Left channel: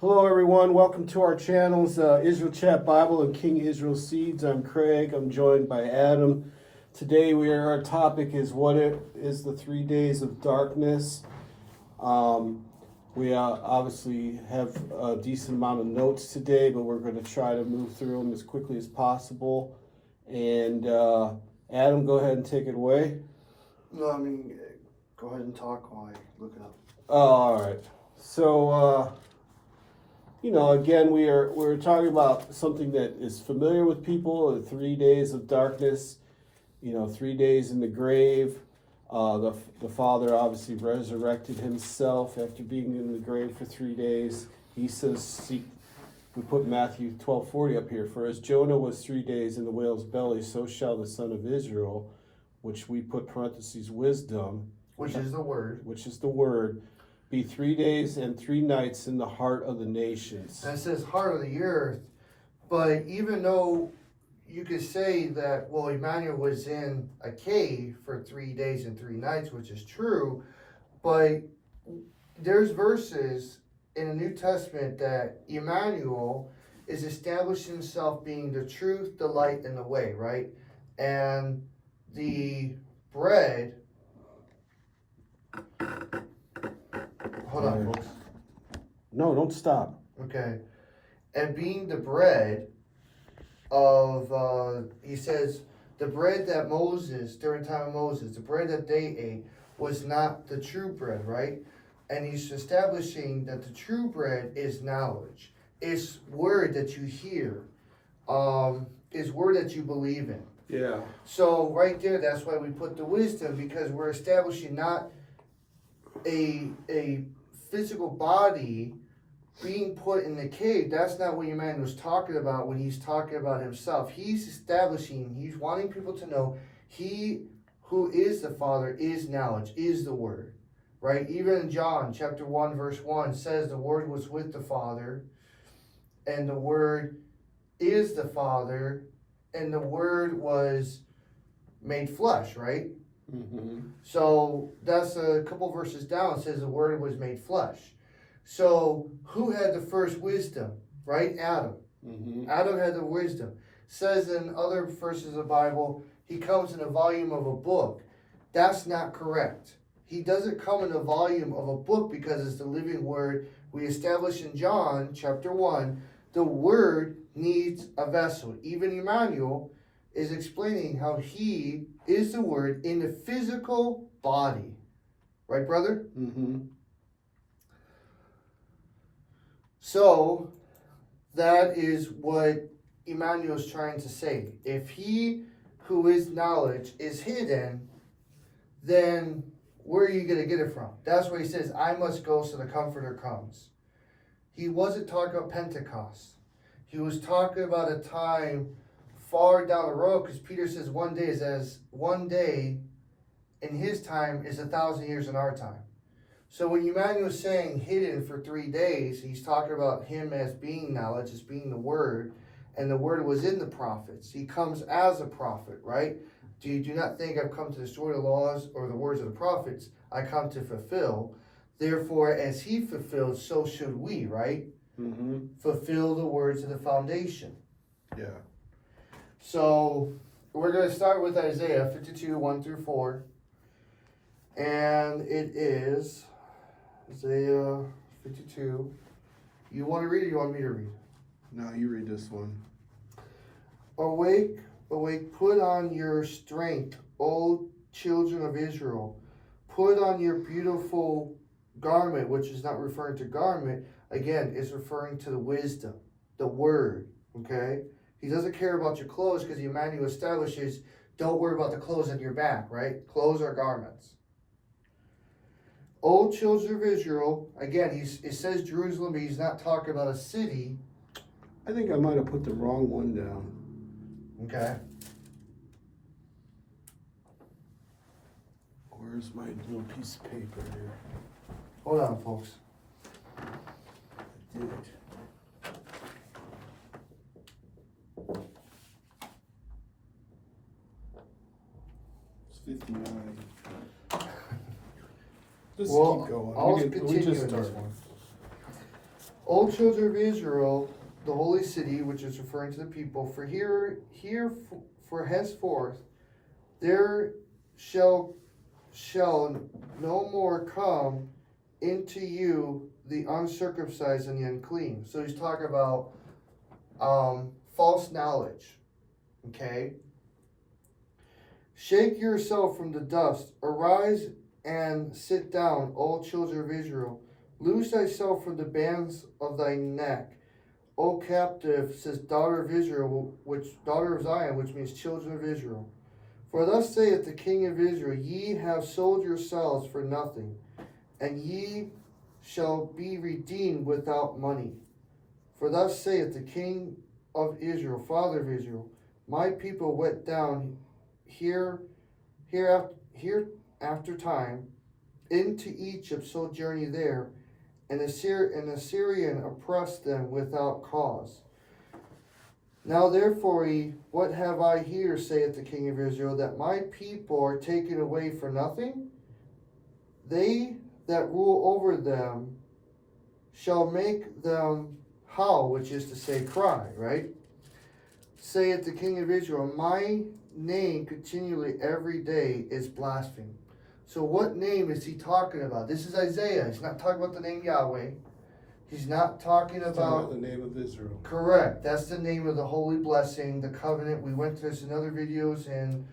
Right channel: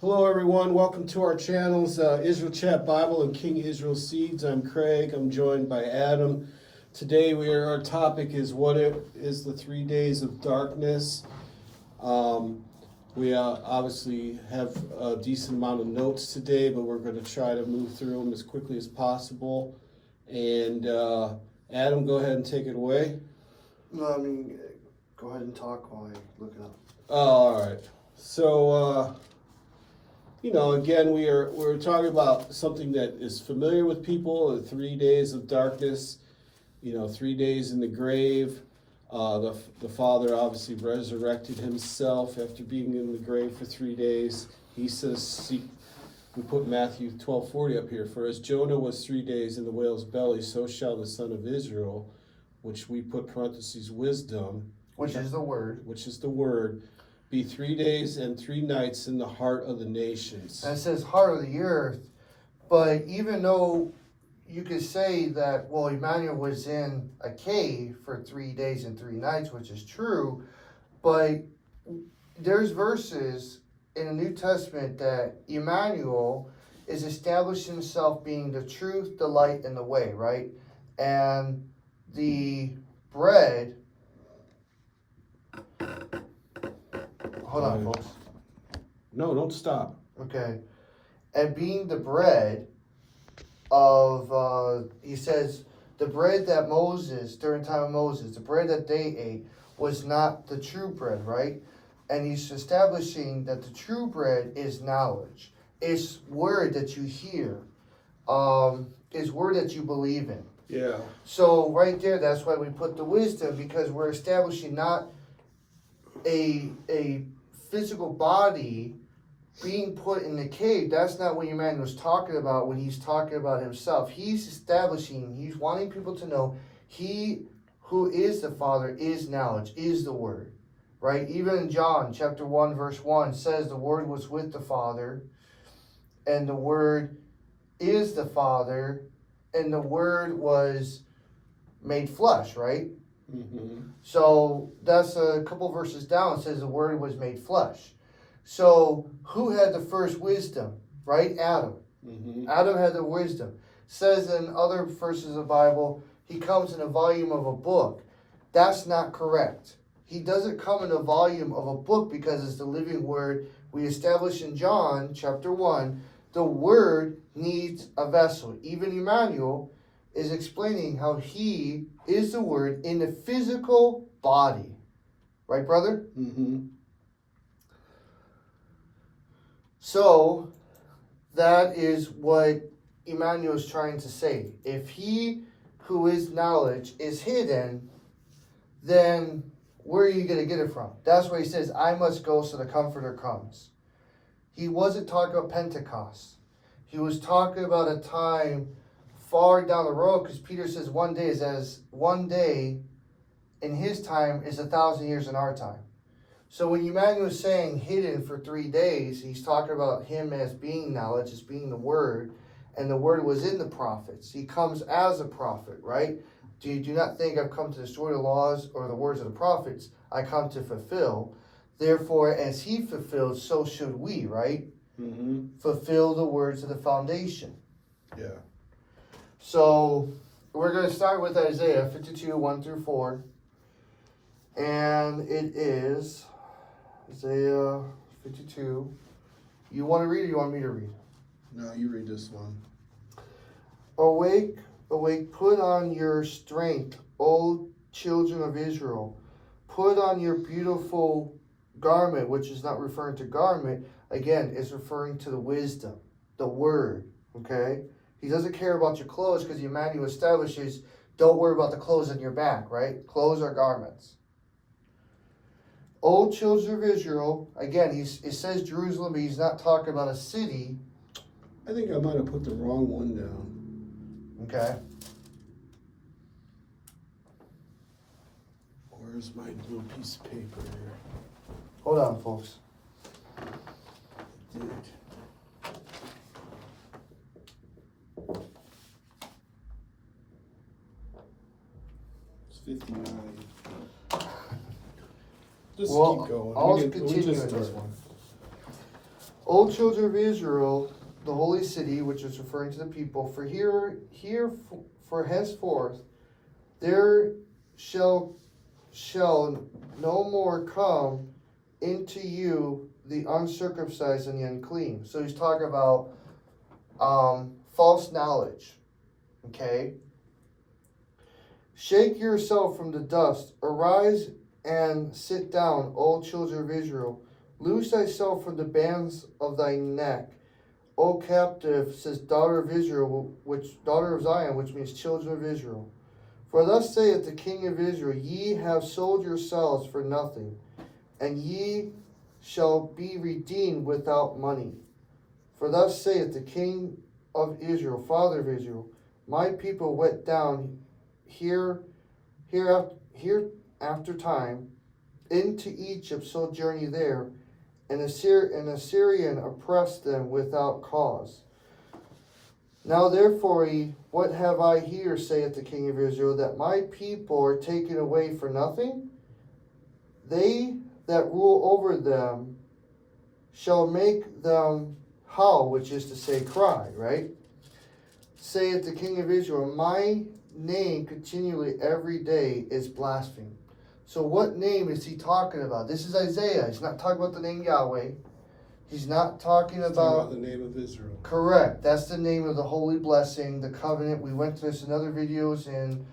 Hello, everyone. Welcome to our channels, Israel Chat Bible and King Israel Seeds. I'm Craig. I'm joined by Adam. Today, our topic is what is the 3 days of darkness. We obviously have a decent amount of notes today, but we're going to try to move through them as quickly as possible. And Adam, go ahead and take it away. No, I mean, go ahead and talk while I look it up. All right. So, again, we're talking about something that is familiar with people, the 3 days of darkness, 3 days in the grave. The Father obviously resurrected himself after being in the grave for 3 days. He says, we put Matthew 12:40 up here, for as Jonah was 3 days in the whale's belly, so shall the Son of Israel, which we put parentheses wisdom. Which is the word. Be 3 days and 3 nights in the heart of the nations. And it says heart of the earth, but even though you could say that, well, Emmanuel was in a cave for 3 days and 3 nights, which is true, but there's verses in the New Testament that Emmanuel is establishing himself being the truth, the light, and the way, right? And the bread. Hold on, folks. No, don't stop. Okay. And being the bread of, he says, the bread that Moses, during time of Moses, the bread that they ate was not the true bread, right? And he's establishing that the true bread is knowledge. It's word that you hear. It's word that you believe in. Yeah. So right there, that's why we put the wisdom, because we're establishing not a physical body being put in the cave. That's not what Emmanuel was talking about when he's talking about himself. He's establishing, he's wanting people to know he who is the Father is knowledge, is the Word, right? Even in John chapter 1 verse 1 says the Word was with the Father, and the Word is the Father, and the Word was made flesh, right? Mm-hmm. So that's a couple verses down. It says the Word was made flesh. So who had the first wisdom, right? Adam. Mm-hmm. Adam had the wisdom. Says in other verses of the Bible, he comes in a volume of a book. That's not correct. He doesn't come in a volume of a book because it's the living Word. We establish in John chapter 1, the Word needs a vessel. Even Emmanuel is explaining how he is the Word in the physical body. Right, brother? Mm-hmm. So, that is what Emmanuel is trying to say. If he who is knowledge is hidden, then where are you going to get it from? That's where he says, I must go so the Comforter comes. He wasn't talking about Pentecost. He was talking about a time far down the road, because Peter says one day in his time is 1,000 years in our time. So when Emmanuel is saying hidden for 3 days, he's talking about him as being knowledge, as being the Word, and the Word was in the prophets. He comes as a prophet, right? Do not think I've come to destroy the laws or the words of the prophets. I come to fulfill. Therefore, as he fulfilled, so should we, right? Mm-hmm. Fulfill the words of the foundation. Yeah. So we're going to start with Isaiah 52, 1 through 4. And it is Isaiah 52. You want to read it or you want me to read? No, you read this one. Awake, awake, put on your strength, O children of Israel. Put on your beautiful garment, which is not referring to garment. Again, it's referring to the wisdom, the Word, okay? He doesn't care about your clothes because Emmanuel establishes, don't worry about the clothes on your back, right? Clothes are garments. O children of Israel, again, it says Jerusalem, but he's not talking about a city. I think I might have put the wrong one down. Okay. Where's my little piece of paper here? Hold on, folks. Dude. It's 59. Just Well, keep going. I'll We continue just in this started. one. O children of Israel, the holy city, which is referring to the people, for henceforth there shall no more come into you the uncircumcised and the unclean. So he's talking about false knowledge. Okay? Shake yourself from the dust, arise and sit down, O children of Israel. Loose thyself from the bands of thy neck, O captive, says daughter of Israel, daughter of Zion, which means children of Israel. For thus saith the King of Israel, ye have sold yourselves for nothing, and ye shall be redeemed without money. For thus saith the King of Israel, Father of Israel, my people went down after time into Egypt, sojourning there, and Assyrian oppressed them without cause. Now therefore, what have I here, saith the King of Israel, that my people are taken away for nothing? They that rule over them shall make them howl, which is to say cry, right? Saith the King of Israel, my name continually every day is blasphemed. So what name is he talking about? This is Isaiah. He's not talking about the name Yahweh. He's not talking about the name of Israel. Correct. That's the name of the holy blessing, the covenant. We went through this in other videos in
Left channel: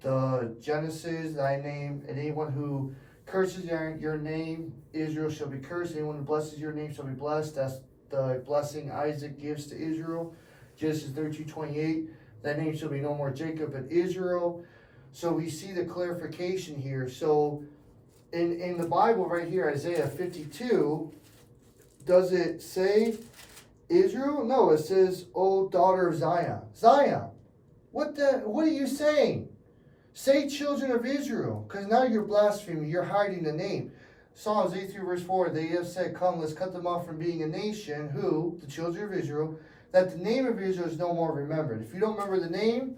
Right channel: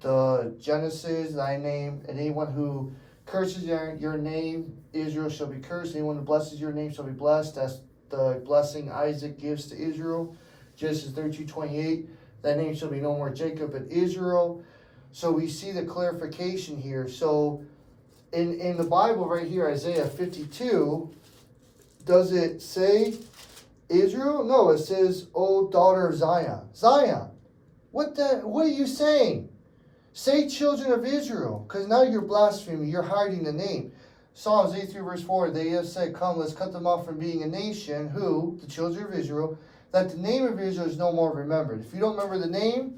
the Genesis, thy name, and anyone who curses your name, Israel, shall be cursed. Anyone who blesses your name shall be blessed. That's the blessing Isaac gives to Israel. Genesis 32:28. That name shall be no more Jacob, but Israel. So we see the clarification here. So in the Bible right here, Isaiah 52, does it say Israel? No, it says, O daughter of Zion. Zion. What are you saying? Say children of Israel, because now you're blaspheming, you're hiding the name. Psalms 83 verse 4, they have said, come, let's cut them off from being a nation, who, the children of Israel, that the name of Israel is no more remembered. If you don't remember the name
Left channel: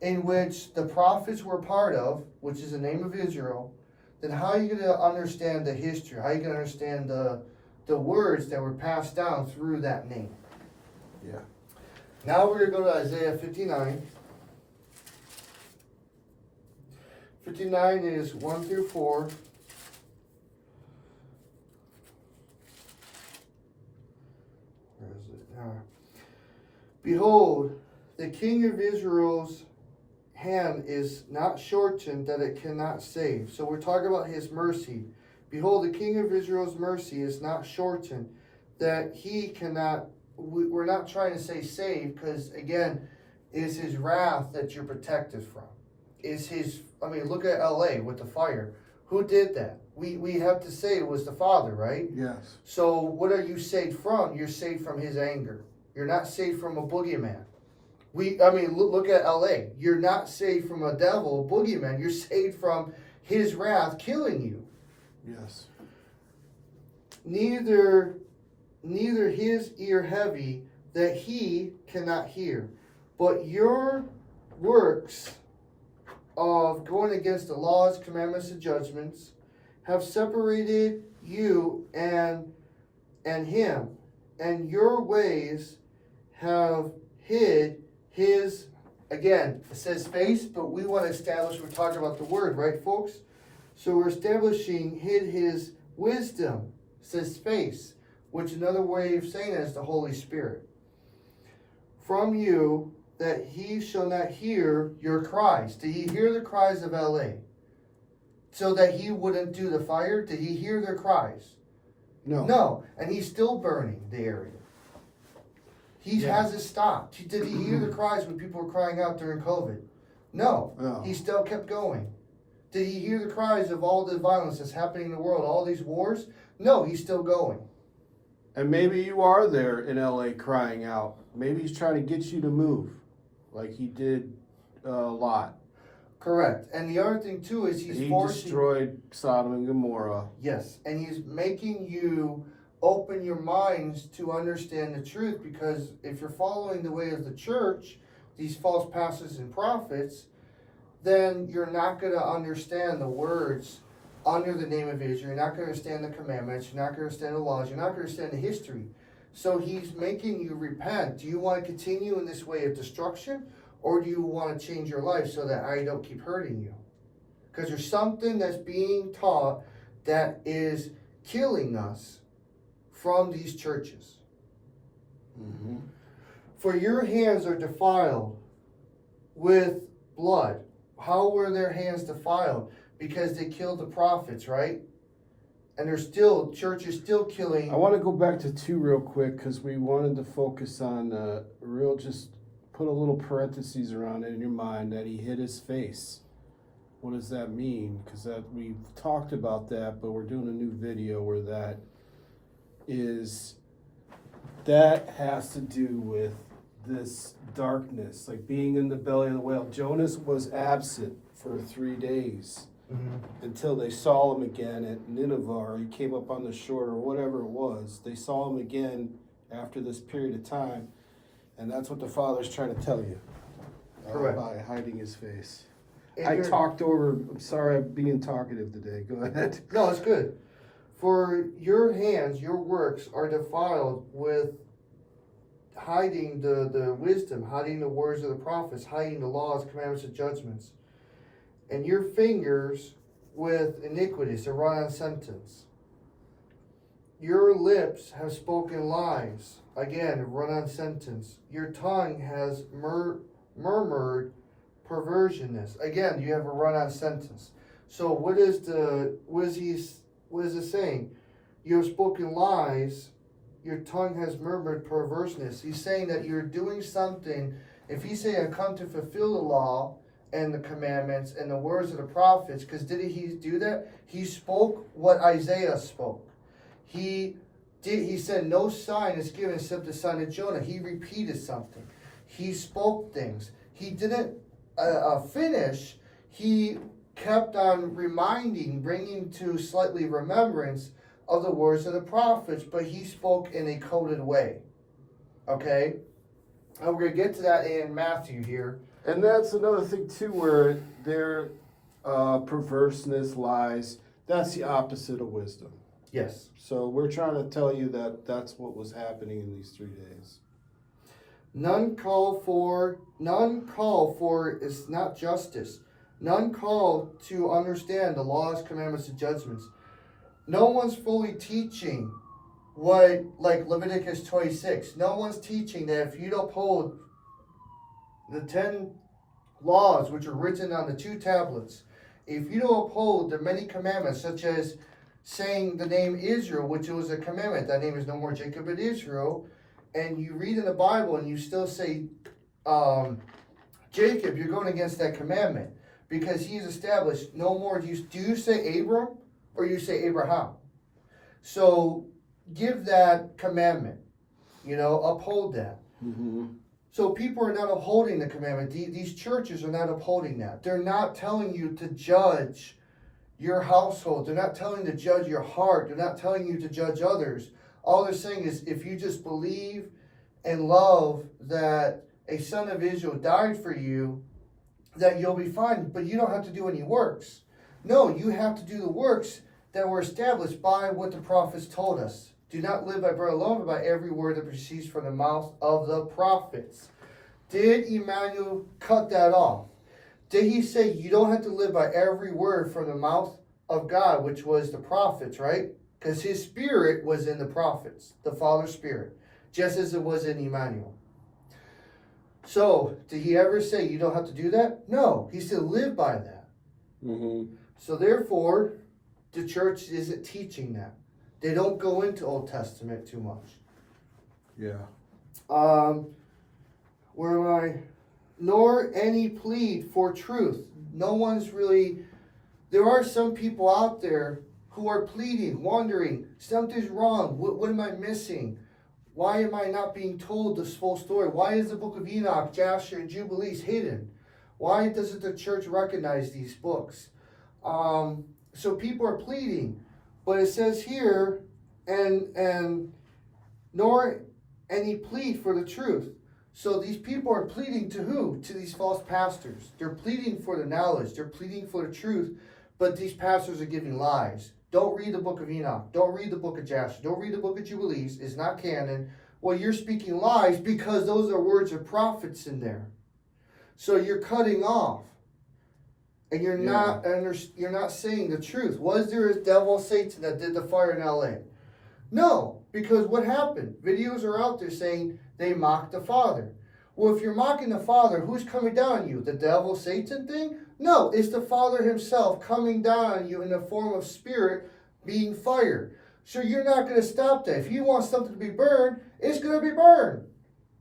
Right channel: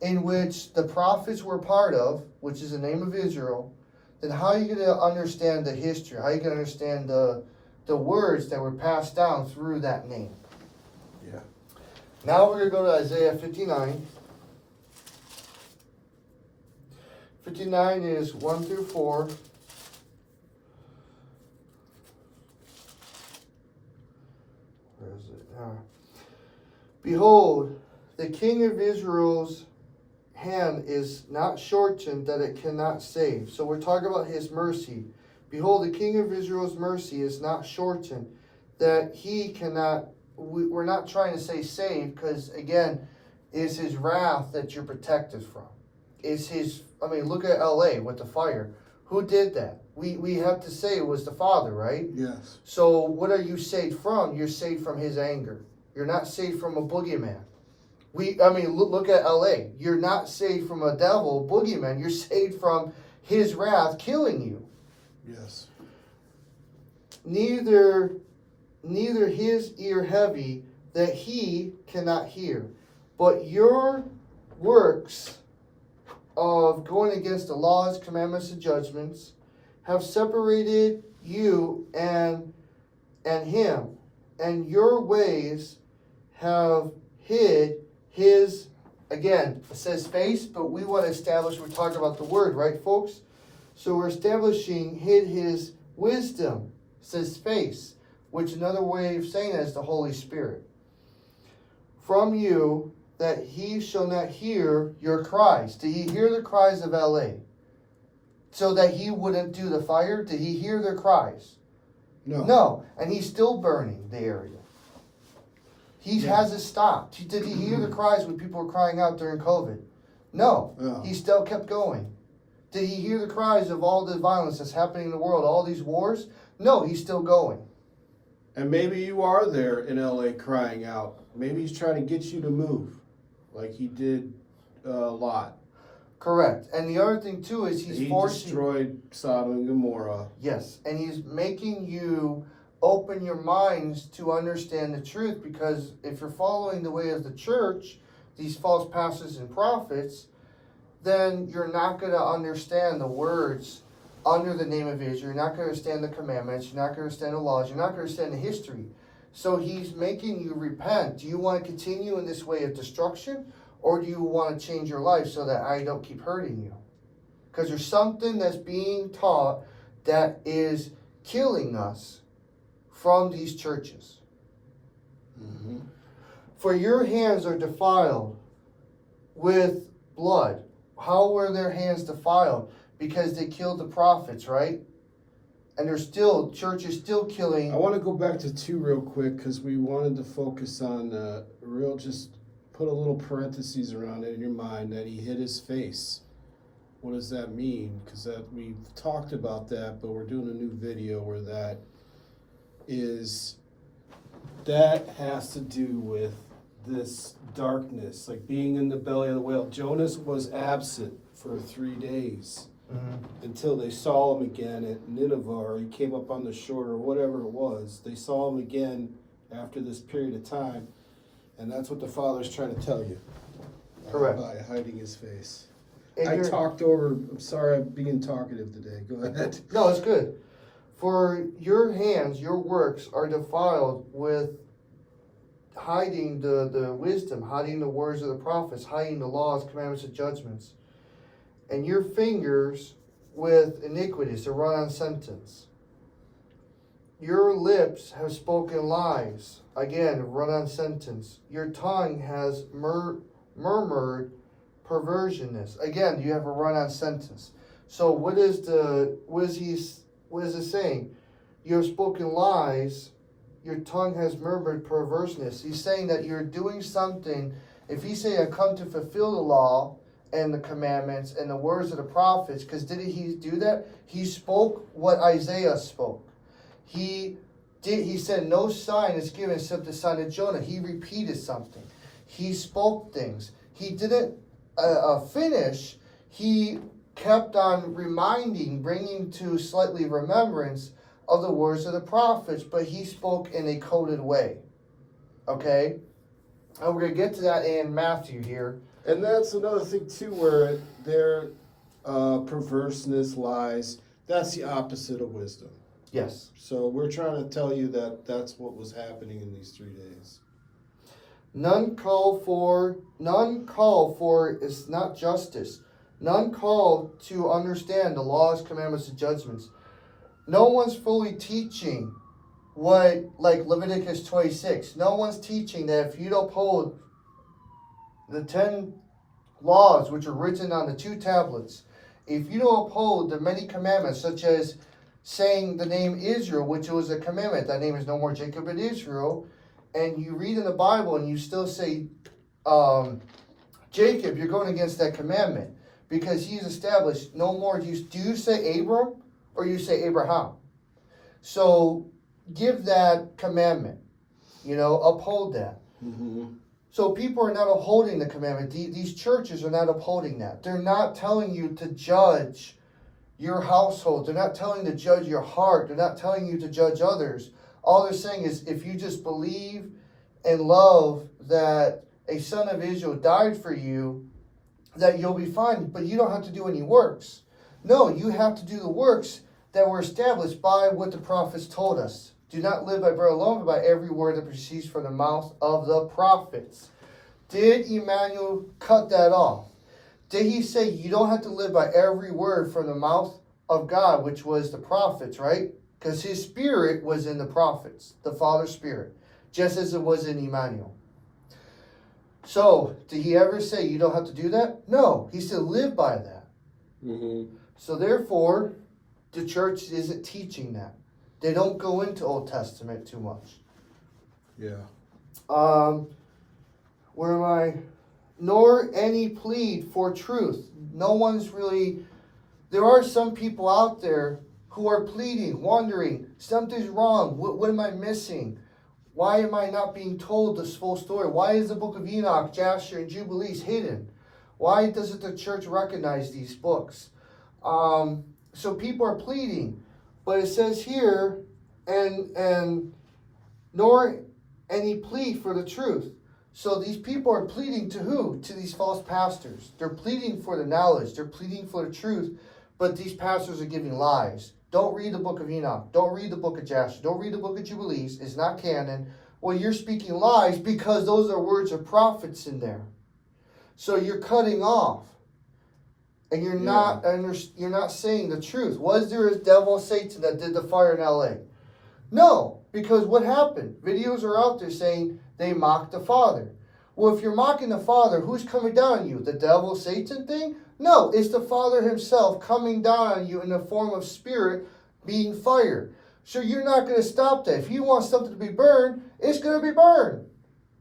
in which the prophets were part of, which is the name of Israel, then how are you going to understand the history? How are you going to understand the words that were passed down through that name? Yeah. Now we're going to go to Isaiah 59. 59 is 1 through 4. Where is it? Behold, the King of Israel's hand is not shortened that it cannot save. So we're talking about his mercy. Behold, the King of Israel's mercy is not shortened that he cannot. We're not trying to say save, because again, is his wrath that you're protected from. Is his, look at LA with the fire. Who did that? We have to say it was the Father, right? Yes. So what are you saved from? You're saved from his anger. You're not saved from a boogeyman. Look at LA. You're not saved from a devil, boogeyman. You're saved from his wrath killing you. Yes. Neither his ear heavy that he cannot hear, but your works of going against the laws, commandments, and judgments have separated you and him, and your ways have hid his, again, it says face, but we want to establish, we're talking about the word, right, folks? So we're establishing hid his wisdom, it says face, which another way of saying it is the Holy Spirit. From you, that he shall not hear your cries. Did he hear the cries of LA? So that he wouldn't do the fire? Did he hear their cries? No. No, and he's still burning the area. He hasn't stopped. Did he hear the cries when people were crying out during COVID? No, he still kept going. Did he hear the cries of all the violence that's happening in the world, all these wars? No, he's still going. And maybe you are there in LA crying out. Maybe he's trying to get you to move, like he did Lot. Correct. And the other thing too is he destroyed Sodom and Gomorrah. Yes, and he's making you open your minds to understand the truth, because if you're following the way of the church, these false pastors and prophets, then you're not going to understand the words under the name of Israel. You're not going to understand the commandments. You're not going to understand the laws. You're not going to understand the history. So he's making you repent. Do you want to continue in this way of destruction, or do you want to change your life so that I don't keep hurting you? Because there's something that's being taught that is killing us from these churches. Mm-hmm. For your hands are defiled with blood. How were their hands defiled? Because they killed the prophets, right? And there's still, church is still killing. I want to go back to 2 real quick because we wanted to focus on just put a little parentheses around it in your mind that he hid his face. What does that mean? Because we've talked about that, but we're doing a new video where that has to do with this darkness, like being in the belly of the whale. Jonas was absent for 3 days. Mm-hmm. Until they saw him again at Nineveh, or he came up on the shore, or whatever it was. They saw him again after this period of time, and that's what the Father's trying to tell you. Correct. By hiding his face. And I'm sorry I'm being talkative today. Go ahead. No, it's good. For your hands, your works are defiled with hiding the wisdom, hiding the words of the prophets, hiding the laws, commandments, and judgments. And your fingers with iniquities, a run-on sentence. Your lips have spoken lies. Again, a run-on sentence. Your tongue has murmured perversionist. Again, you have a run-on sentence. So what is it saying? You have spoken lies. Your tongue has murmured perverseness. He's saying that you're doing something. If he say, I come to fulfill the law and the commandments and the words of the prophets, because didn't he do that? He spoke what Isaiah spoke. He said no sign is given except the sign of Jonah. He repeated something. He spoke things. He didn't finish. He kept on reminding, bringing to slightly remembrance of the words of the prophets, but he spoke in a coded way. Okay? And we're going to get to that in Matthew here. And that's another thing too, where their perverseness lies. That's the opposite of wisdom. Yes. So we're trying to tell you that that's what was happening in these 3 days. None call for is not justice. None call to understand the laws, commandments, and judgments. No one's fully teaching what, like Leviticus 26. No one's teaching that if you don't uphold the 10 laws which are written on the 2 tablets, if you don't uphold the many commandments, such as saying the name Israel, which was a commandment, that name is no more Jacob but Israel, and you read in the Bible and you still say Jacob, you're going against that commandment, because he's established no more. Do you say Abram or you say Abraham? So give that commandment, uphold that. Mm-hmm. So people are not upholding the commandment. These churches are not upholding that. They're not telling you to judge your household. They're not telling you to judge your heart. They're not telling you to judge others. All they're saying is if you just believe and love that a son of Israel died for you, that you'll be fine. But you don't have to do any works. No, you have to do the works that were established by what the prophets told us. Do not live by bread alone, but by every word that proceeds from the mouth of the prophets. Did Emmanuel cut that off? Did he say you don't have to live by every word from the mouth of God, which was the prophets, right? Because his spirit was in the prophets, the Father's spirit, just as it was in Emmanuel. So, did he ever say you don't have to do that? No, he said live by that. Mm-hmm. So therefore, the church isn't teaching that. They don't go into Old Testament too much. Yeah. Where am I? Nor any plead for truth. No one's really. There are some people out there who are pleading, wondering, something's wrong. What am I missing? Why am I not being told this full story? Why is the book of Enoch, Jasher, and Jubilees hidden? Why doesn't the church recognize these books? So people are pleading. But it says here, and nor any plea for the truth. So these people are pleading to who? To these false pastors. They're pleading for the knowledge. They're pleading for the truth. But these pastors are giving lies. Don't read the book of Enoch. Don't read the book of Jasher. Don't read the book of Jubilees. It's not canon. Well, you're speaking lies because those are words of prophets in there. So you're cutting off. And you're not saying the truth. Was there a devil, Satan, that did the fire in LA? No, because what happened? Videos are out there saying they mocked the Father. Well, if you're mocking the Father, who's coming down on you? The devil, Satan thing? No, it's the Father himself coming down on you in the form of spirit being fire. So you're not going to stop that. If you want something to be burned, it's going to be burned.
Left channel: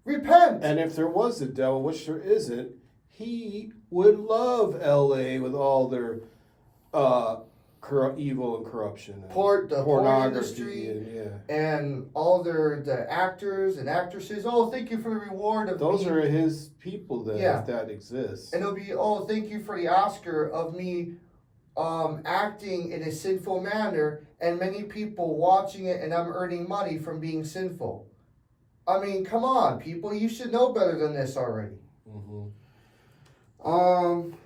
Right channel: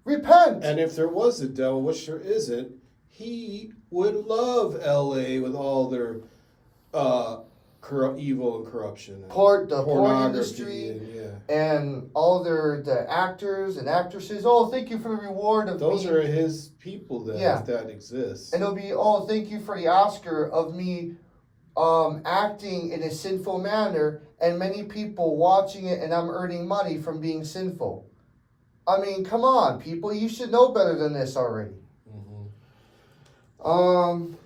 Repent. And if there was a devil, which there isn't, he would love LA with all their evil and corruption. And The porn pornography industry and all the actors and actresses. Oh, thank you for the reward of those me. are his people that exist. And it'll be, oh, thank you for the Oscar of me acting in a sinful manner, and many people watching it, and I'm earning money from being sinful. I mean, come on, people, you should know better than this already.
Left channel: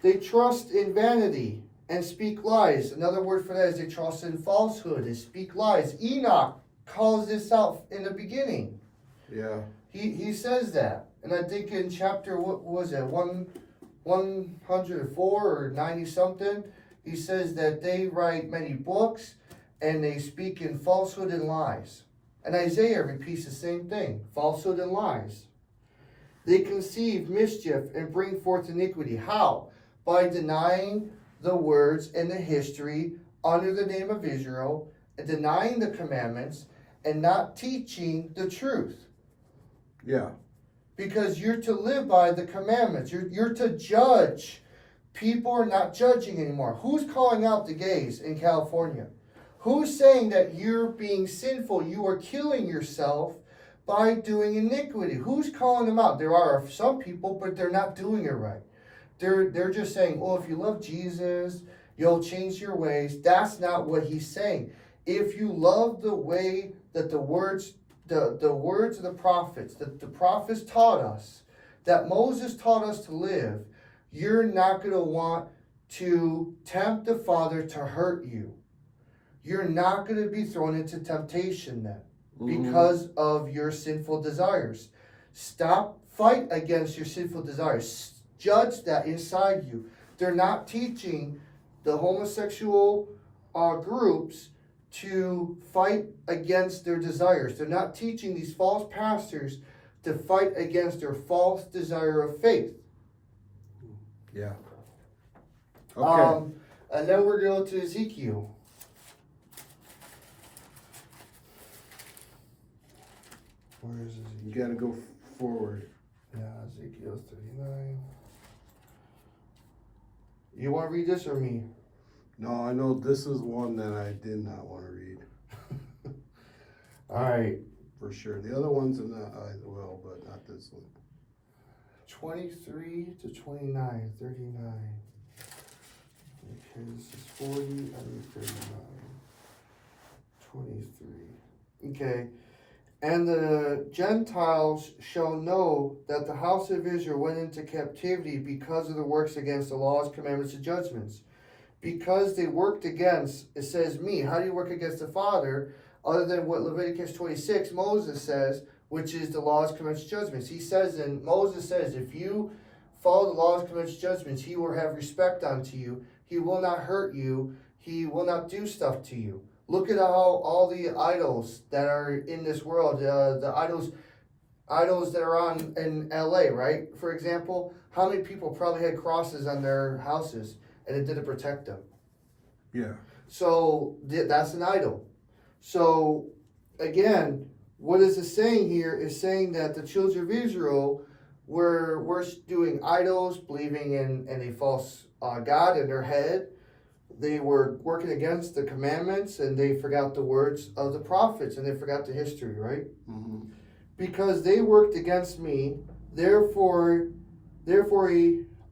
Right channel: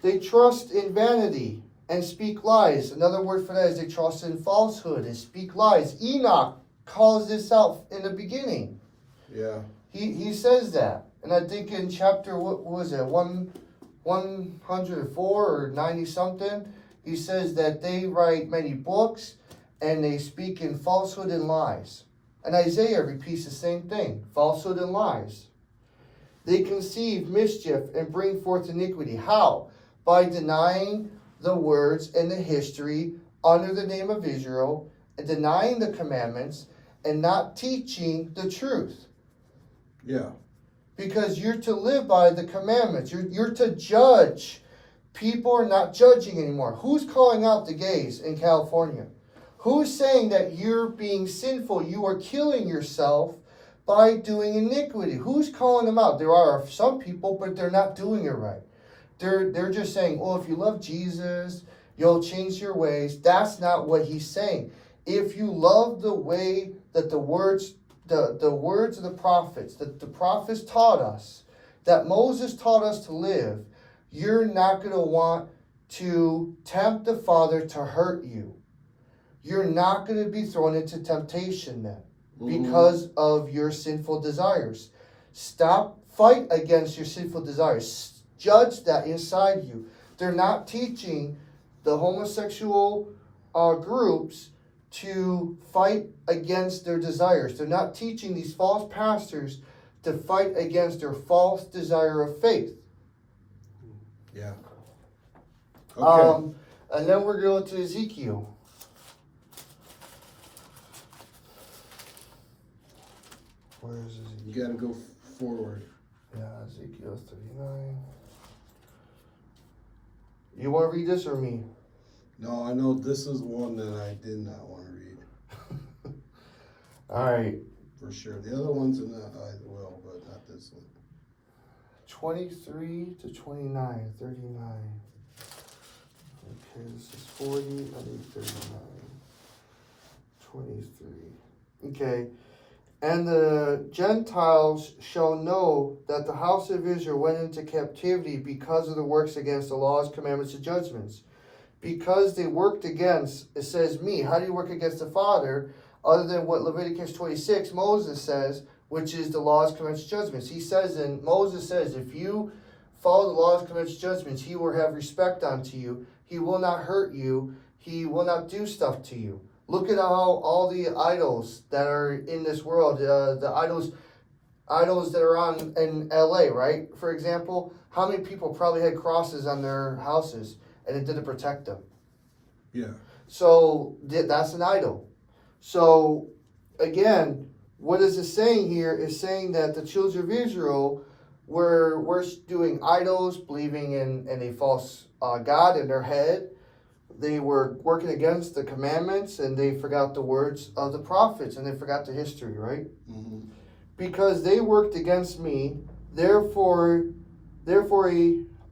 They trust in vanity and speak lies. Another word for that is they trust in falsehood and speak lies. Enoch calls this out in the beginning. Yeah. He says that. And I think in chapter, what was it, 104 or 90 something, he says that they write many books and they speak in falsehood and lies. And Isaiah repeats the same thing, falsehood and lies. They conceive mischief and bring forth iniquity. How? By denying the words and the history under the name of Israel, and denying the commandments, and not teaching the truth. Yeah. Because you're to live by the commandments. You're to judge. People are not judging anymore. Who's calling out the gays in California? Who's saying that you're being sinful? You are killing yourself by doing iniquity. Who's calling them out? There are some people, but they're not doing it right. They're just saying, oh, if you love Jesus, you'll change your ways. That's not what he's saying. If you love the way that the words of the prophets, that the prophets taught us, that Moses taught us to live, you're not going to want to tempt the Father to hurt you. You're not going to be thrown into temptation then because of your sinful desires. Fight against your sinful desires. Judge that inside you. They're not teaching the homosexual groups to fight against their desires. They're not teaching these false pastors to fight against their false desire of faith. Yeah. Okay. And then we're going to Ezekiel. Where is Ezekiel? You gotta go forward. Yeah, Ezekiel 39. You want to read this or me? No, I know this is one that I did not want to read. All right. For sure. The other ones are not, I will, but not this one. 23 to 29, 39. Okay, this is 40, I need 39. 23. Okay. And the Gentiles shall know that the house of Israel went into captivity because of the works against the laws, commandments, and judgments. Because they worked against, it says me. How do you work against the Father? Other than what Leviticus 26, Moses says, which is the laws, commandments, judgments. Moses says, if you follow the laws, commandments, judgments, he will have respect unto you. He will not hurt you. He will not do stuff to you. Look at how all the idols that are in this world, the idols that are in LA, right? For example, how many people probably had crosses on their houses and it didn't protect them? Yeah. So that's an idol. So again, what is it saying here is saying that the children of Israel were doing idols, believing in a false God in their head. They were working against the commandments, and they forgot the words of the prophets, and they forgot the history, right? Mm-hmm. Because they worked against me, therefore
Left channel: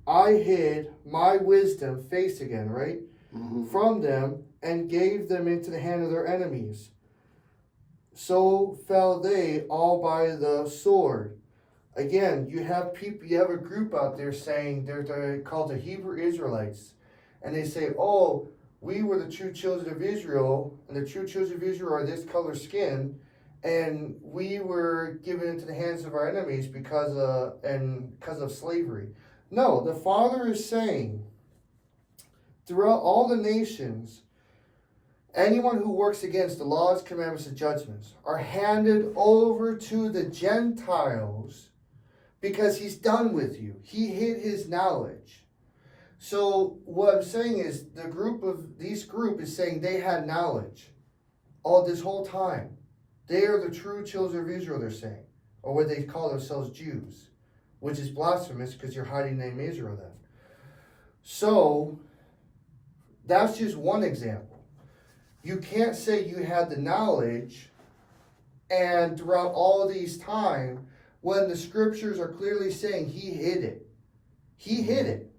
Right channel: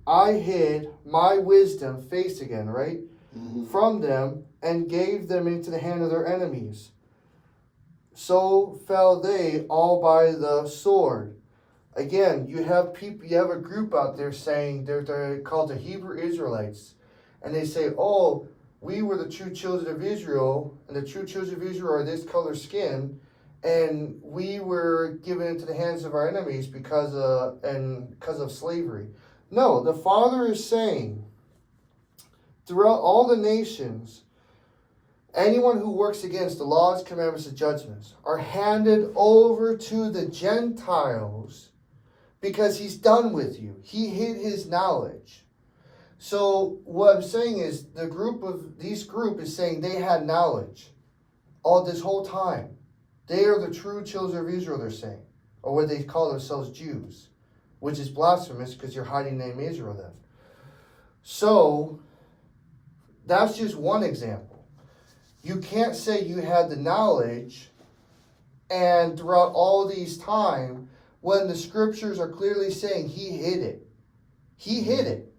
I hid my wisdom, face again, right? Mm-hmm. From them, and gave them into the hand of their enemies. So fell they all by the sword. Again, you have a group out there saying they're called the Hebrew Israelites. And they say, oh, we were the true children of Israel, and the true children of Israel are this color skin, and we were given into the hands of our enemies because of slavery. No, the Father is saying, throughout all the nations, anyone who works against the laws, commandments, and judgments are handed over to the Gentiles because he's done with you. He hid his knowledge. So what I'm saying is this group is saying they had knowledge all this whole time. They are the true children of Israel, they're saying. Or what they call themselves Jews. Which is blasphemous because you're hiding the name Israel then. So, that's just one example. You can't say you had the knowledge and throughout all these time when the scriptures are clearly saying he hid it. He hid it.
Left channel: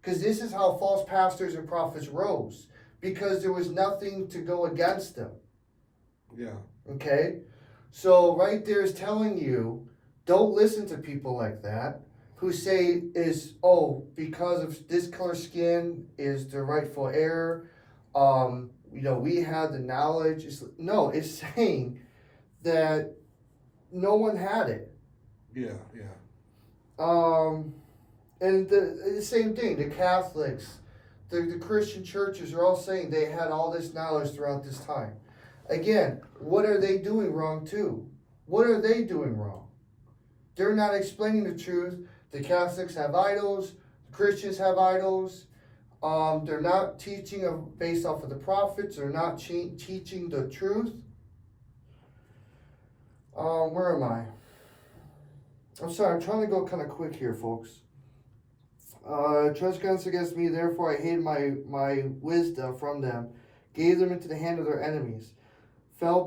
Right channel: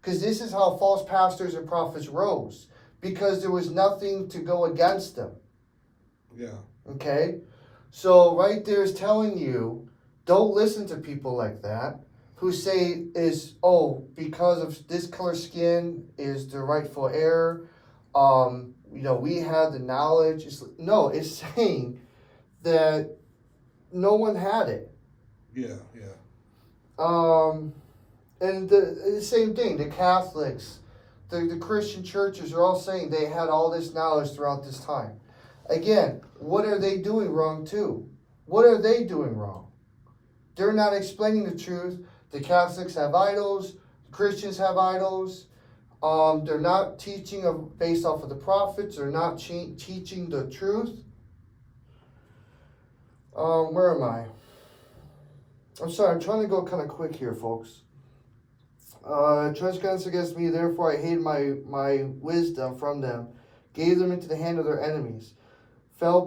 Because this is how false pastors and prophets rose. Because there was nothing to go against them. Yeah. Okay? So right there is telling you, don't listen to people like that who say because of this color skin is the rightful heir. We had the knowledge. It's saying that no one had it. Yeah. And the same thing, the Catholics, the Christian churches are all saying they had all this knowledge throughout this time. Again, what are they doing wrong too? What are they doing wrong? They're not explaining the truth. The Catholics have idols. The Christians have idols. They're not teaching based off of the prophets. They're not teaching the truth. Where am I? I'm sorry, I'm trying to go kind of quick here, folks. Transgressed against me, therefore I hid my wisdom from them, gave them into the hand of their enemies. Fell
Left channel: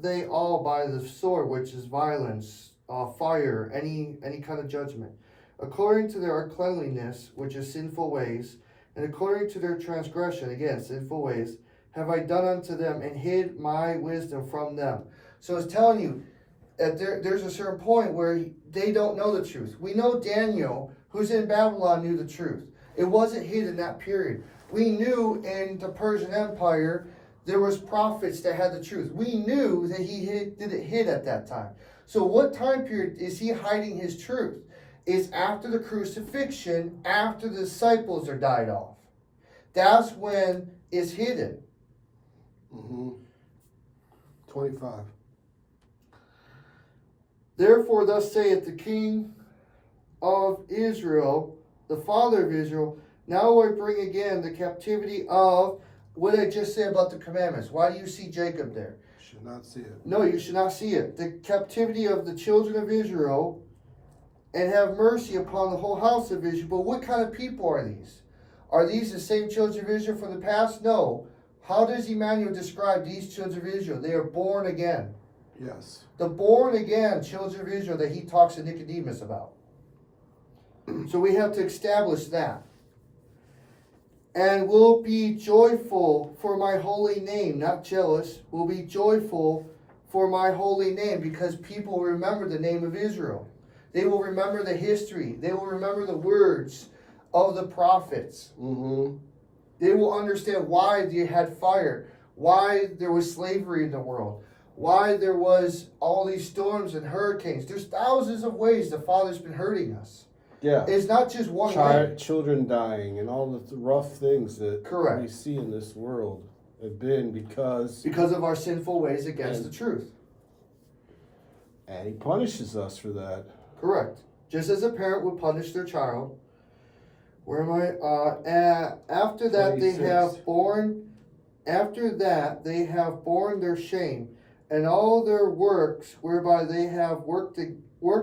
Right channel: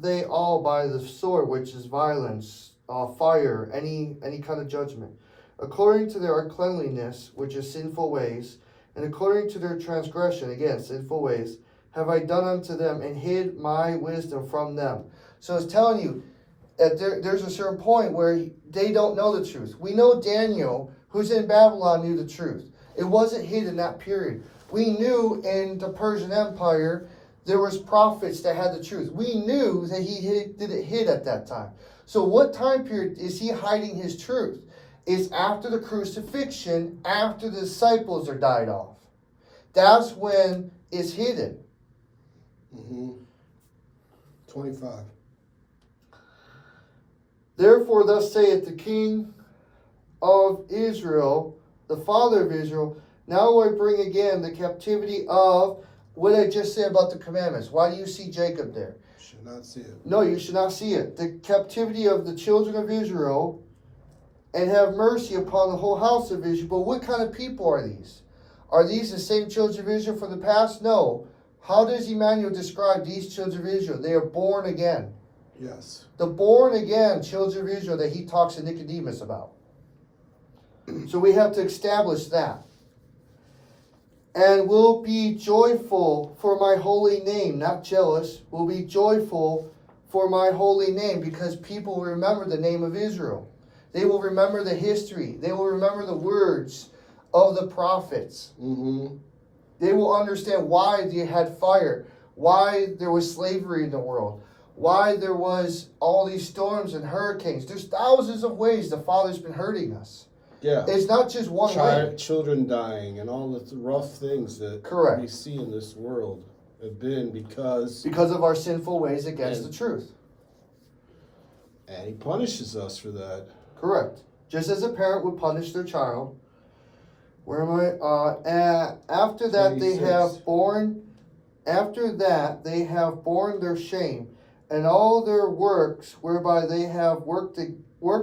they all by the sword, which is violence, fire, any kind of judgment, according to their uncleanliness, which is sinful ways, and according to their transgression, again, sinful ways, have I done unto them, and hid my wisdom from them. So it's telling you that there's a certain point where they don't know the truth. We know Daniel, who's in Babylon, knew the truth. It wasn't hid in that period. We knew in the Persian Empire, there was prophets that had the truth. We knew that he didn't hid at that time. So what time period is he hiding his truth? It's after the crucifixion, after the disciples are died off. That's when it's hidden. 25. Therefore thus saith the King of Israel, the Father of Israel, now will I bring again the captivity of what I just said about the commandments. Why do you see Jacob there? Should not see it. No, you should not see it. The captivity of the children of Israel, and have mercy upon the whole house of Israel. But what kind of people are these? Are these the same children of Israel from the past? No. How does Emmanuel describe these children of Israel? They are born again. Yes. The born again children of Israel that he talks to Nicodemus about. So we have to establish that. And will be joyful for my holy name, not jealous, will be joyful for my holy name, because people will remember the name of Israel. They will remember the history. They will remember the words of the prophets. They will understand why they had fire, why there was slavery in the world, why there was all these storms and hurricanes. There's thousands of ways the Father's been hurting us. Yeah. It's not just one way. Children dying and all the rough things that Correct. we see in this world have been because of our sinful ways against the truth. And he punishes us for that. Correct. Just as a parent would punish their child. Where am I? After that 26. After that they have borne their shame, and all their works whereby they have worked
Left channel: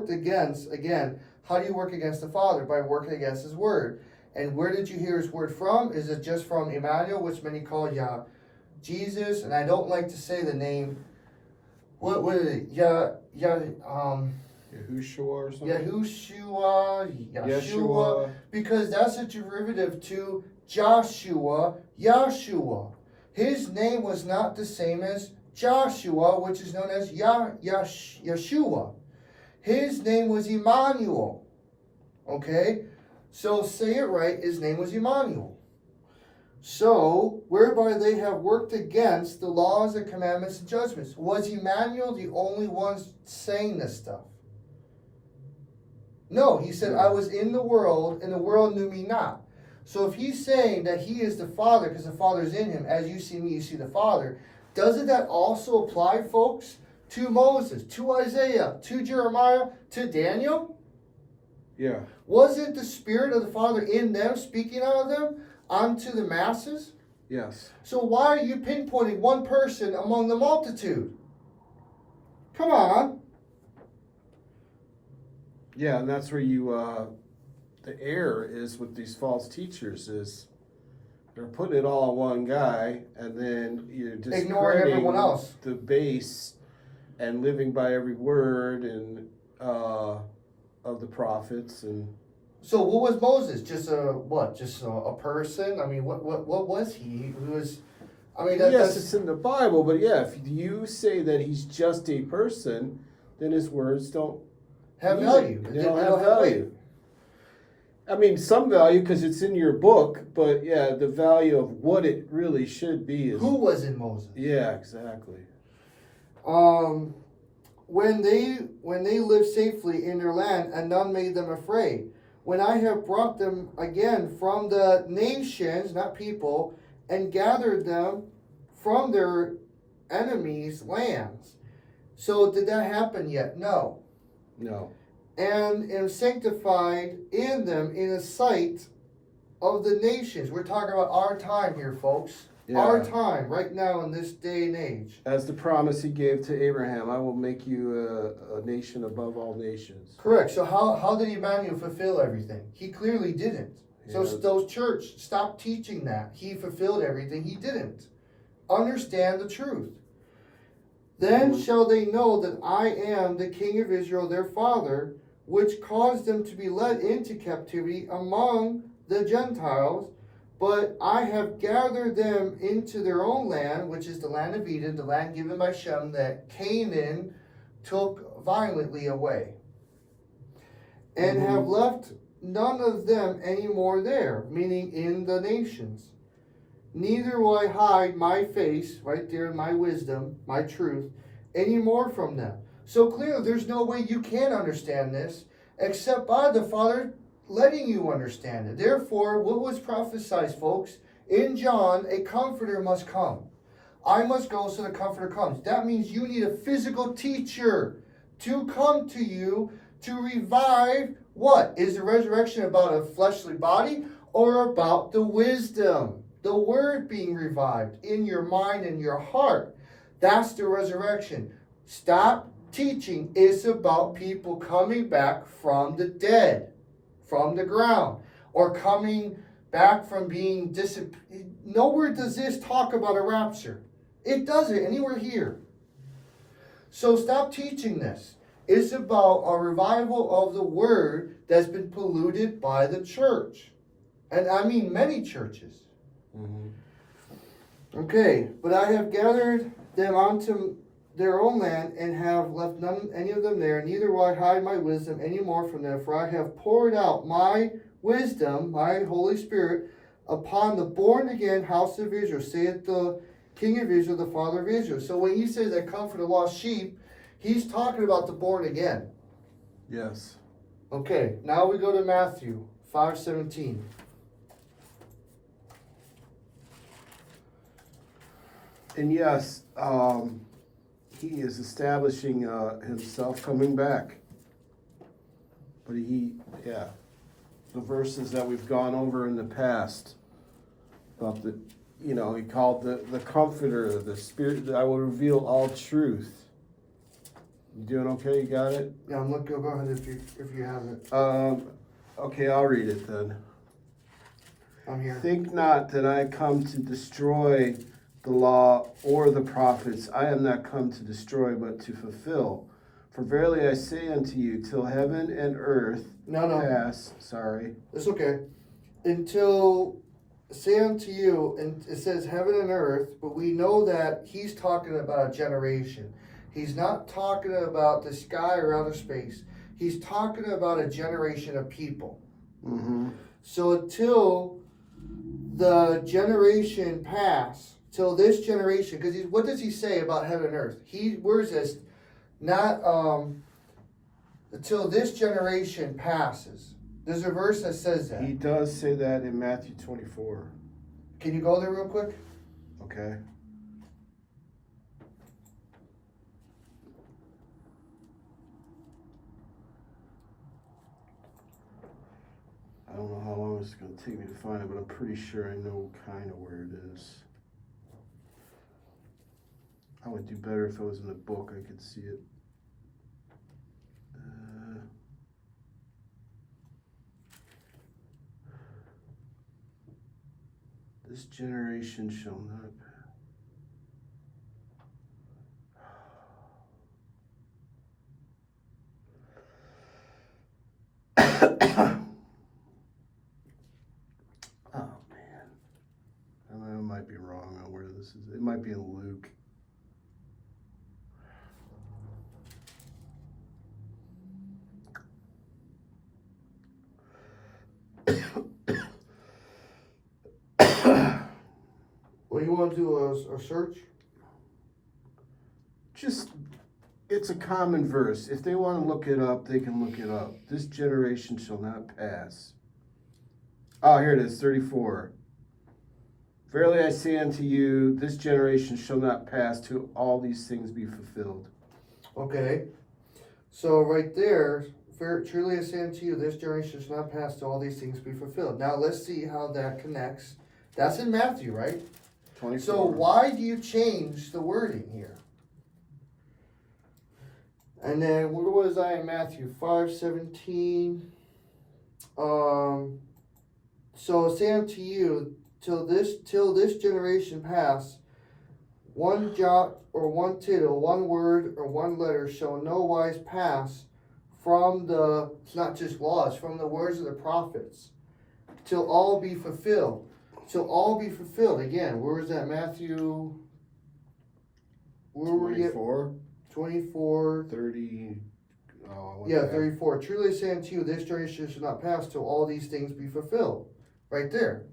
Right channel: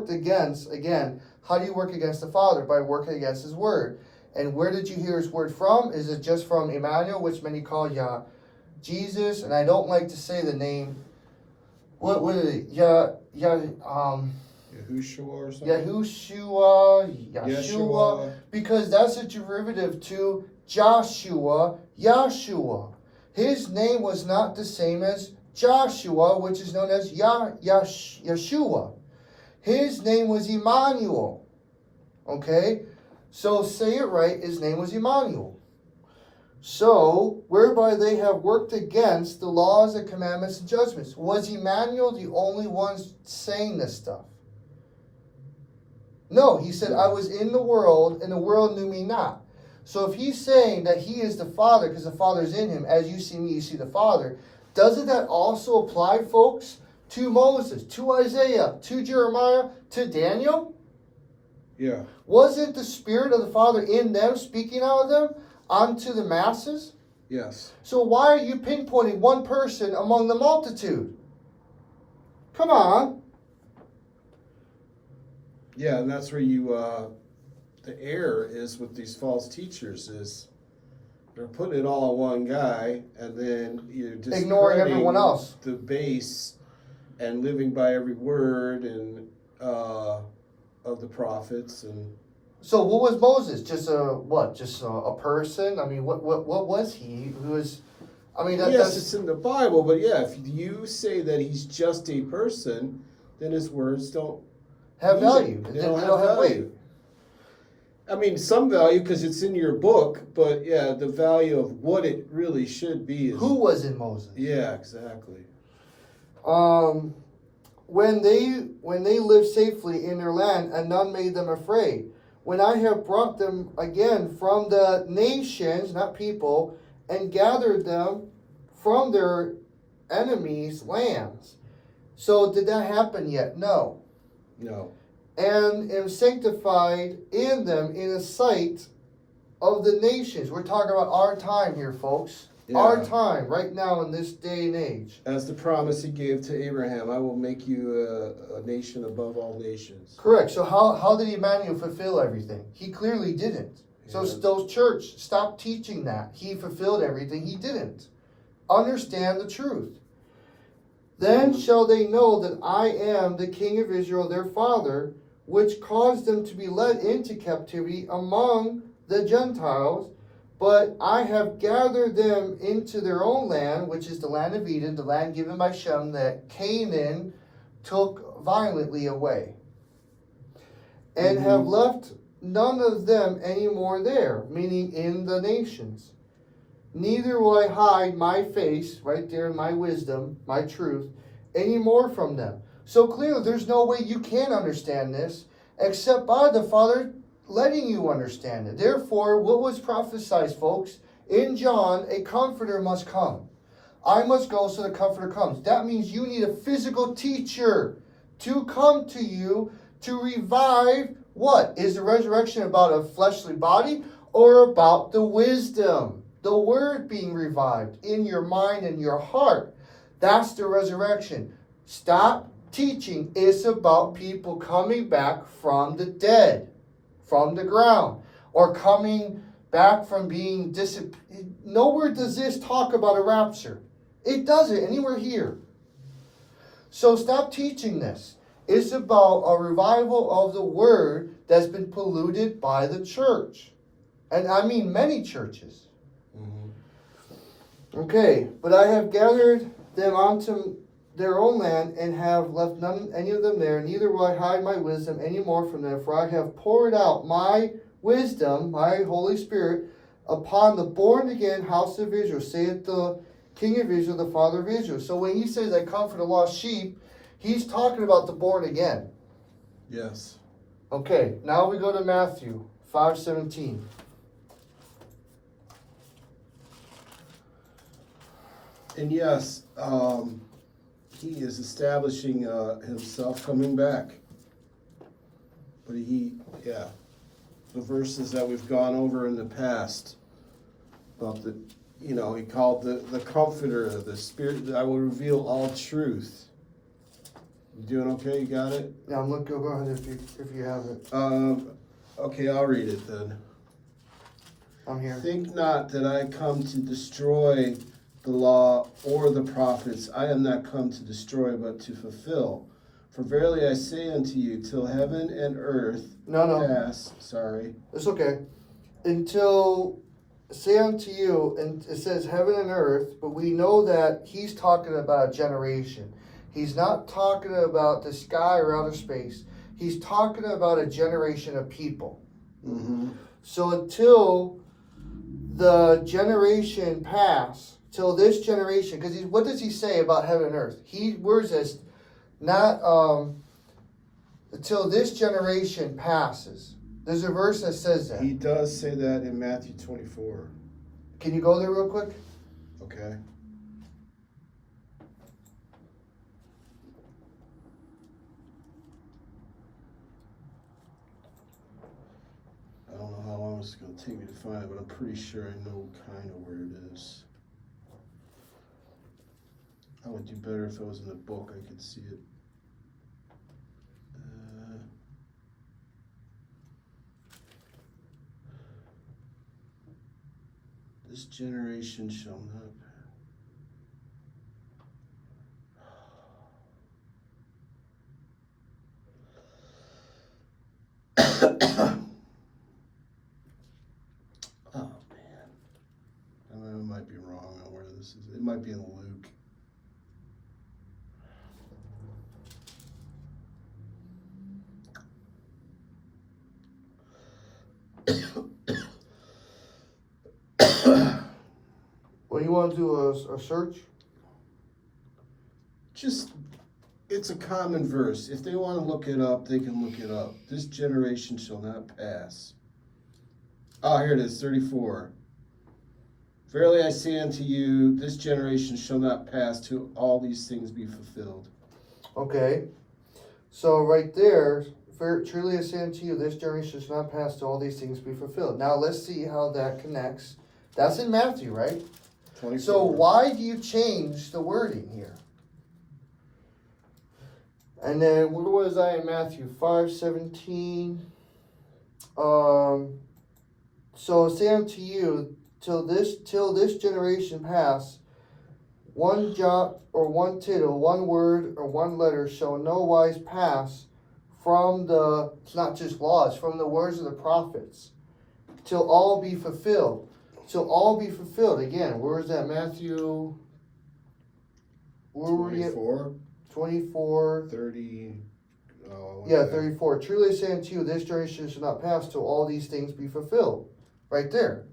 against, again, how do you work against the Father? By working against his word. And where did you hear his word from? Is it just from Emmanuel, which many call Jesus? And I don't like to say the name. What is it? Yahushua or something? Yeshua, because that's a derivative to Joshua, Yahshua. His name was not the same as Joshua, which is known as Yeshua. His name was Emmanuel. Okay? So say it right, his name was Emmanuel. So, whereby they have worked against the laws and commandments and judgments. Was Emmanuel the only one saying this stuff? No, he said, I was in the world, and the world knew me not. So if he's saying that he is the Father, because the Father is in him, as you see me, you see the Father, doesn't that also apply, folks, to Moses, to Isaiah, to Jeremiah, to Daniel? Yeah. Wasn't the Spirit of the Father in them, speaking out of them, unto the masses? Yes. So why are you pinpointing one person among the multitude? Come on. Yeah, and that's where you, the error is with these false teachers is they're putting it all on one guy, and then you're just Ignoring everyone else. the base and living by every word and of the prophets. And So what was Moses? Just a what? Just a person? I mean, what was he? Who was? I mean, yes, that's it's in the Bible, but yeah, if you say that he's just a person, then his words don't have mean it. value. They don't have value. I mean, some value because it's in your book, but yeah, the value of what it really should be is. Who was in Moses? Yeah, exactly. When they lived safely in their land, and none made them afraid. When I have brought them again from the nations, not people, and gathered them from their enemies' lands. So did that happen yet? No. No. And am sanctified in them in the sight of the nations. We're talking about our time here, folks. Yeah. Our time, right now in this day and age. As the promise he gave to Abraham, I will make you a nation above all nations. Correct. So how did Emmanuel fulfill everything? He clearly didn't. So Yeah. those church, stop teaching that. He fulfilled everything. He didn't. Understand the truth. Then shall they know that I am the King of Israel, their father, which caused them to be led into captivity among the Gentiles. But I have gathered them into their own land, which is the land of Eden, the land given by Shem, that Canaan took violently away. And have left none of them any more there, meaning in the nations. Neither will I hide my face, right there, my wisdom, my truth, any more from them. So clearly, there's no way you can understand this except by the Father letting you understand it. Therefore, what was prophesied, folks? In John, a comforter must come. I must go so the comforter comes. That means you need a physical teacher to come to you to revive what? Is the resurrection about a fleshly body or about the wisdom? The word being revived in your mind and your heart. That's the resurrection. Stop teaching. It's about people coming back from the dead, from the ground, or coming back from being disappeared. Nowhere does this talk about a rapture. It doesn't anywhere here. So stop teaching this. It's about a revival of the word that's been polluted by the church. And I mean many churches. Mm-hmm. Okay, but I have gathered them onto their own land and have left none any of them there, neither will I hide my wisdom any more from them, for I have poured out my wisdom, my Holy Spirit, upon the born again house of Israel, saith the King of Israel, the Father of Israel. So when he says, I come for the lost sheep, he's talking about the born again. Yes. Okay, now we go to Matthew 5:17. And yes, he is establishing himself coming back. But the verses that we've gone over in the past about he called the Comforter, the Spirit that I will reveal all truth. You doing okay? You got it? Yeah, I'm looking. Go ahead if you have it. Okay, I'll read it then. I'm here. Think not that I come to destroy the law or the prophets. I am not come to destroy, but to fulfill. For verily I say unto you, till heaven and earth pass. Sorry. It's okay. Until say unto you, and it says heaven and earth, but we know that he's talking about a generation. He's not talking about the sky or outer space. He's talking about a generation of people. Mm-hmm. So until the generation pass, till this generation, because what does he say about heaven and earth? Where's this? Not until this generation passes. There's a verse that says that. He does say that in Matthew 24. Can you go there real quick? Okay. I don't know how long it's going to take me to find it, but I'm pretty sure I know kind of where it is. I would do better if it was in the book. I could see it. This generation shall not. Oh man, I might be wrong on where this is. It might be in Luke. Well, you want to do a search? Just, it's a common verse. If they want to look it up, they can look it up. This generation shall not pass. Oh, here it is, 34. Verily I say unto you, this generation shall not pass till all these things be fulfilled. Okay. So right there, truly I say unto you, this generation shall not pass till all these things be fulfilled. Now let's see how that connects. That's in Matthew, right? 24. So why do you change the wording here? And then where was I in Matthew 5:17? So say unto you, till this generation pass, one jot or one tittle, one word or one letter shall no wise pass from it's not just laws, from the words of the prophets, till all be fulfilled. Till all be fulfilled. Again, where is that? Matthew, where were we at? 24. 30. Yeah, 34. Truly I say unto you, this generation shall not pass till all these things be fulfilled. Right there.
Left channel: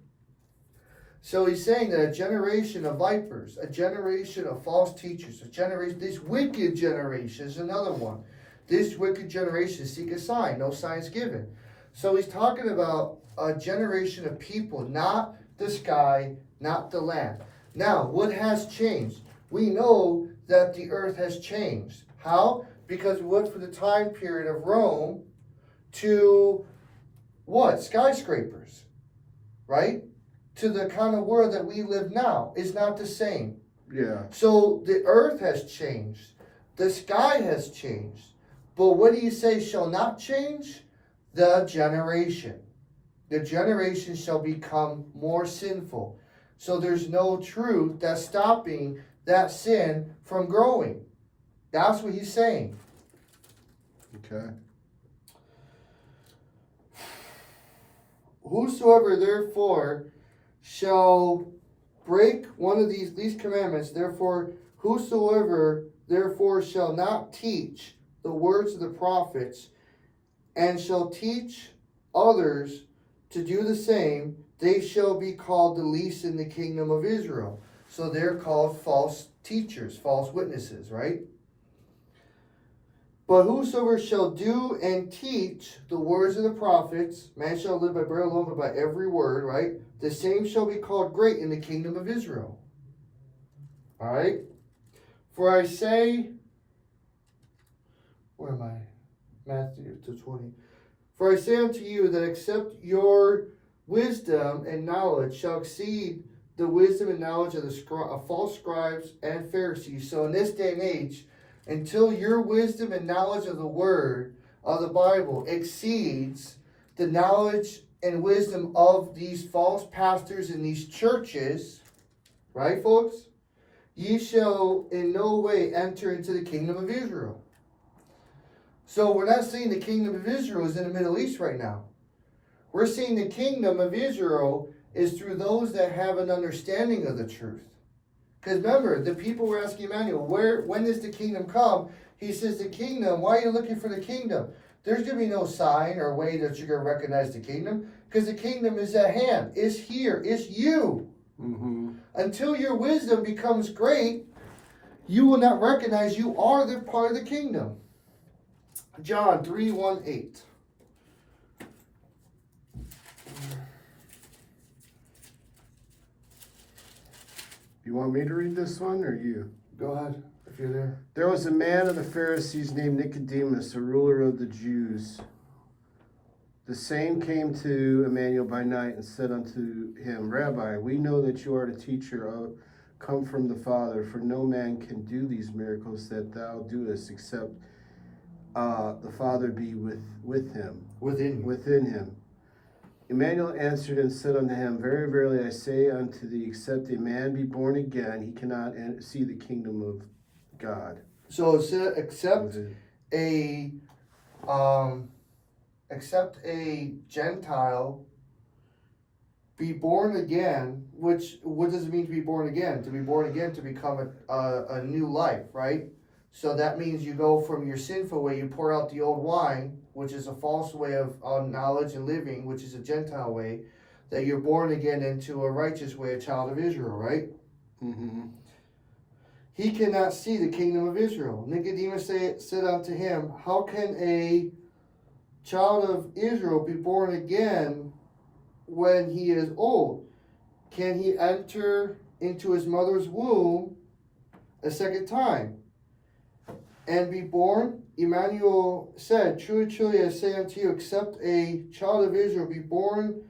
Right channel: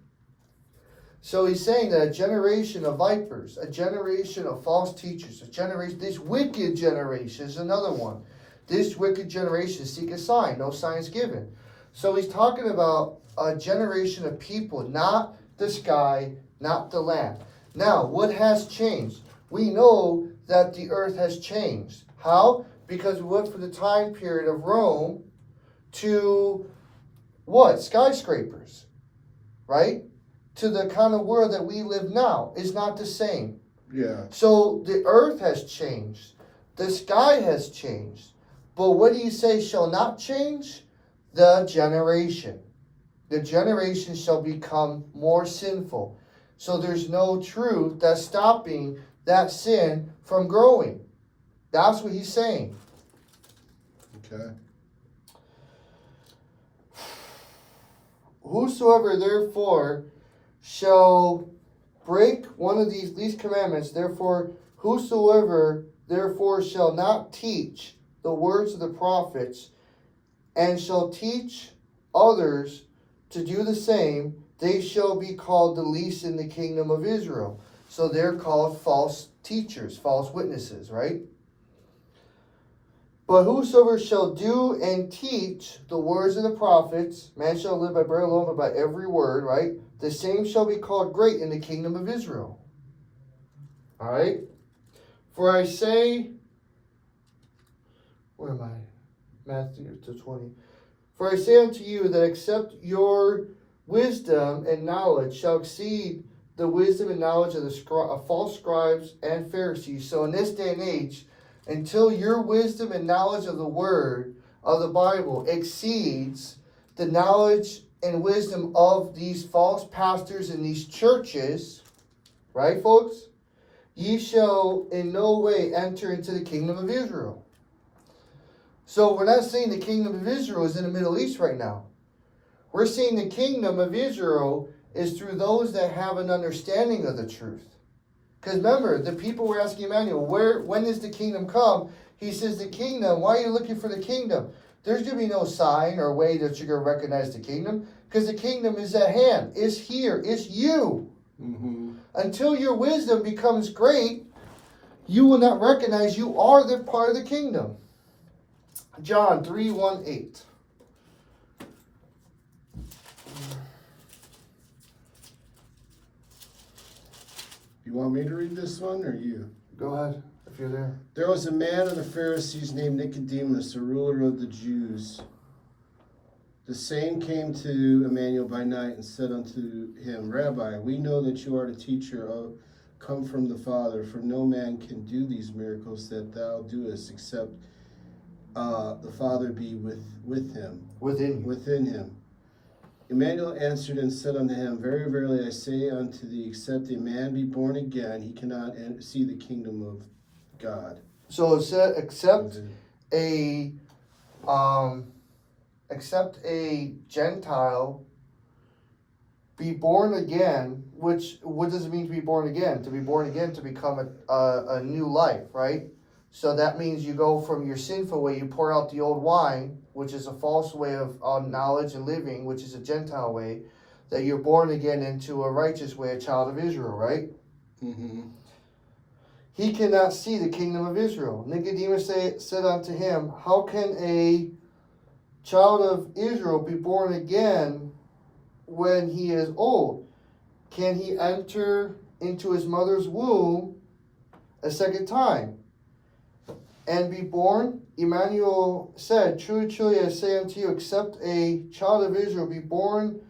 So he's saying that a generation of vipers, a generation of false teachers, this wicked generation is another one. This wicked generation seek a sign, no signs given. So he's talking about a generation of people, not the sky, not the land. Now, what has changed? We know that the earth has changed. How? Because we went from the time period of Rome to what? Skyscrapers, right? To the kind of world that we live now is not the same. Yeah. So the earth has changed. The sky has changed. But what do you say shall not change? The generation. The generation shall become more sinful. So there's no truth that's stopping that sin from growing. That's what he's saying. Okay. Whosoever therefore shall break one of these commandments, whosoever therefore shall not teach the words of the prophets, and shall teach others to do the same, they shall be called the least in the kingdom of Israel. So they're called false teachers, false witnesses, right? But whosoever shall do and teach the words of the prophets, man shall live by bread alone, but by every word, right? The same shall be called great in the kingdom of Israel. All right? For I say, where am I? Matthew 20. For I say unto you that except your wisdom and knowledge shall exceed the wisdom and knowledge of of false scribes and Pharisees. So in this day and age, until your wisdom and knowledge of the word of the Bible exceeds the knowledge and wisdom of these false pastors in these churches, right, folks? Ye shall in no way enter into the kingdom of Israel. So we're not saying the kingdom of Israel is in the Middle East right now. We're saying the kingdom of Israel is through those that have an understanding of the truth. Because remember, the people were asking Emmanuel, when does the kingdom come? He says, the kingdom, why are you looking for the kingdom? there's going to be no sign or way that you're going to recognize the kingdom, because the kingdom is at hand. It's here. It's you. Mm-hmm. Until your wisdom becomes great, you will not recognize you are the part of the kingdom. John 3:1-8. You want me to read this one or you? Go ahead, if you're there. There was a man of the Pharisees named Nicodemus, a ruler of the Jews. The same came to Emmanuel by night and said unto him, Rabbi, we know that you are the teacher come from the Father, for no man can do these miracles that thou doest, except the Father be with him. Within you. him. Emmanuel answered and said unto him, Very verily I say unto thee, except a man be born again, he cannot see the kingdom of God. So it said, except a Gentile be born again, which, what does it mean to be born again? To be born again, to become a new life, right? So that means you go from your sinful way, you pour out the old wine, which is a false way of knowledge and living, which is a Gentile way, that you're born again into a righteous way, a child of Israel, right? Mm-hmm. He cannot see the kingdom of Israel. Nicodemus said unto him, How can a child of Israel be born again when he is old? Can he enter into his mother's womb a second time and be born? Emmanuel said, Truly, truly, I say unto you, except a child of Israel be born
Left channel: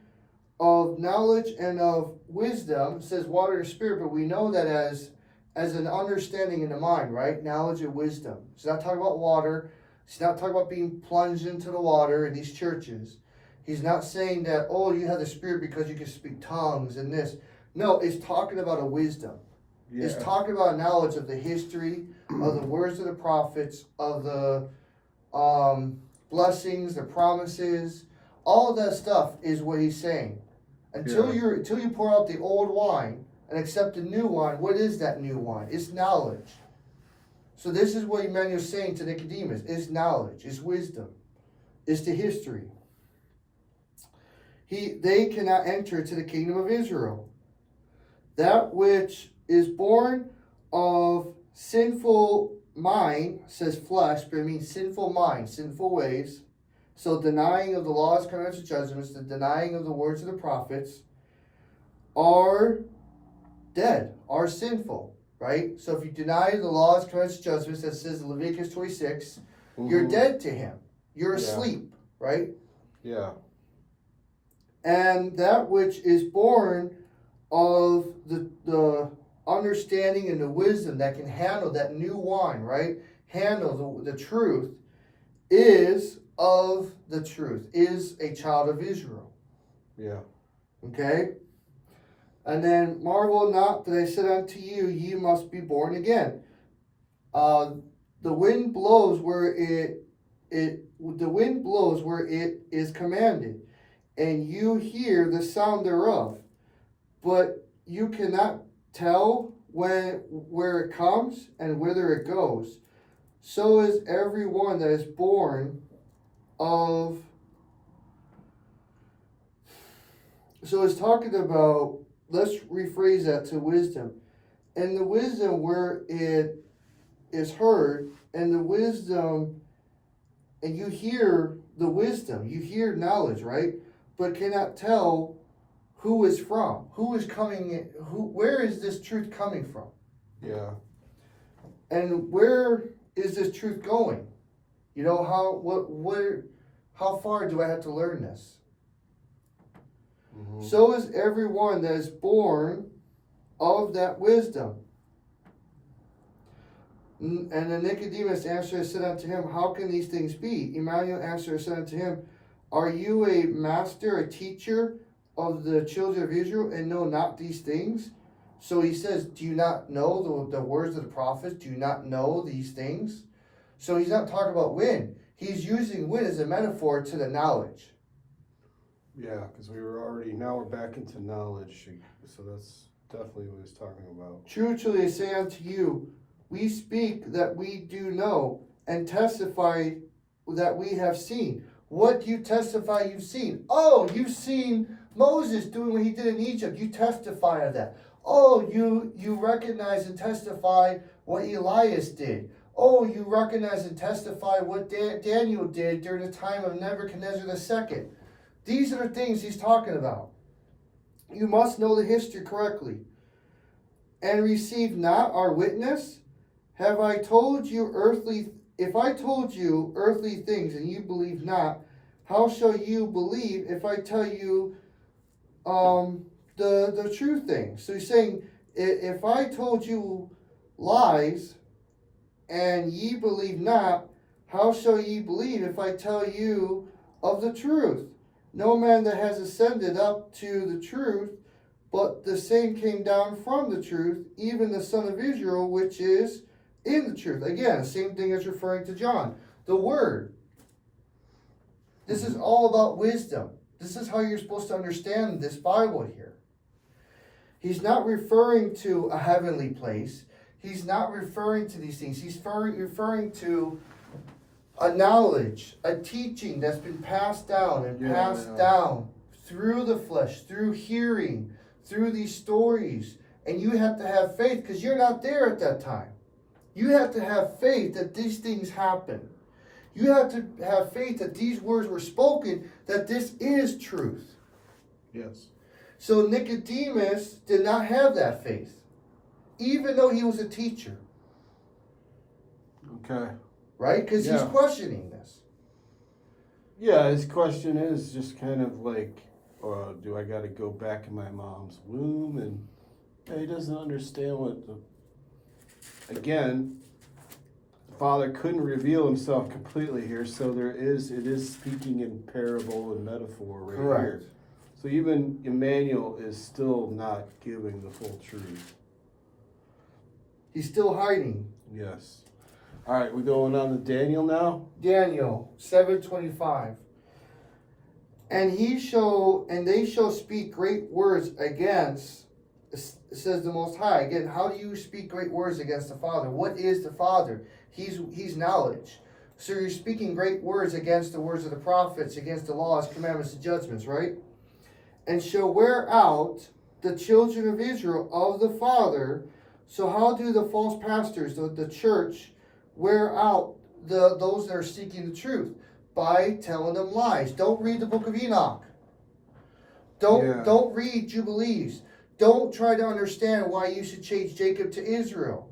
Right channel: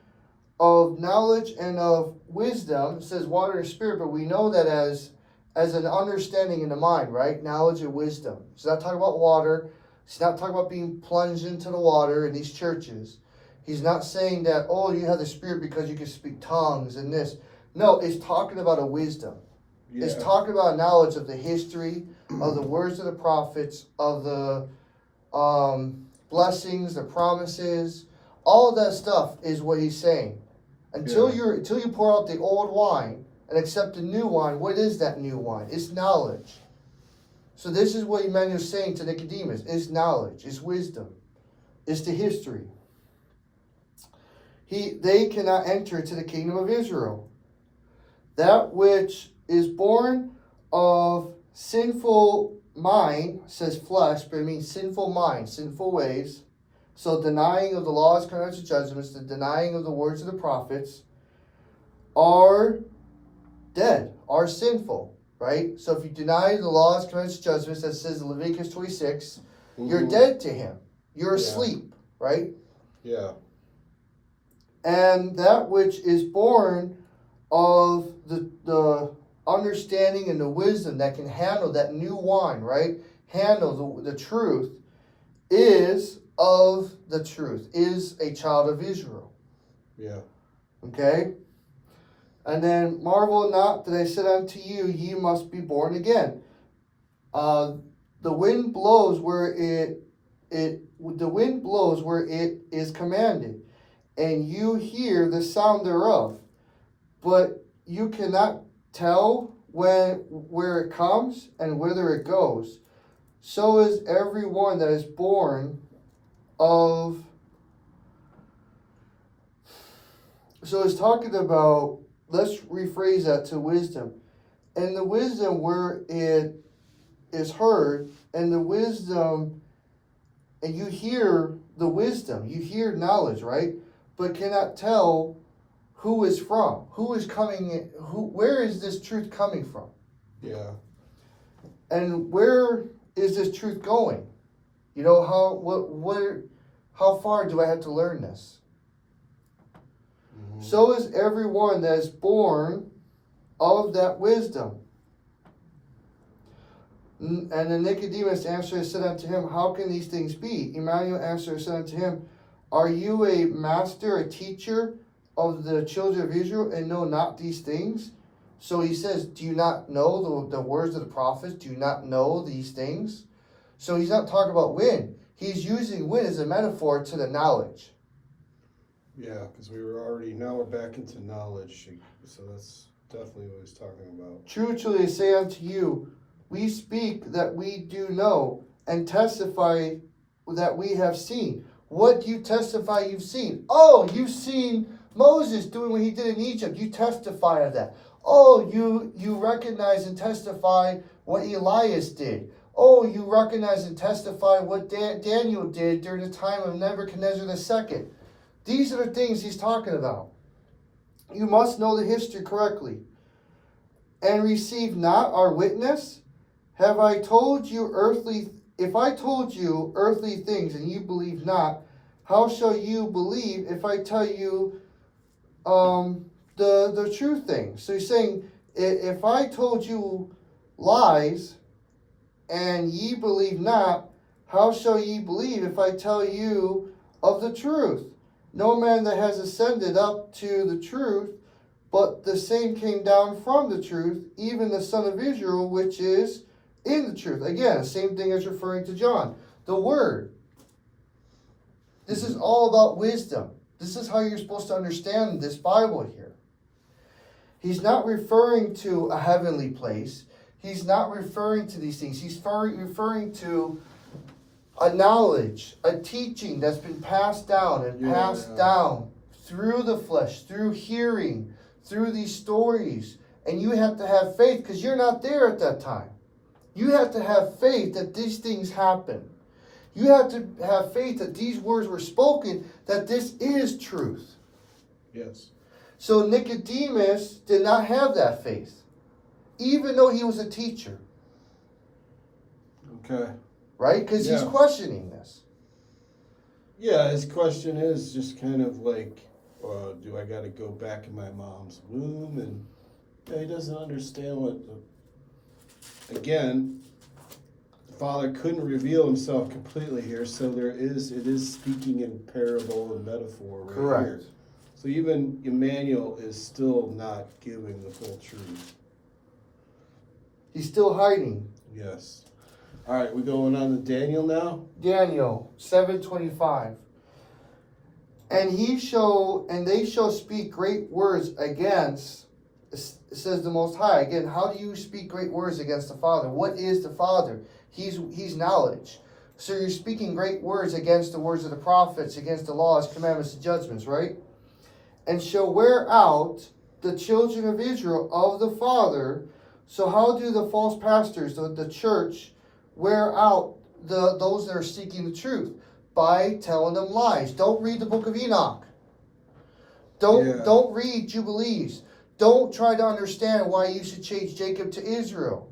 of knowledge and of wisdom, it says water and spirit, but we know that as an understanding in the mind, right? Knowledge and wisdom. It's not talking about water. He's not talking about being plunged into the water in these churches. He's not saying that, oh, you have the Spirit because you can speak tongues and this. No, it's talking about a wisdom. Yeah. It's talking about knowledge of the history, of the words of the prophets, of the blessings, the promises. All of that stuff is what he's saying. Until you pour out the old wine and accept the new wine, what is that new wine? It's knowledge. So this is what Emmanuel is saying to Nicodemus. It's knowledge. It's wisdom. It's the history. They cannot enter into the kingdom of Israel. That which is born of sinful mind, says flesh, but it means sinful mind, sinful ways. So denying of the laws, commandments, and judgments, the denying of the words of the prophets, are dead, are sinful. Right? So if you deny the laws, commandments, judgments, that says in Leviticus 26, you're dead to him. You're asleep, right? Yeah. And that which is born of the understanding and the wisdom that can handle that new wine, right? Handle the truth, is of the truth, is a child of Israel. Yeah. Okay? And then marvel not that I said unto you, ye must be born again. The wind blows where it is commanded, and you hear the sound thereof, but you cannot tell where it comes and whither it goes. So is every one that is born of. So it's talking about. Let's rephrase that to wisdom. And the wisdom where it is heard, and the wisdom, and you hear the wisdom, you hear knowledge, right? But cannot tell who is from, who is coming, where is this truth coming from? Yeah. And where is this truth going? You know, how far do I have to learn this? Mm-hmm. So is everyone that is born of that wisdom. And then Nicodemus answered and said unto him, How can these things be? Emmanuel answered and said unto him, Are you a master, a teacher of the children of Israel, and know not these things? So he says, do you not know the words of the prophets? Do you not know these things? So he's not talking about wind. He's using wind as a metaphor to the knowledge. Yeah, because now we're back into knowledge, so that's definitely what he's talking about. True, truly I say unto you, we speak that we do know, and testify that we have seen. What do you testify you've seen? Oh, you've seen Moses doing what he did in Egypt. You testify of that. Oh, you recognize and testify what Elias did. Oh, you recognize and testify what Daniel did during the time of Nebuchadnezzar II. These are the things he's talking about. You must know the history correctly. And receive not our witness? Have I told you if I told you earthly things and you believe not, how shall you believe if I tell you the true things? So he's saying, if I told you lies and ye believe not, how shall ye believe if I tell you of the truth? No man that has ascended up to the truth, but the same came down from the truth, even the Son of Israel, which is in the truth. Again, same thing as referring to John. The Word. This is all about wisdom. This is how you're supposed to understand this Bible here. He's not referring to a heavenly place. He's not referring to these things. He's referring to a knowledge, a teaching that's been passed down and passed down through the flesh, through hearing, through these stories. And you have to have faith because you're not there at that time. You have to have faith that these things happen. You have to have faith that these words were spoken, that this is truth. Yes. So Nicodemus did not have that faith, even though he was a teacher. Okay. Right? Because he's Yeah. questioning this. Yeah, his question is just kind of like, do I got to go back in my mom's womb? And he doesn't understand what again, the Father couldn't reveal himself completely here, so it is speaking in parable and metaphor right Correct. here. So even Emmanuel is still not giving the full truth. He's still hiding. Yes. All right, we're going on to Daniel now. Daniel 7:25. And they shall speak great words against, says the Most High. Again, how do you speak great words against the Father? What is the Father? He's knowledge. So you're speaking great words against the words of the prophets, against the laws, commandments, and judgments, right? And shall wear out the children of Israel of the Father. So how do the false pastors, the church, wear out those that are seeking the truth? By telling them lies. Don't read the book of Enoch. Don't read Jubilees. Don't try to understand why you should change Jacob to Israel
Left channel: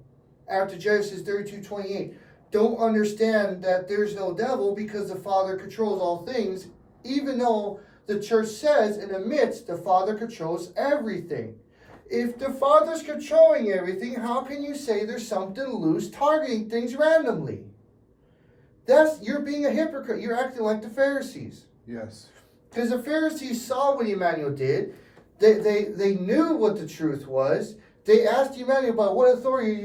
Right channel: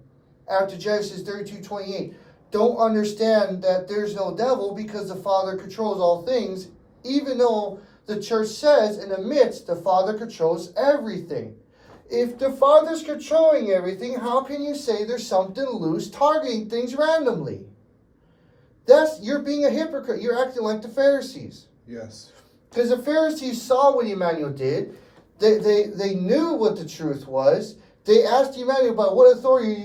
after Genesis 32:28. Don't understand that there's no devil because the Father controls all things, even though the church says in the midst the Father controls everything. If the Father's controlling everything, how can you say there's something loose targeting things randomly? You're being a hypocrite. You're acting like the Pharisees. Yes. Because the Pharisees saw what Emmanuel did. They knew what the truth was. They asked Emmanuel, by what authority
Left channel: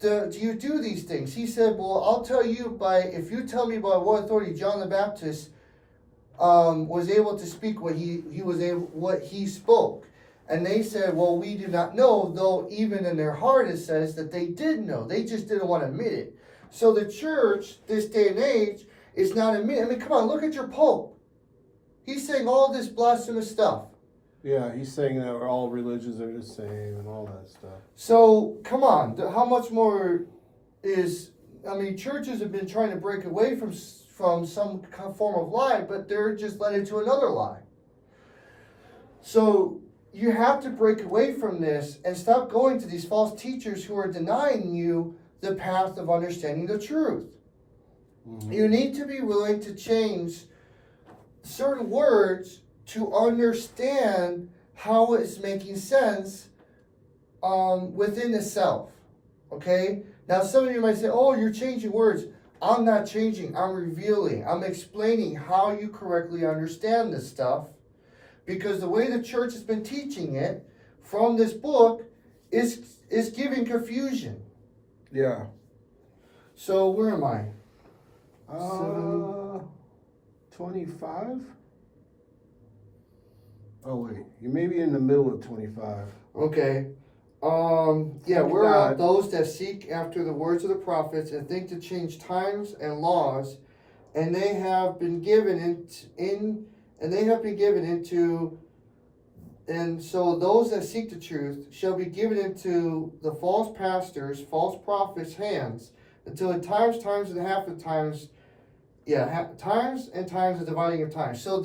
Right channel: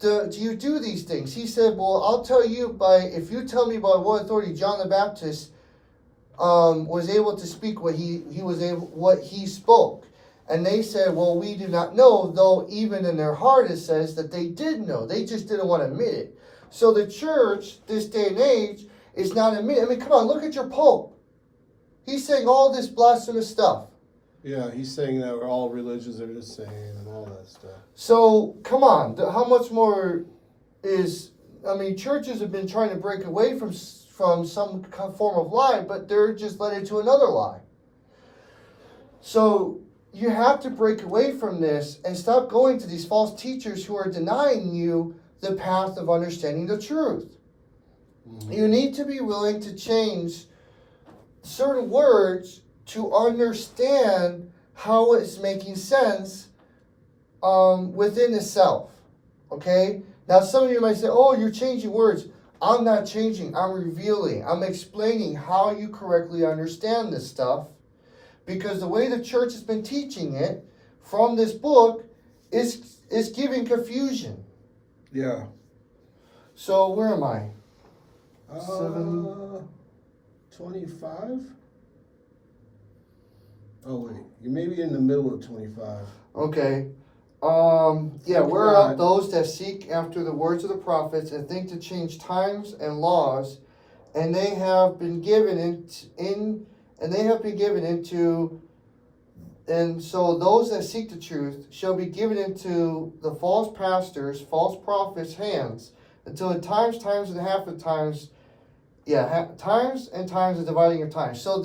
do you do these things? He said, well, I'll tell you if you tell me by what authority John the Baptist was able to speak what he spoke. And they said, well, we do not know, though even in their heart it says that they did know. They just didn't want to admit it. So the church, this day and age, is not admitting. I mean, come on, look at your Pope. He's saying all this blasphemous stuff. Yeah, he's saying that all religions are the same and all that stuff. So, come on, how much more churches have been trying to break away from some form of lie, but they're just led into another lie. So, you have to break away from this and stop going to these false teachers who are denying you the path of understanding the truth. Mm-hmm. You need to be willing to change certain words to understand how it's making sense within itself. Okay? Now some of you might say, oh, you're changing words. I'm not changing. I'm revealing. I'm explaining how you correctly understand this stuff. Because the way the church has been teaching it from this book is giving confusion. Yeah. So where am I? 25? Oh wait, you may be in the middle of 25. Okay. We're those that seek after the words of the prophets and think to change times and laws and they have been given into, and so those that seek the truth shall be given into the false pastors, false prophets' hands, until in times and half of times, times and times the dividing of times. So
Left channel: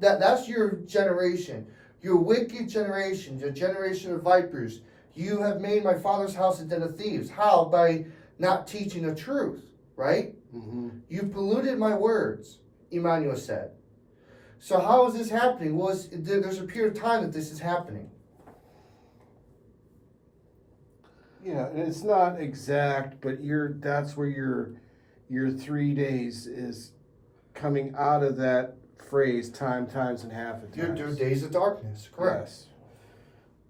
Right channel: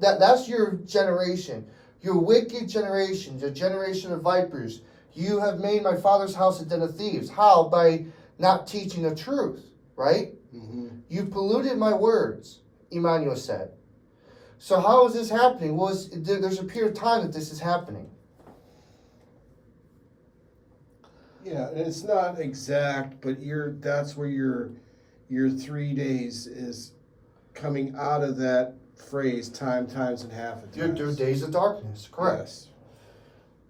that's your generation, your wicked generation, your generation of vipers. You have made my father's house a den of thieves. How? By not teaching the truth, right? Mm-hmm. You've polluted my words, Emmanuel said. So how is this happening? Well, there's a period of time that this is happening. Yeah, and it's not exact, but that's where your 3 days is coming out of that phrase, times, and half of Your times. days of darkness, correct. Yes.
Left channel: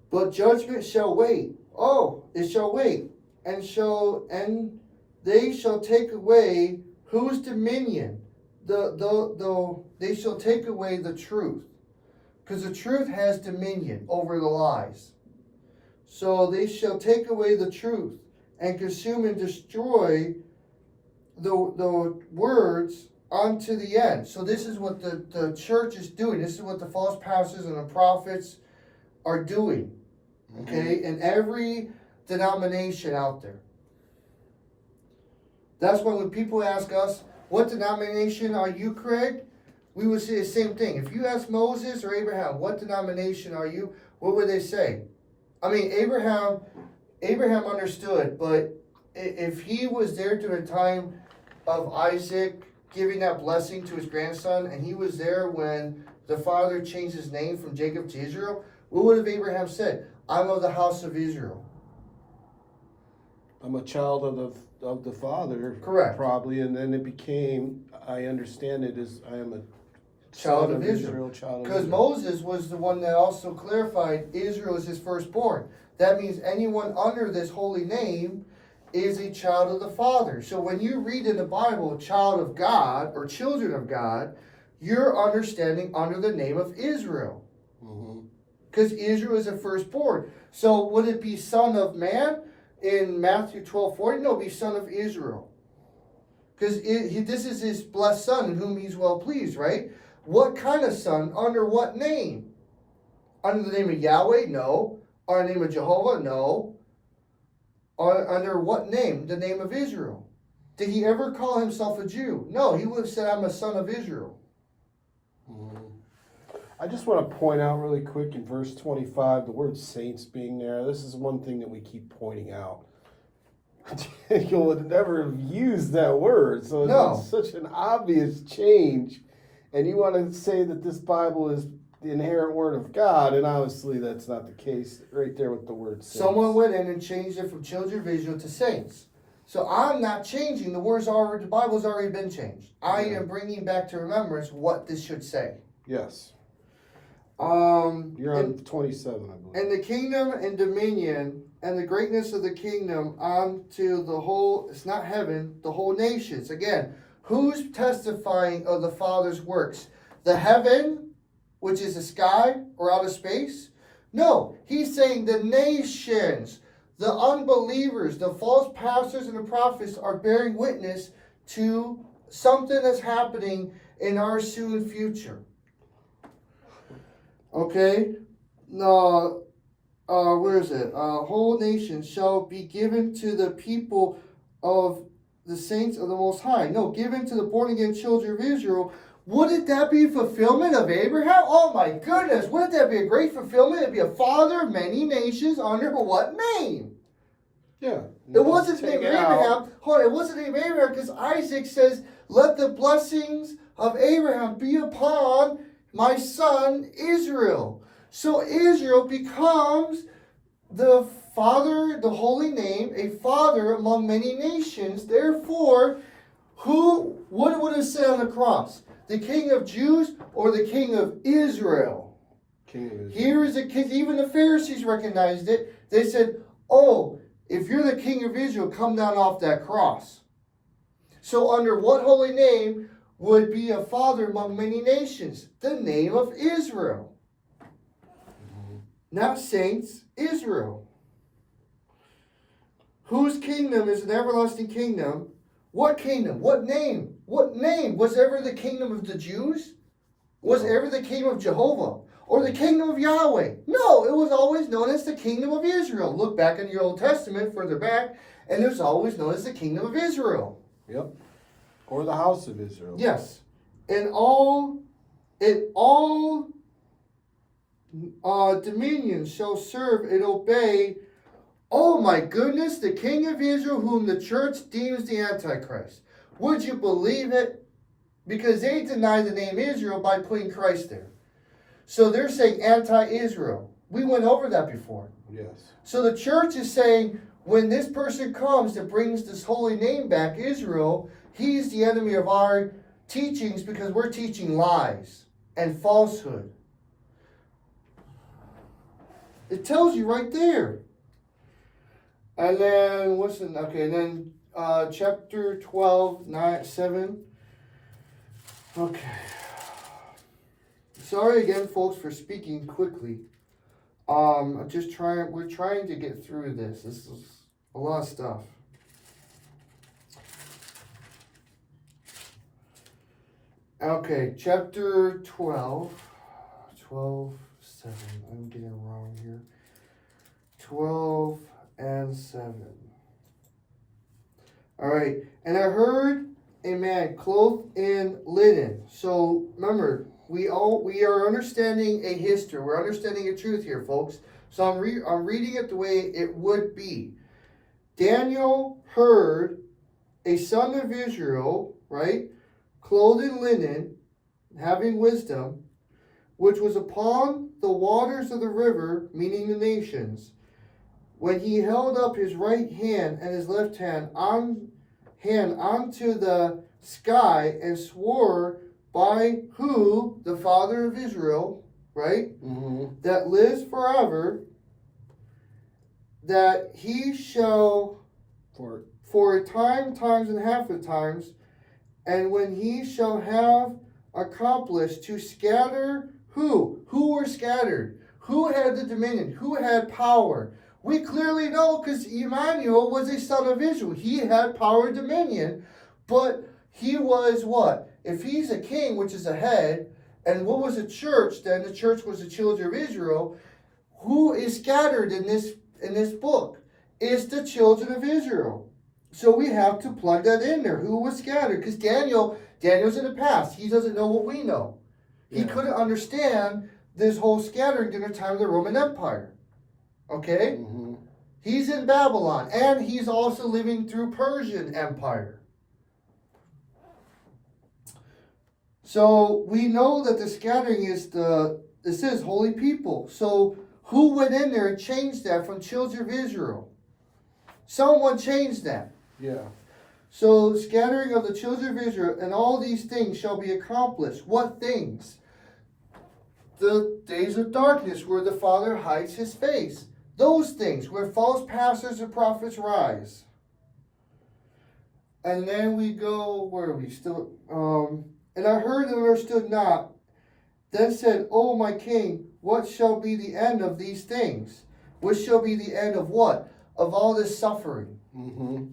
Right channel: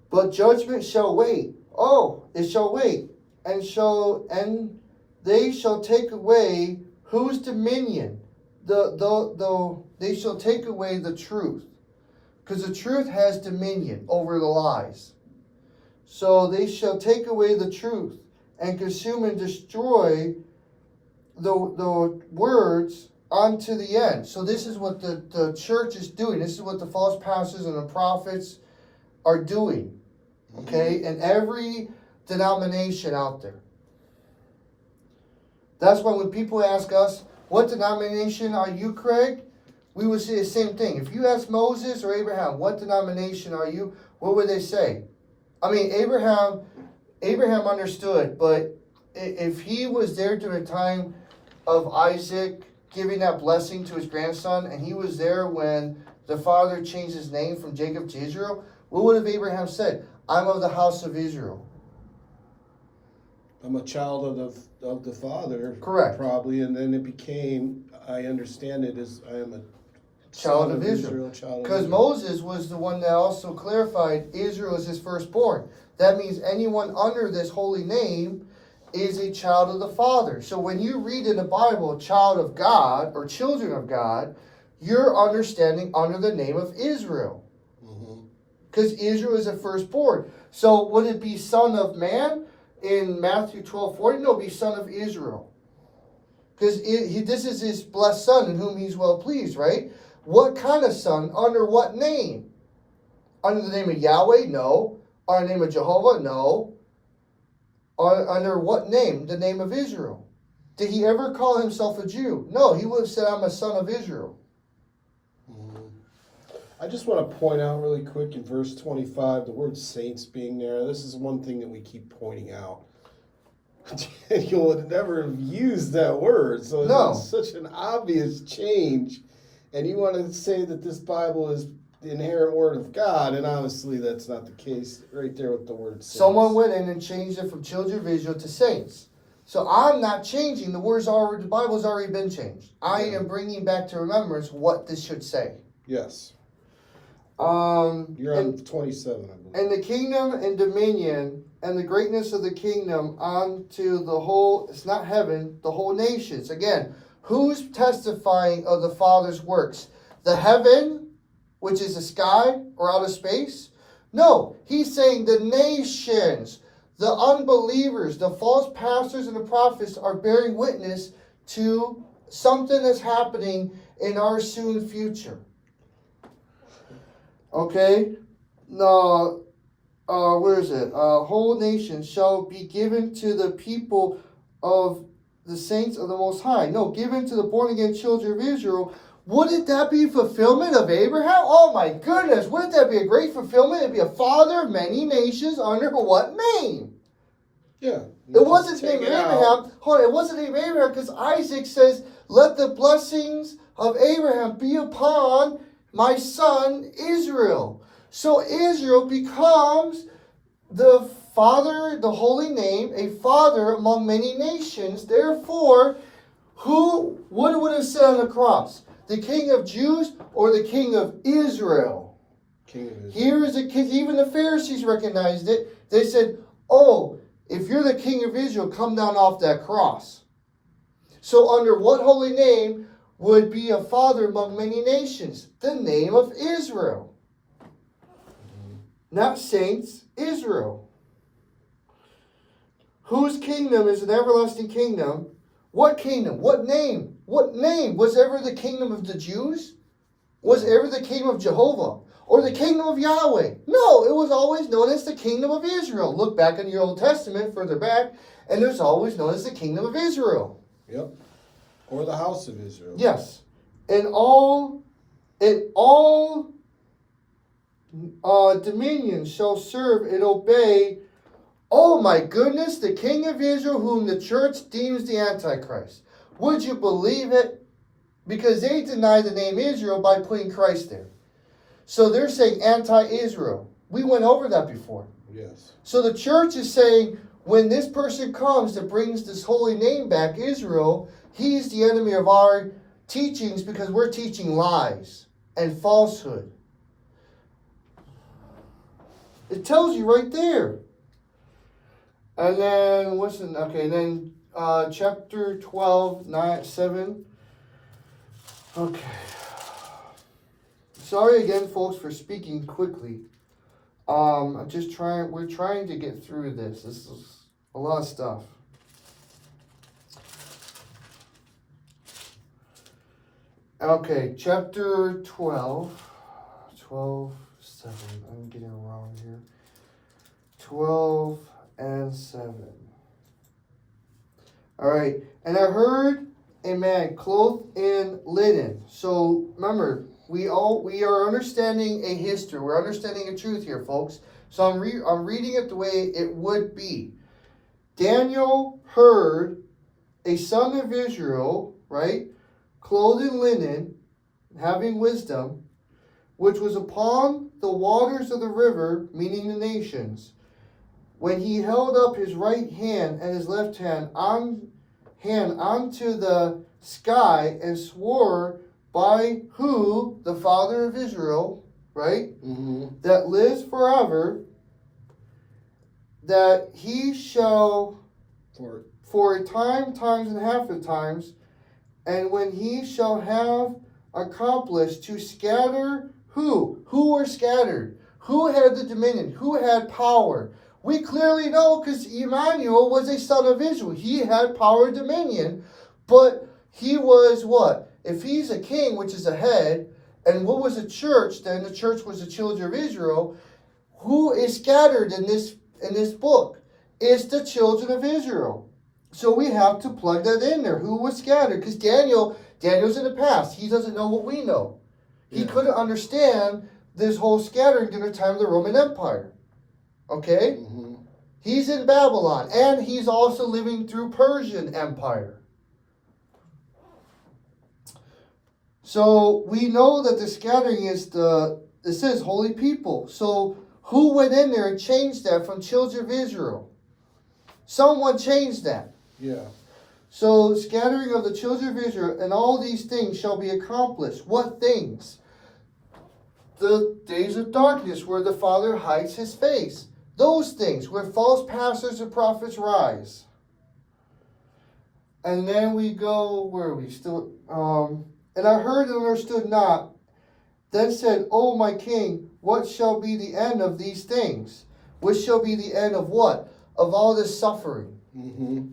But judgment shall wait. Oh, it shall wait, and they shall take away whose dominion? They shall take away the truth, because the truth has dominion over the lies. So they shall take away the truth and consume and destroy the words unto the end. So this is what the church is doing. This is what the false pastors and the prophets are doing. Okay? In every denomination out there. That's why when people ask us, what denomination are you, Craig? We would say the same thing. If you ask Moses or Abraham, what denomination are you? What would they say? I mean, Abraham understood, but if he was there during the time of Isaac giving that blessing to his grandson, and he was there when the father changed his name from Jacob to Israel, what would have Abraham said? I'm of the house of Israel. I'm a child of the Father. Correct. Probably, and then it became, I understand it as, I am a Child of Israel. child of Because Israel. Moses was the one that also clarified Israel is his firstborn. That means anyone under this holy name is a child of the Father. So when you read in the Bible, child of God or children of God, you're understanding under the name of Israel. Because Israel is a firstborn. So would it be son of man in Matthew 12:40? No, it'd be son of Israel. Because this is his blessed son in whom he's well pleased, right? What kind of son? Under what name? Under the name of Yahweh? No. Under the name of Jehovah? No. Under what name? The name of Israel. Did he ever call himself a Jew? No, he would have said, I'm a son of Israel. I just want to point out really quick in verse 25, the word saints being there. This is one thing that we keep pointing out. You would never have used that word, so No. it's such an obvious change. And you want to say that this Bible is the inherent word of God, and obviously that's not the case right there with the word saints. Someone went in and changed it from children of Israel to saints. So I'm not changing. The Bible's already been changed. I am bringing back to remembrance what this should say. Yes. You're on 27, I believe. And the kingdom and dominion and the greatness of the kingdom unto the whole, it's not heaven, the whole nations. Again, who's testifying of the Father's works? The heaven, which is the sky or outer space? No, he's saying the nations, the unbelievers, the false pastors and the prophets are bearing witness to something that's happening in our soon future. Okay? No, where is it? Whole nation shall be given to the people of the saints of the Most High. No, given to the born again children of Israel. Wouldn't that be fulfillment of Abraham? Oh my goodness, wouldn't that be a great fulfillment? It'd be a father of many nations under what name? Yeah. It wasn't named Abraham. Hold on, it wasn't named Abraham because Isaac says, let the blessings of Abraham be upon my son Israel. So Israel becomes the father, the holy name, a father among many nations. Therefore, what would have said on the cross? The king of Jews or the king of Israel? King of Israel. Here is a king. Even the Pharisees recognized it. They said, oh, if you're the king of Israel, come down off that cross. So under what holy name would be a father among many nations? The name of Israel. Not saints, Israel. Whose kingdom is an everlasting kingdom, What kingdom? What name? What name? Was ever the kingdom of the Jews? Was ever the kingdom of Jehovah? Or the kingdom of Yahweh? No, it was always known as the kingdom of Israel. Look back in the Old Testament, further back, and it was always known as the kingdom of Israel. Yep. Or the house of Israel. Yes. And all dominions shall serve and obey. Oh my goodness, the king of Israel, whom the church deems the Antichrist. Would you believe it? Because they deny the name Israel by putting Christ there. So they're saying anti-Israel. We went over that before. Yes. So the church is saying, when this person comes that brings this holy name back, Israel, he's the enemy of our teachings because we're teaching lies and falsehood. It tells you right there. And then chapter 12, 7. Okay. Sorry again, folks, for speaking quickly. We're trying to get through this. This is a lot of stuff. Okay, chapter 12, 7. I'm getting it wrong here. 12 and 7. All right, and I heard a man clothed in linen. So remember, we are understanding a history. We're understanding a truth here, folks. So I'm reading it the way it would be. Daniel heard a son of Israel, right, clothed in linen, having wisdom, which was upon the waters of the river, meaning the nations, when he held up his right hand and his left hand unto the sky and swore by who? The Father of Israel, right? Mm-hmm. That lives forever, that he shall for a time, times and half of times, and when he shall have accomplished to scatter who? Who were scattered? Who had the dominion? Who had power? We clearly know because Emmanuel was a son of Israel. He had power and dominion, but he was what? If he's a king, which is a head, and what was a church? Then the church was the children of Israel. Who is scattered in this book? It's the children of Israel. So we have to plug that in there. Who was scattered? Because Daniel's in the past. He doesn't know what we know. He couldn't understand this whole scattering during the time of the Roman Empire. Okay? Mm-hmm. He's in Babylon, and he's also living through Persian Empire. So we know that the scattering is it says holy people. So who went in there and changed that from children of Israel? Someone changed that. Yeah. So scattering of the children of Israel, and all these things shall be accomplished. What things? The days of darkness where the Father hides his face. Those things where false pastors and prophets rise. And then we go, where are we still? And I heard and understood not. Then said, O my king, what shall be the end of these things? What shall be the end of what? Of all this suffering. Mm-hmm.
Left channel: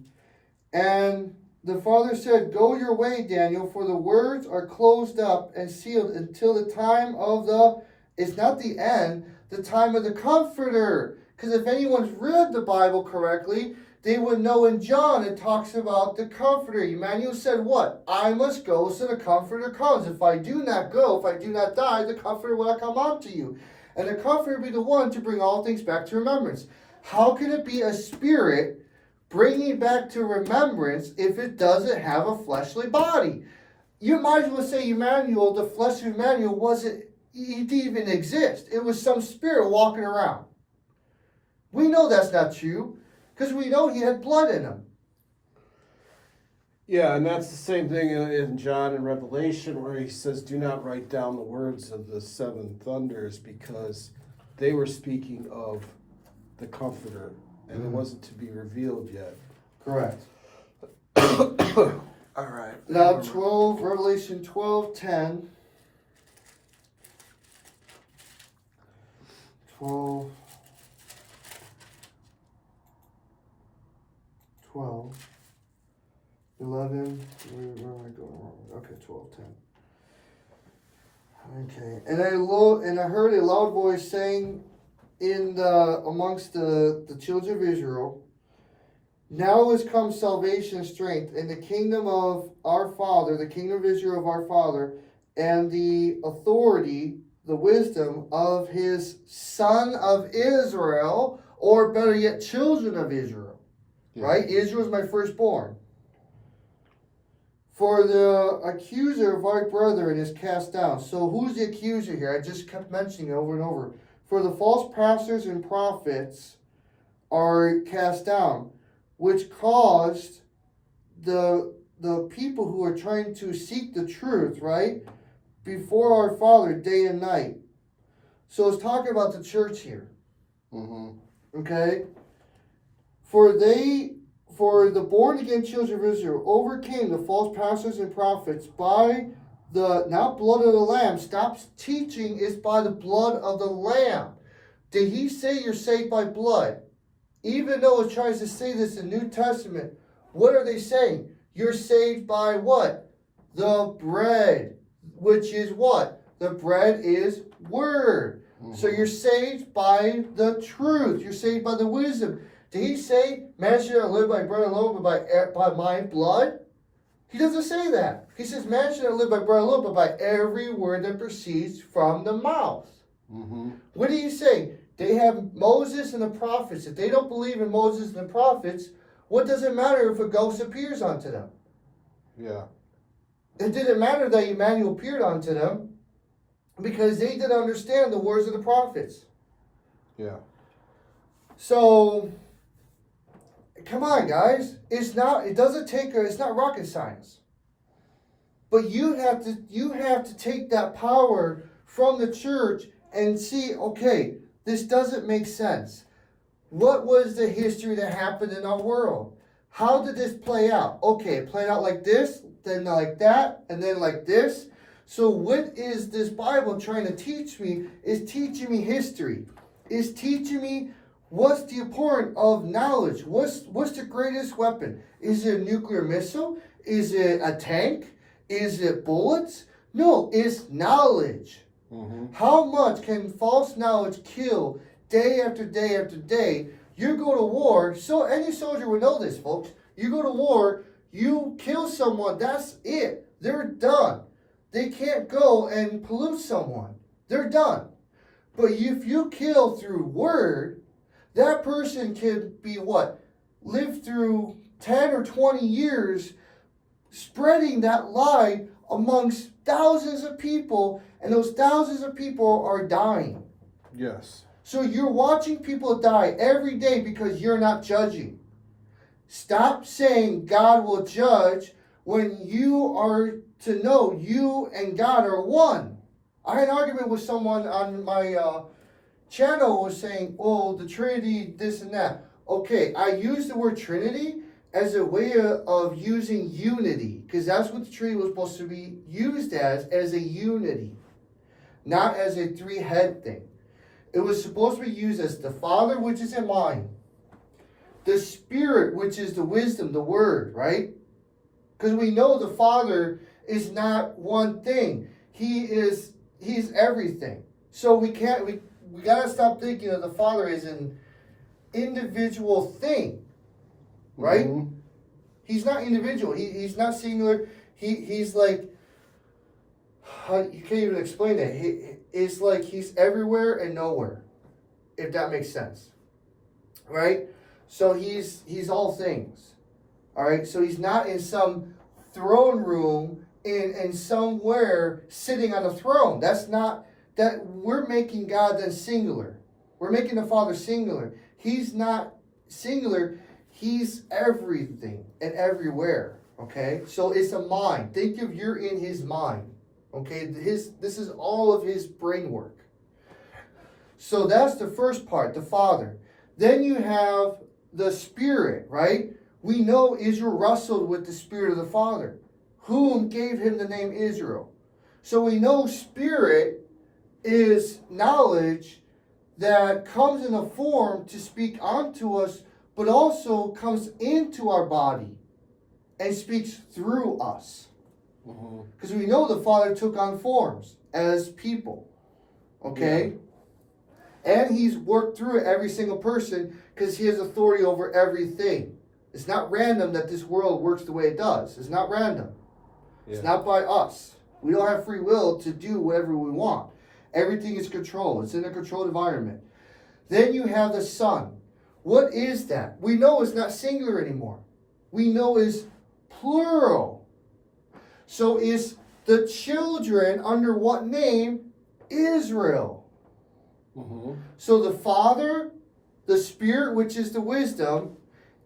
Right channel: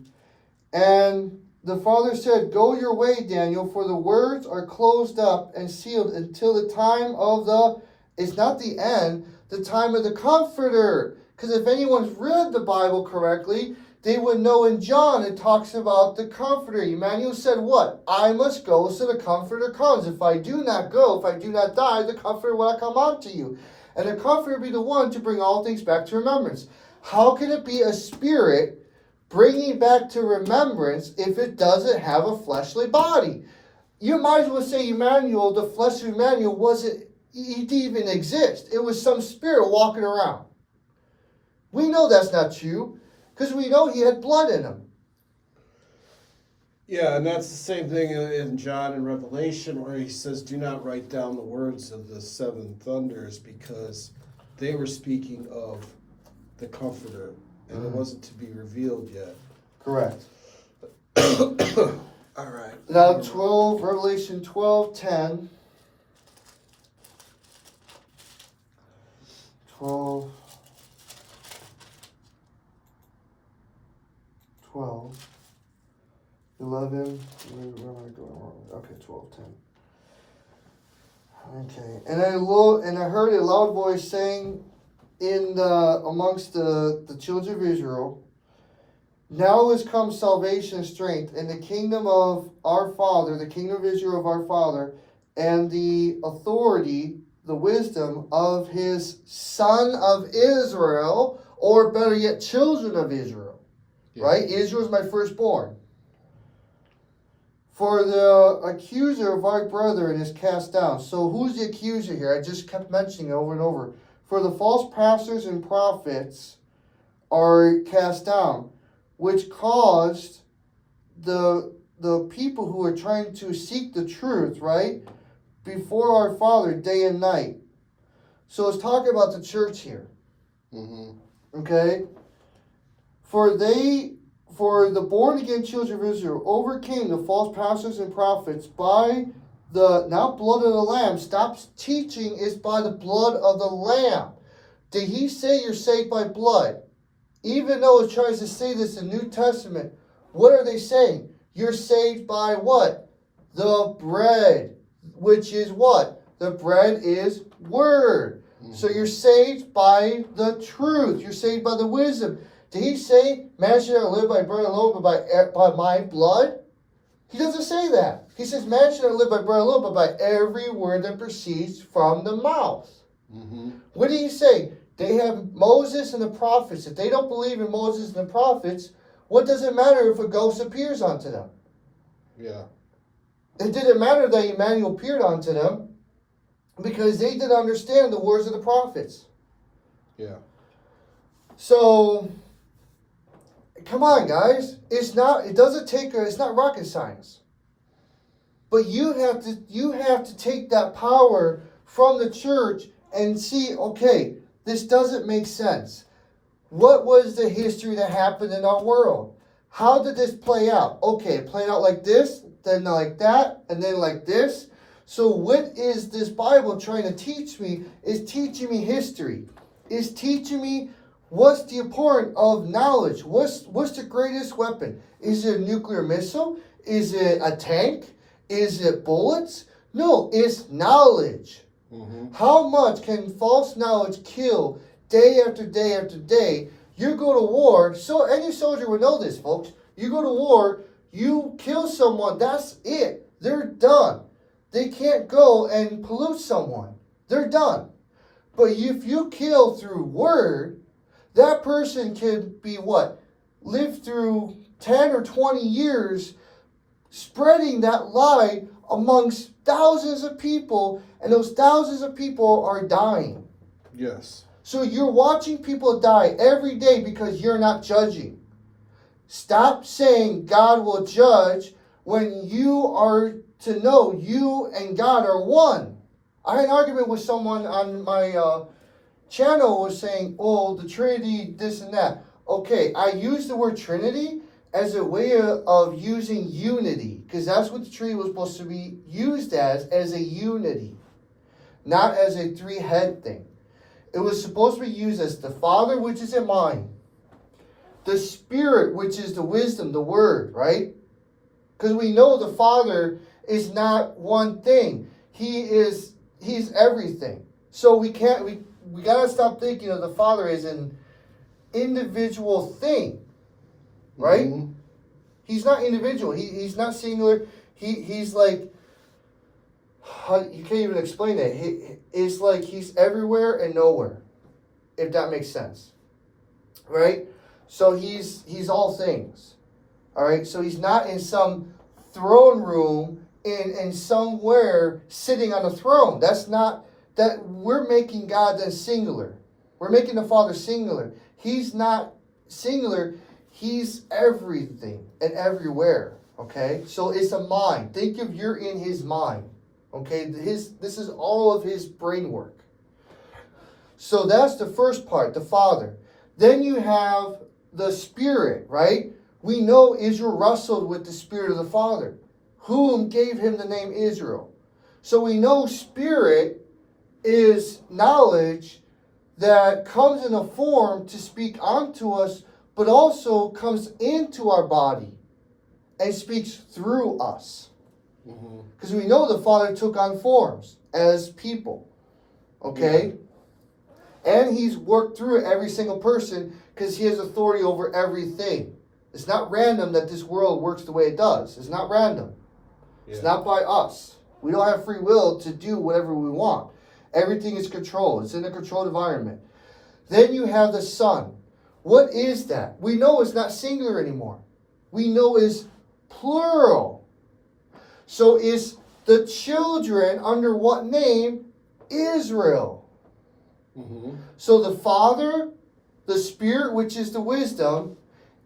And the Father said, Go your way, Daniel, for the words are closed up and sealed until the time of it's not the end, the time of the Comforter. Because if anyone's read the Bible correctly, they would know in John it talks about the Comforter. Emmanuel said what? I must go so the Comforter comes. If I do not go, if I do not die, the Comforter will not come unto you. And the Comforter will be the one to bring all things back to remembrance. How can it be a spirit bringing back to remembrance if it doesn't have a fleshly body? You might as well say Emmanuel, the flesh of Emmanuel, he didn't even exist. It was some spirit walking around. We know that's not true because we know he had blood in him. Yeah, and that's the same thing in John and Revelation where he says, do not write down the words of the seven thunders because they were speaking of the Comforter and it wasn't to be revealed yet. Correct. All right. Now Revelation 12:10. 12. 11. Okay, 12, 10. Okay, and I heard a loud voice saying amongst the children of Israel, now has come salvation and strength in the kingdom of our Father, the kingdom of Israel of our Father, and the authority, the wisdom of his Son of Israel, or better yet, children of Israel. Yeah. Right? Israel is my firstborn. For the accuser of our brethren is cast down. So who's the accuser here? I just kept mentioning it over and over. For the false pastors and prophets are cast down, which caused the people who are trying to seek the truth, right, before our Father day and night. So it's talking about the church here. Mm-hmm. Okay? For the born again children of Israel overcame the false pastors and prophets by the not blood of the Lamb. Stop teaching is by the blood of the Lamb. Did he say you're saved by blood? Even though it tries to say this in the New Testament, what are they saying? You're saved by what? The bread, which is what? The bread is word. Mm-hmm. So you're saved by the truth. You're saved by the wisdom. Did he say, man shall not live by bread alone, but by my blood? He doesn't say that. He says, man shall not live by bread alone, but by every word that proceeds from the mouth. Mm-hmm. What did he say? They have Moses and the prophets. If they don't believe in Moses and the prophets, what does it matter if a ghost appears onto them? Yeah. It didn't matter that Emmanuel appeared onto them because they didn't understand the words of the prophets. Yeah. So, come on, guys. It's not rocket science. But you have to take that power from the church and see, okay, this doesn't make sense. What was the history that happened in our world? How did this play out? Okay, it played out like this, then like that, and then like this. So what is this Bible trying to teach me? Is teaching me history. Is teaching me what's the importance of knowledge. What's the greatest weapon? Is it a nuclear missile? Is it a tank? Is it bullets? No, it's knowledge. Mm-hmm. How much can false knowledge kill day after day after day? You go to war, so any soldier would know this, folks. You go to war, you kill someone, that's it. They're done. They can't go and pollute someone. They're done. But if you kill through word, that person can be what? Live through 10 or 20 years spreading that lie amongst thousands of people, and those thousands of people are dying. Yes. So you're watching people die every day because you're not judging. Stop saying God will judge when you are to know you and God are one. I had an argument with someone on my channel was saying, oh, the Trinity, this and that. Okay, I use the word Trinity as a way of using unity, because that's what the Trinity was supposed to be used as a unity, not as a three-head thing. It was supposed to be used as the Father, which is in mind, the Spirit, which is the wisdom, the Word, right? Because we know the Father is not one thing. He's everything. So we gotta stop thinking of the Father as an individual thing. Right? Mm-hmm. He's not individual. He's not singular. He's like, you can't even explain it. It's like he's everywhere and nowhere, if that makes sense. Right? So he's all things. All right? So he's not in some throne room in somewhere sitting on a throne. That's not, that we're making God then singular. We're making the Father singular. He's not singular. He's everything and everywhere, okay? So it's a mind. Think of you're in his mind, okay? This is all of his brain work. So that's the first part, the Father. Then you have the Spirit, right? We know Israel wrestled with the Spirit of the Father, whom gave him the name Israel. So we know Spirit is knowledge that comes in a form to speak unto us, but also comes into our body. and speaks through us. Mm-hmm. Because we know the Father took on forms as people. Okay? And he's worked through every single person because he has authority over everything. It's not random that this world works the way it does. It's not random. Yeah. It's not by us. We don't have free will to do whatever we want. Everything is controlled. It's in a controlled environment. Then you have the Son. What is that? We know it's not singular anymore. We know it's plural. So is the children under what name? Israel. Mm-hmm. So the Father, the Spirit, which is the wisdom,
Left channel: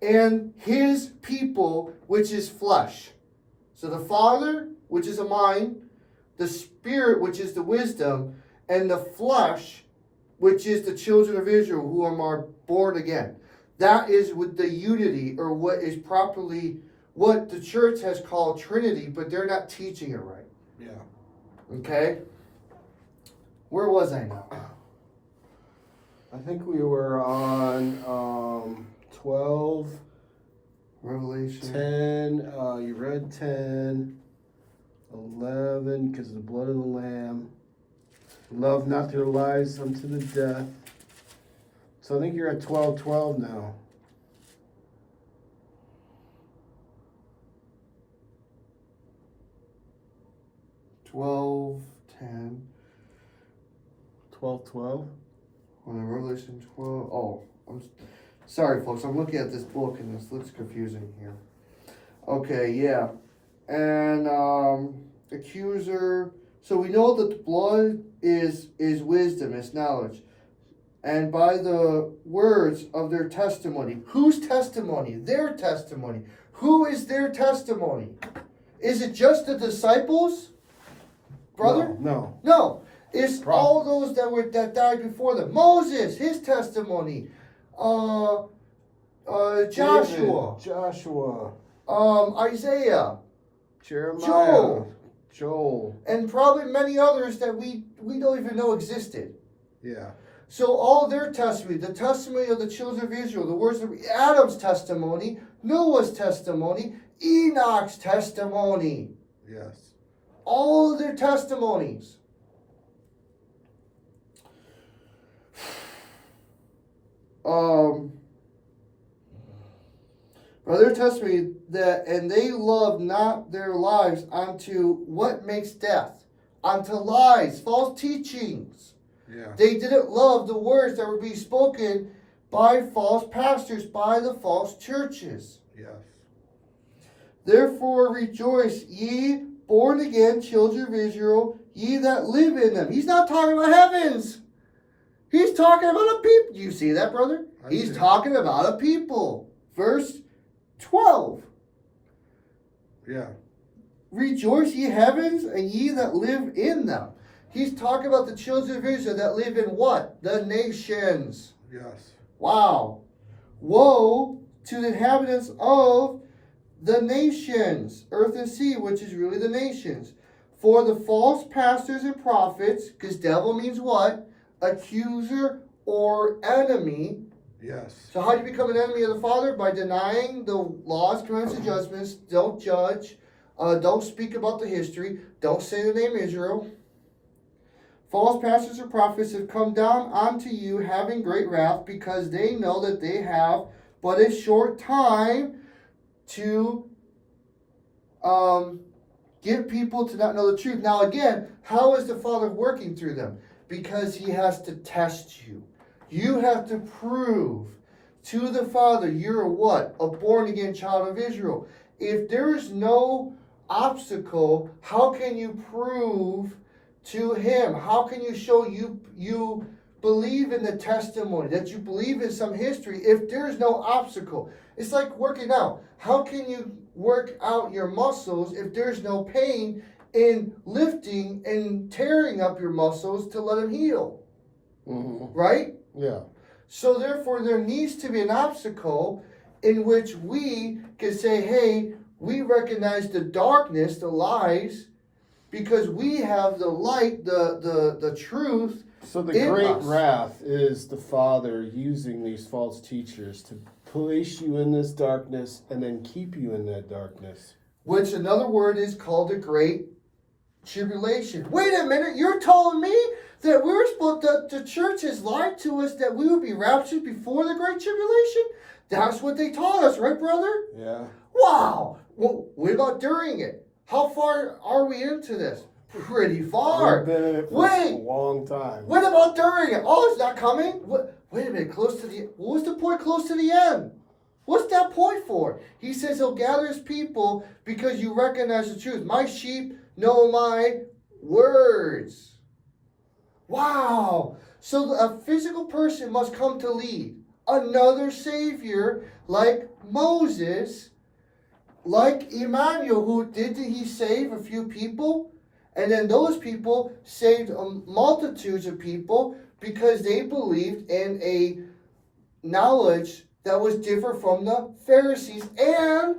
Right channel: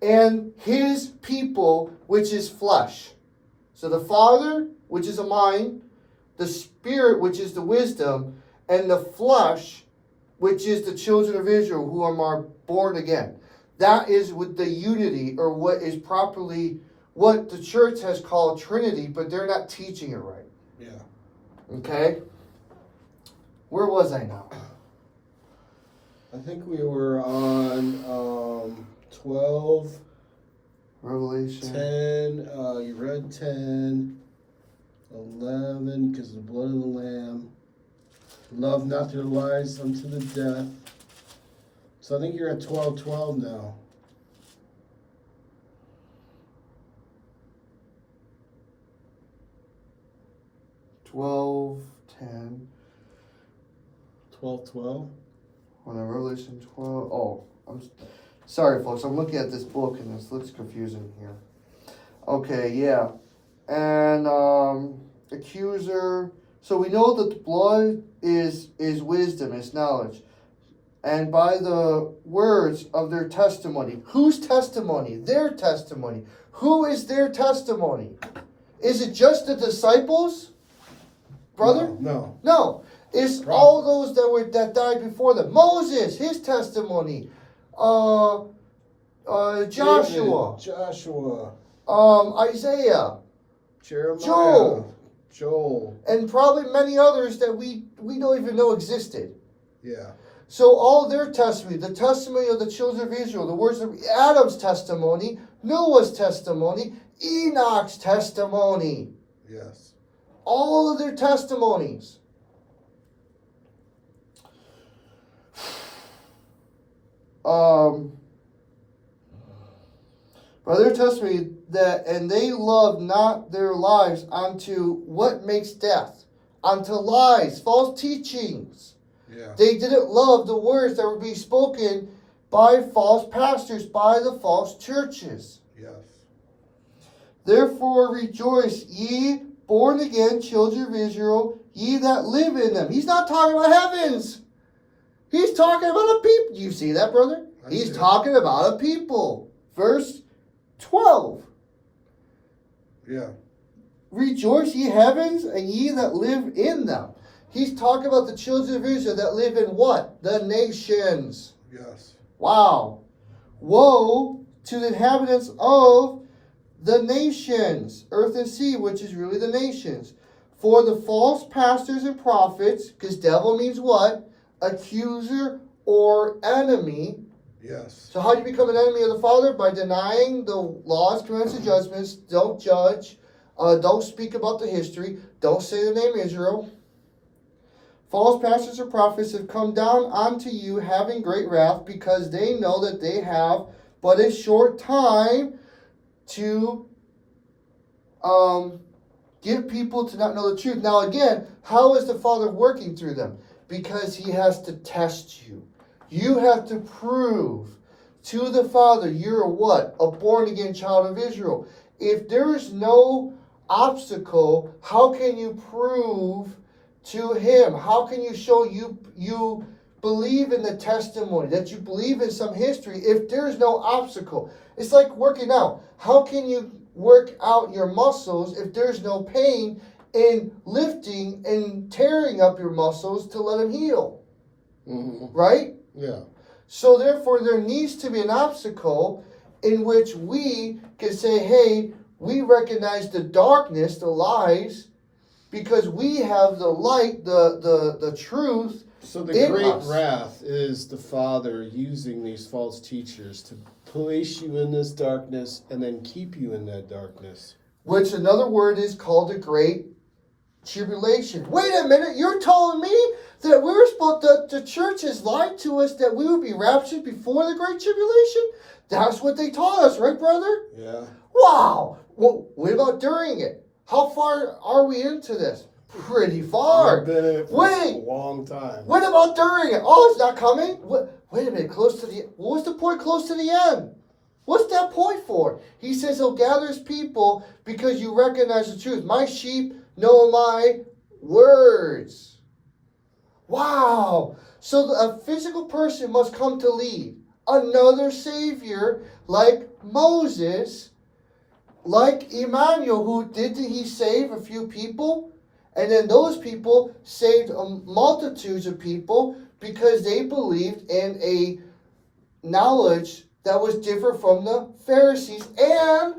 and his people, which is flesh. So the Father, which is a mind, the Spirit, which is the wisdom, and the flesh, which is the children of Israel who are born again. That is with the unity, or what is properly, what the church has called Trinity, but they're not teaching it right. Yeah. Okay? Where was I now? I think we were on 12, Revelation. 10, you read 10, 11, because of the blood of the Lamb. Love not their lives unto the death. So I think you're at 12:12 now. 12, 10. 12:12. On the Revelation 12. Oh, I'm sorry, folks. I'm looking at this book and this looks confusing here. Okay, yeah. And accuser. So we know that the blood is wisdom, is knowledge. And by the words of their testimony. Whose testimony? Their testimony. Who is their testimony? Is it just the disciples? Brother? No. No. It's Prophets. all those that died before them. Moses, his testimony. Joshua. David, Joshua. Isaiah. Jeremiah. Joel. And probably many others that we don't even know existed. Yeah. So all their testimony, the testimony of the children of Israel, the words of Adam's testimony, Noah's testimony, Enoch's testimony. Yes. All of their testimonies. By their testimony that, and they loved not their lives unto what makes death, unto lies, false teachings. Yeah. They didn't love the words that were being spoken by false pastors, by the false churches. Yes. Therefore rejoice, ye born again children of Israel, ye that live in them. He's not talking about heavens. He's talking about a people. Do you see that, brother? He's talking about a people. Verse 12. Yeah. Rejoice, ye heavens, and ye that live in them. He's talking about the children of Israel that live in what? The nations. Yes. Wow. Woe to the inhabitants of the nations, earth and sea, which is really the nations. For the false pastors and prophets, because devil means what? Accuser or enemy. Yes. So how do you become an enemy of the Father? By denying the laws, commandments, and judgments. Don't judge. Don't speak about the history. Don't say the name Israel. False pastors and prophets have come down unto you having great wrath, because they know that they have but a short time to get people to not know the truth. Now again, how is the Father working through them? Because he has to test you. You have to prove to the Father you're what? A born again child of Israel. If there is no obstacle, how can you prove to him? How can you show you believe in the testimony, that you believe in some history if there is no obstacle? It's like working out. How can you work out your muscles if there's no pain in lifting and tearing up your muscles to let them heal? Mm-hmm. Right? Yeah. So therefore there needs to be an obstacle in which we can say, hey, we recognize the darkness, the lies, because we have the light, the truth. So the in great us. wrath is the Father using these false teachers place you in this darkness and then keep you in that darkness. Which another word is called the Great Tribulation. Wait a minute, you're telling me that we're supposed the church has lied to us that we would be raptured before the Great Tribulation? That's what they taught us, right, brother? Yeah. Wow. Well, what about during it? How far are we into this? Pretty far. We've been in it for Wait. a long time. What about during it? Oh, it's not coming? Wait a minute, close to the... What was the point close to the end? What's that point for? He says he'll gather his people because you recognize the truth. My sheep know my words. Wow. So a physical person must come to lead. Another savior like Moses, like Emmanuel, who didn't he save a few people? And then those people saved multitudes of people because they believed in a knowledge that was different from the Pharisees and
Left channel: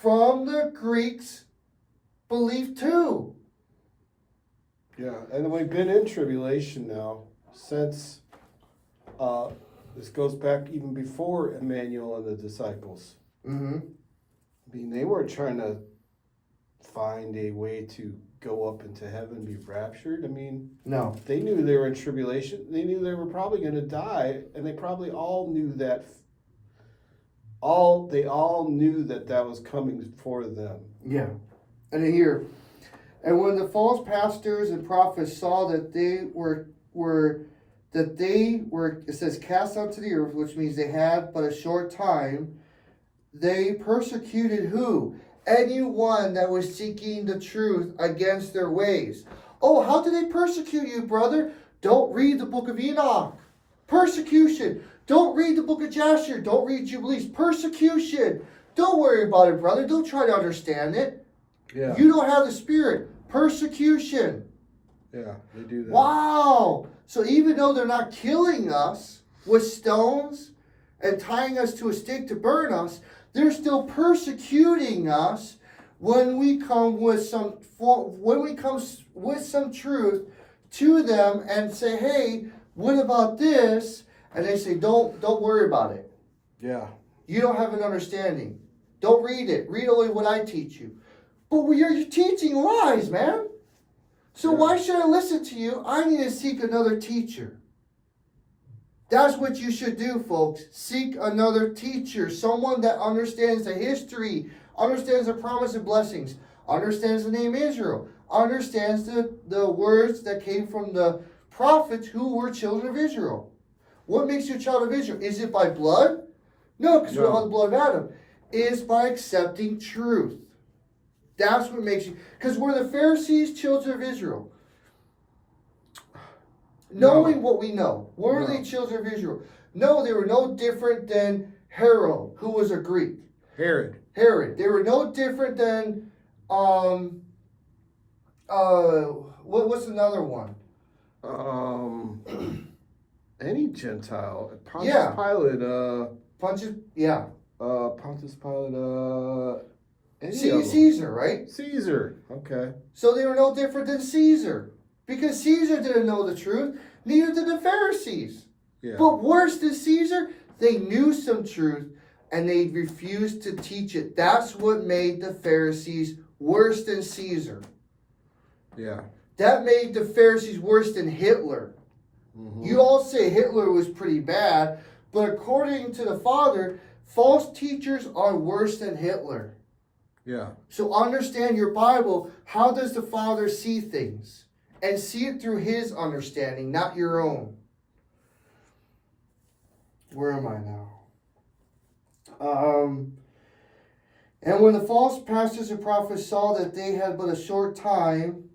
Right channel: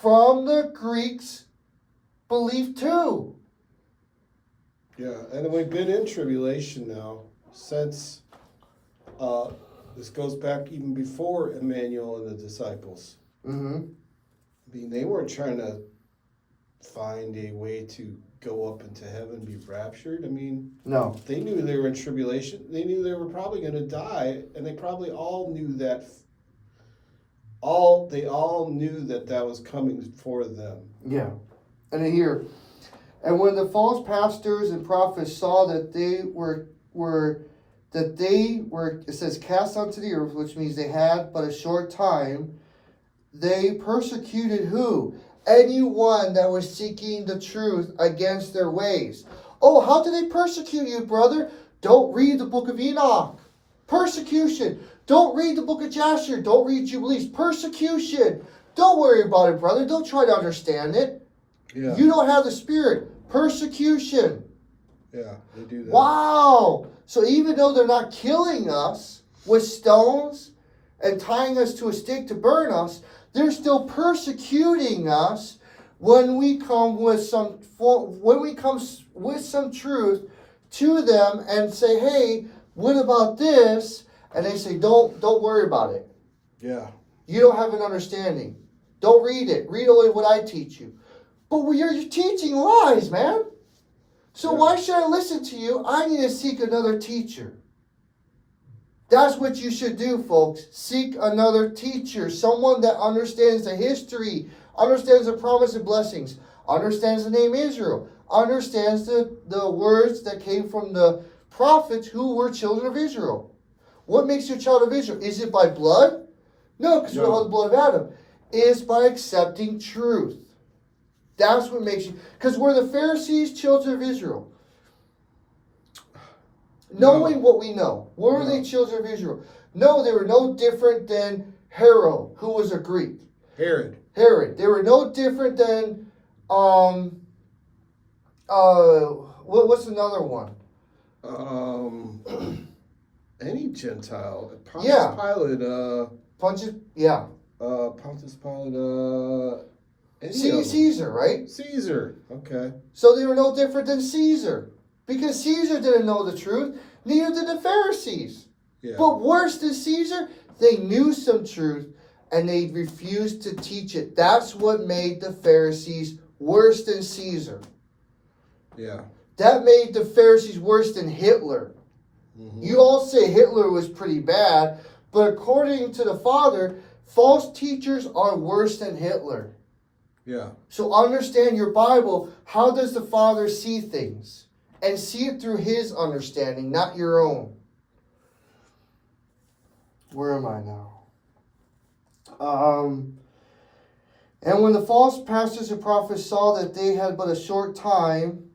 from the Greeks' belief too. Yeah, and we've been in tribulation now since this goes back even before Emmanuel and the disciples. Mm-hmm. I mean, they weren't trying to find a way to go up into heaven, be raptured. I mean, No. they knew they were in tribulation. They knew they were probably going to die, and they probably all knew that. They all knew that was coming for them. Yeah. And then here, and when the false pastors and prophets saw that they were it says cast onto the earth, which means they had but a short time, they persecuted who? Anyone that was seeking the truth against their ways. Oh, how did they persecute you, brother? Don't read the book of Enoch. Persecution. Don't read the book of Jasher. Don't read Jubilees. Persecution. Don't worry about it, brother. Don't try to understand it. Yeah. You don't have the Spirit. Persecution. Yeah, they do that. Wow. So even though they're not killing us with stones and tying us to a stake to burn us, they're still persecuting us when we come with some truth to them and say, "Hey, what about this?" And they say, "Don't worry about it. Yeah. You don't have an understanding. Don't read it. Read only what I teach you." But you're teaching lies, man. So why should I listen to you? I need to seek another teacher. That's what you should do, folks. Seek another teacher. Someone that understands the history, understands the promise and blessings, understands the name Israel, understands the words that came from the prophets who were children of Israel. What makes you a child of Israel? Is it by blood? No, because we don't have the blood of Adam. It's by accepting truth. That's what makes you... Because we're the Pharisees, children of Israel. Knowing what we know. Were they children of Israel? No, they were no different than Herod, who was a Greek. Herod. They were no different than... what's another one? Any Gentile. Pontius Yeah. Pilate. Pontius Pilate. Caesar, right? Caesar. Okay. So they were no different than Caesar. Because Caesar didn't know the truth. Neither did the Pharisees. Yeah. But worse than Caesar, they knew some truth and they refused to teach it. That's what made the Pharisees worse than Caesar. Yeah. That made the Pharisees worse than Hitler. Mm-hmm. You all say Hitler was pretty bad, but according to the Father, false teachers are worse than Hitler. Yeah. So understand your Bible. How does the Father see things? And see it through His understanding, not your own. Where am I now? And when the false pastors and prophets saw that they had but a short time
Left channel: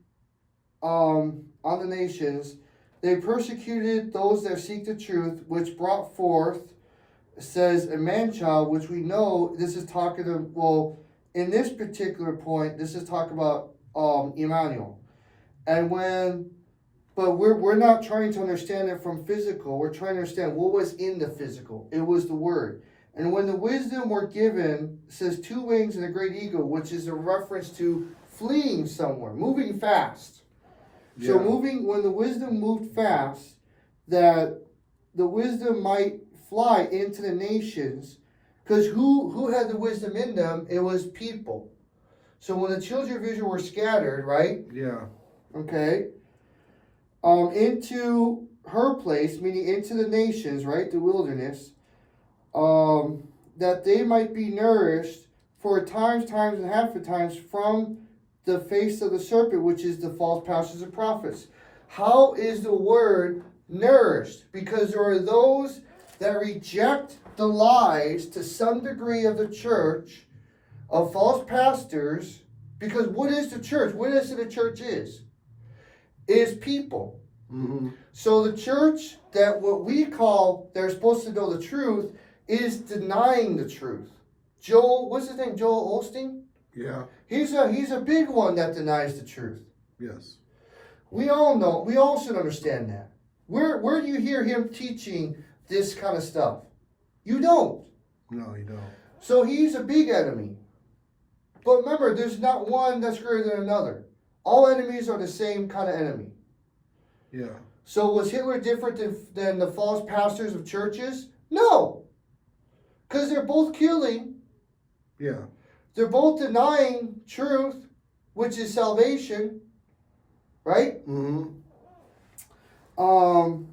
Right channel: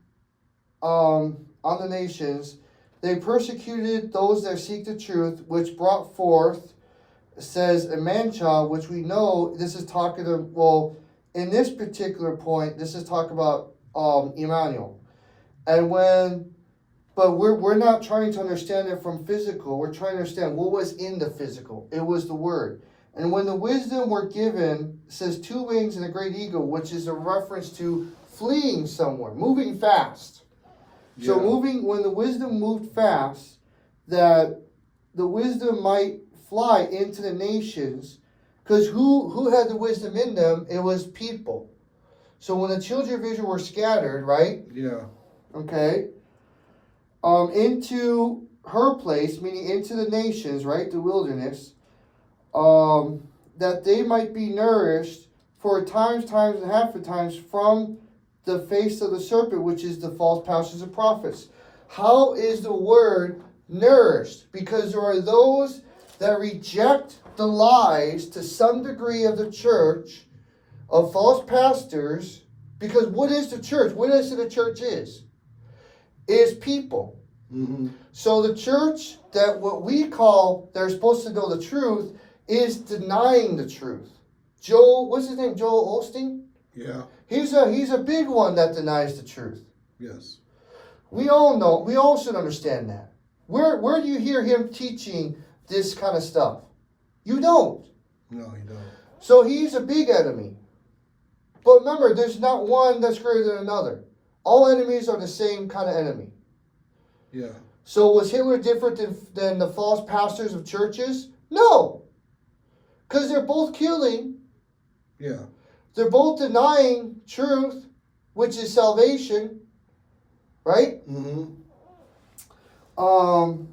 on the nations, they persecuted those that seek the truth, which brought forth, says, a man-child, which we know, this is talking of, well, in this particular point, this is talking about Emmanuel. And but we're not trying to understand it from physical. We're trying to understand what was in the physical. It was the word. And when the wisdom were given, it says 2 wings and a great eagle, which is a reference to fleeing somewhere, moving fast. So when the wisdom moved fast, that the wisdom might fly into the nations, Because who had the wisdom in them? It was people. So when the children of Israel were scattered, right? Yeah. Okay. Into her place, meaning into the nations, right? The wilderness. That they might be nourished for times and half a times from the face of the serpent, which is the false pastors and prophets. How is the word nourished? Because there are those that reject the lies to some degree of the church, of false pastors. Because what is the church? What is it the church is? It is people. Mm-hmm. So the church that what we call they're supposed to know the truth is denying the truth. What's his name? Joel Osteen? Yeah. He's a big one that denies the truth. Yes. We all know, we all should understand that. Where do you hear him teaching this kind of stuff? You don't. No, you don't. So he's a big enemy. But remember, there's not one that's greater than another. All enemies are the same kind of enemy. Yeah. So was Hitler different than the false pastors of churches? No. Because they're both killing. Yeah. They're both denying truth, which is salvation. Right? Mm-hmm.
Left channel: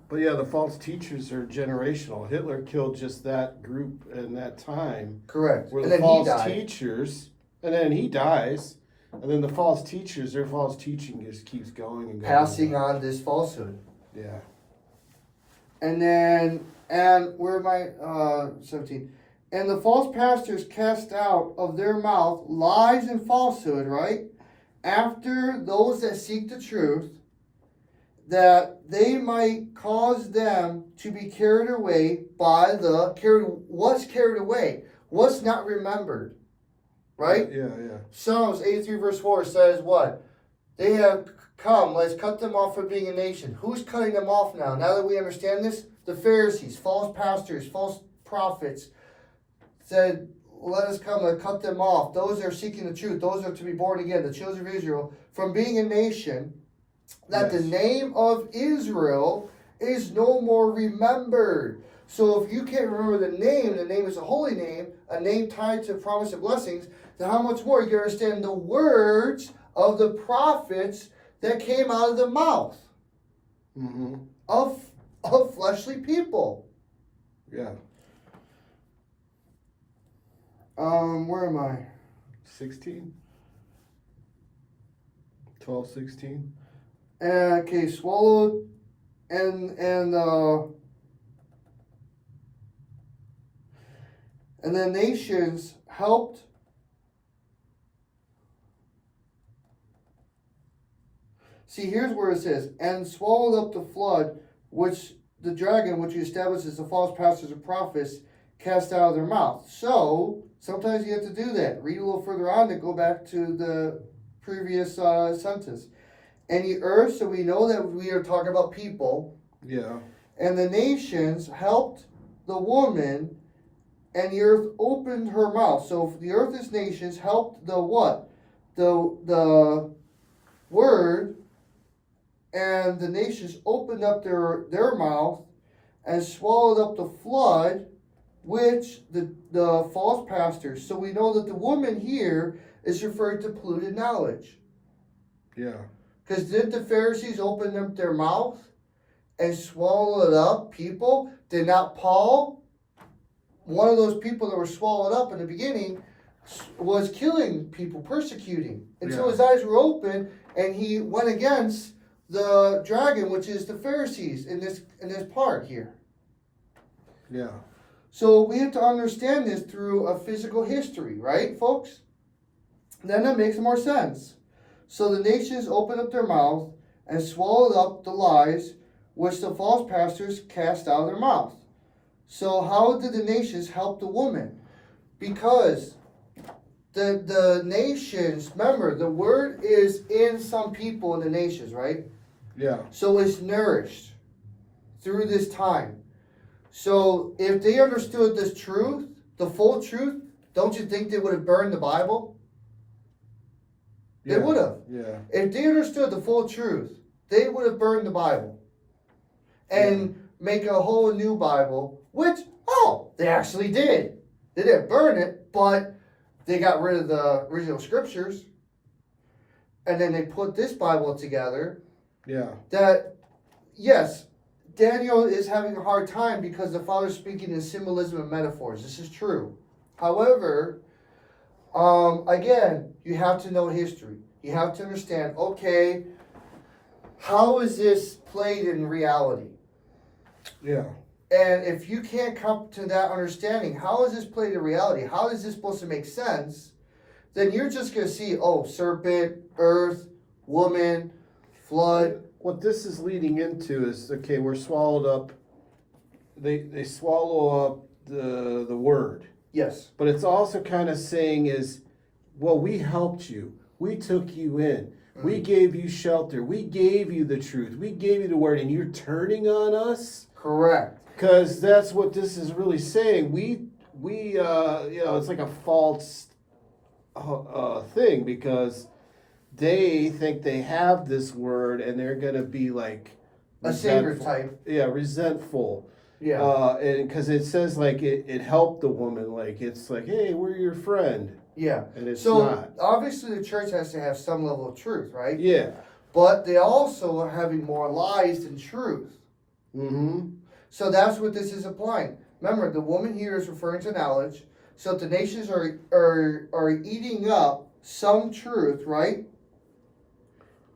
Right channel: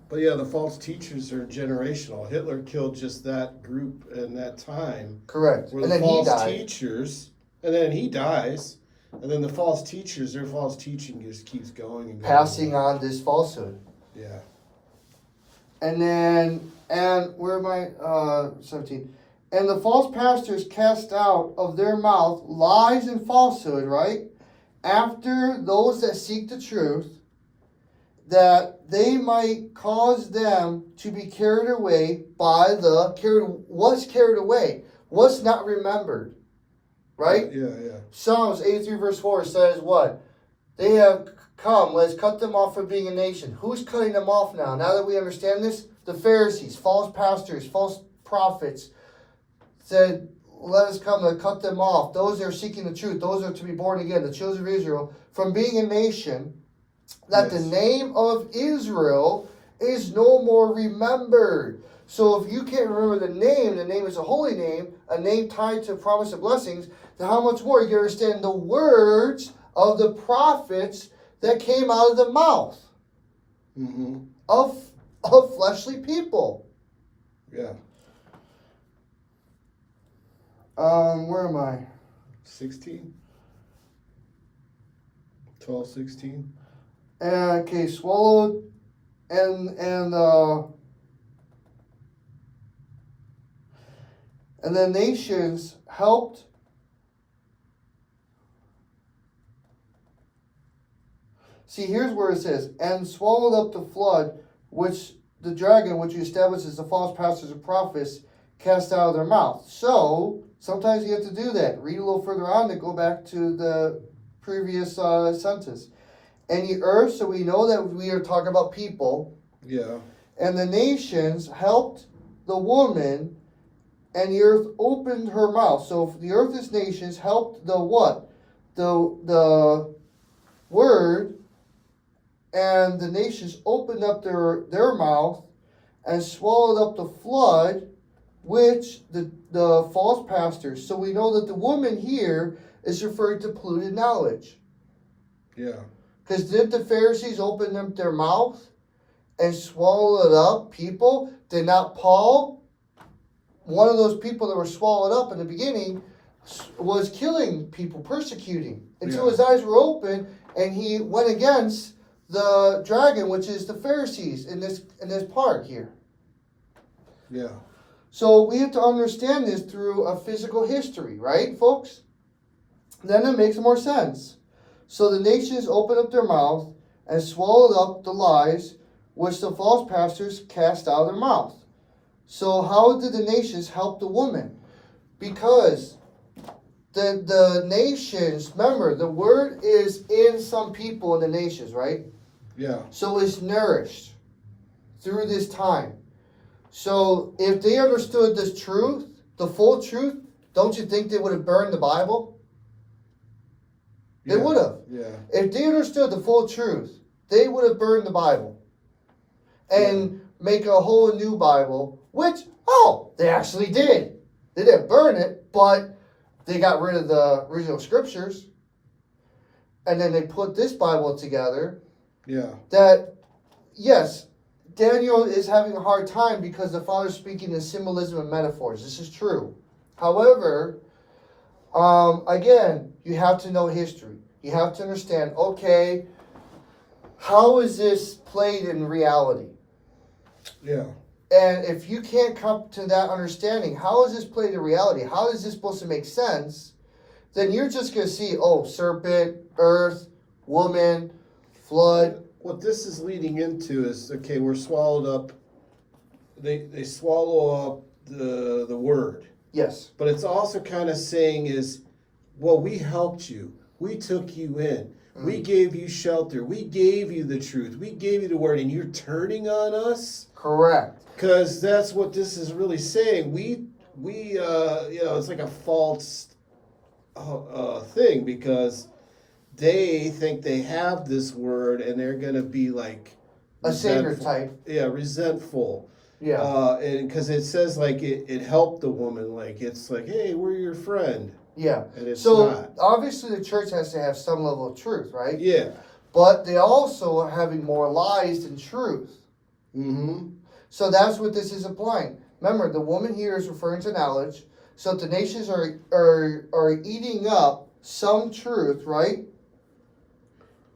But yeah, the false teachers are generational. Hitler killed just that group in that time. Correct. Where And the then he false died. teachers, and then he dies, and then the false teachers, their false teaching just keeps going and going. Passing on this falsehood. Yeah. And then, where am I? 17. And the false pastors cast out of their mouth lies and falsehood, right? After those that seek the truth, that they might cause them to be carried away by what's carried away? What's not remembered? Right? Yeah, yeah. Psalms 83 verse 4 says what? They have come, let's cut them off from being a nation. Who's cutting them off now? Now that we understand this, the Pharisees, false pastors, false prophets said, let us come and cut them off. Those that are seeking the truth, those are to be born again, the children of Israel, from being a nation, that Yes. the name of Israel is no more remembered. So if you can't remember the name is a holy name, a name tied to promise of blessings, then how much more you can understand the words of the prophets that came out of the mouth Mm-hmm. of fleshly people. Yeah. Where am I? 16? 12, 16? Okay, swallowed and the nations helped. See, here's where it says, and swallowed up the flood, which the dragon, which establishes the false pastors and prophets, cast out of their mouth. So, sometimes you have to do that. Read a little further on to go back to the previous sentence. And the earth, so we know that we are talking about people. Yeah. And the nations helped the woman, and the earth opened her mouth. So the earth's nations helped the what? The word, and the nations opened up their mouth and swallowed up the flood, which the false pastors. So we know that the woman here is referring to polluted knowledge. Yeah. Because did the Pharisees open up their mouth and swallowed up people? Did not Paul, one of those people that were swallowed up in the beginning, was killing people, persecuting, until Yeah. his eyes were open and he went against the dragon, which is the Pharisees in this part here. Yeah. So we have to understand this through a physical history, right, folks? Then it makes more sense. So the nations opened up their mouth and swallowed up the lies which the false pastors cast out of their mouth. So how did the nations help the woman? Because the nations, remember, the word is in some people in the nations, right? Yeah. So it's nourished through this time. So if they understood this truth, the full truth, don't you think they would have burned the Bible? They Yeah. would have. Yeah. If they understood the full truth, they would have burned the Bible and make a whole new Bible, which, they actually did. They didn't burn it, but they got rid of the original scriptures. And then they put this Bible together. Yeah. That, yes, Daniel is having a hard time because the Father's speaking in symbolism and metaphors. This is true. However, again, you have to know history. You have to understand, okay, how is this played in reality? Yeah. And if you can't come to that understanding, how is this played in reality? How is this supposed to make sense? Then you're just going to see, oh, serpent, earth, woman, flood. What this is leading into is, okay, we're swallowed up. They swallow up the word. Yes. But it's also kind of saying is, well, we helped you. We took you in. We gave you shelter. We gave you the truth. We gave you the word, and you're turning on us? Correct. Because that's what this is really saying. We it's like a false thing, because they think they have this word and they're going to be like A savior type. Yeah, resentful. Yeah. And because it says like it helped the woman, like it's like, hey, we're your friend. Yeah. And it's So not. obviously the church has to have some level of truth, right? Yeah. But they also are having more lies than truth. Mm-hmm. So that's what this is applying. Remember, the woman here is referring to knowledge. So the nations are eating up some truth, right?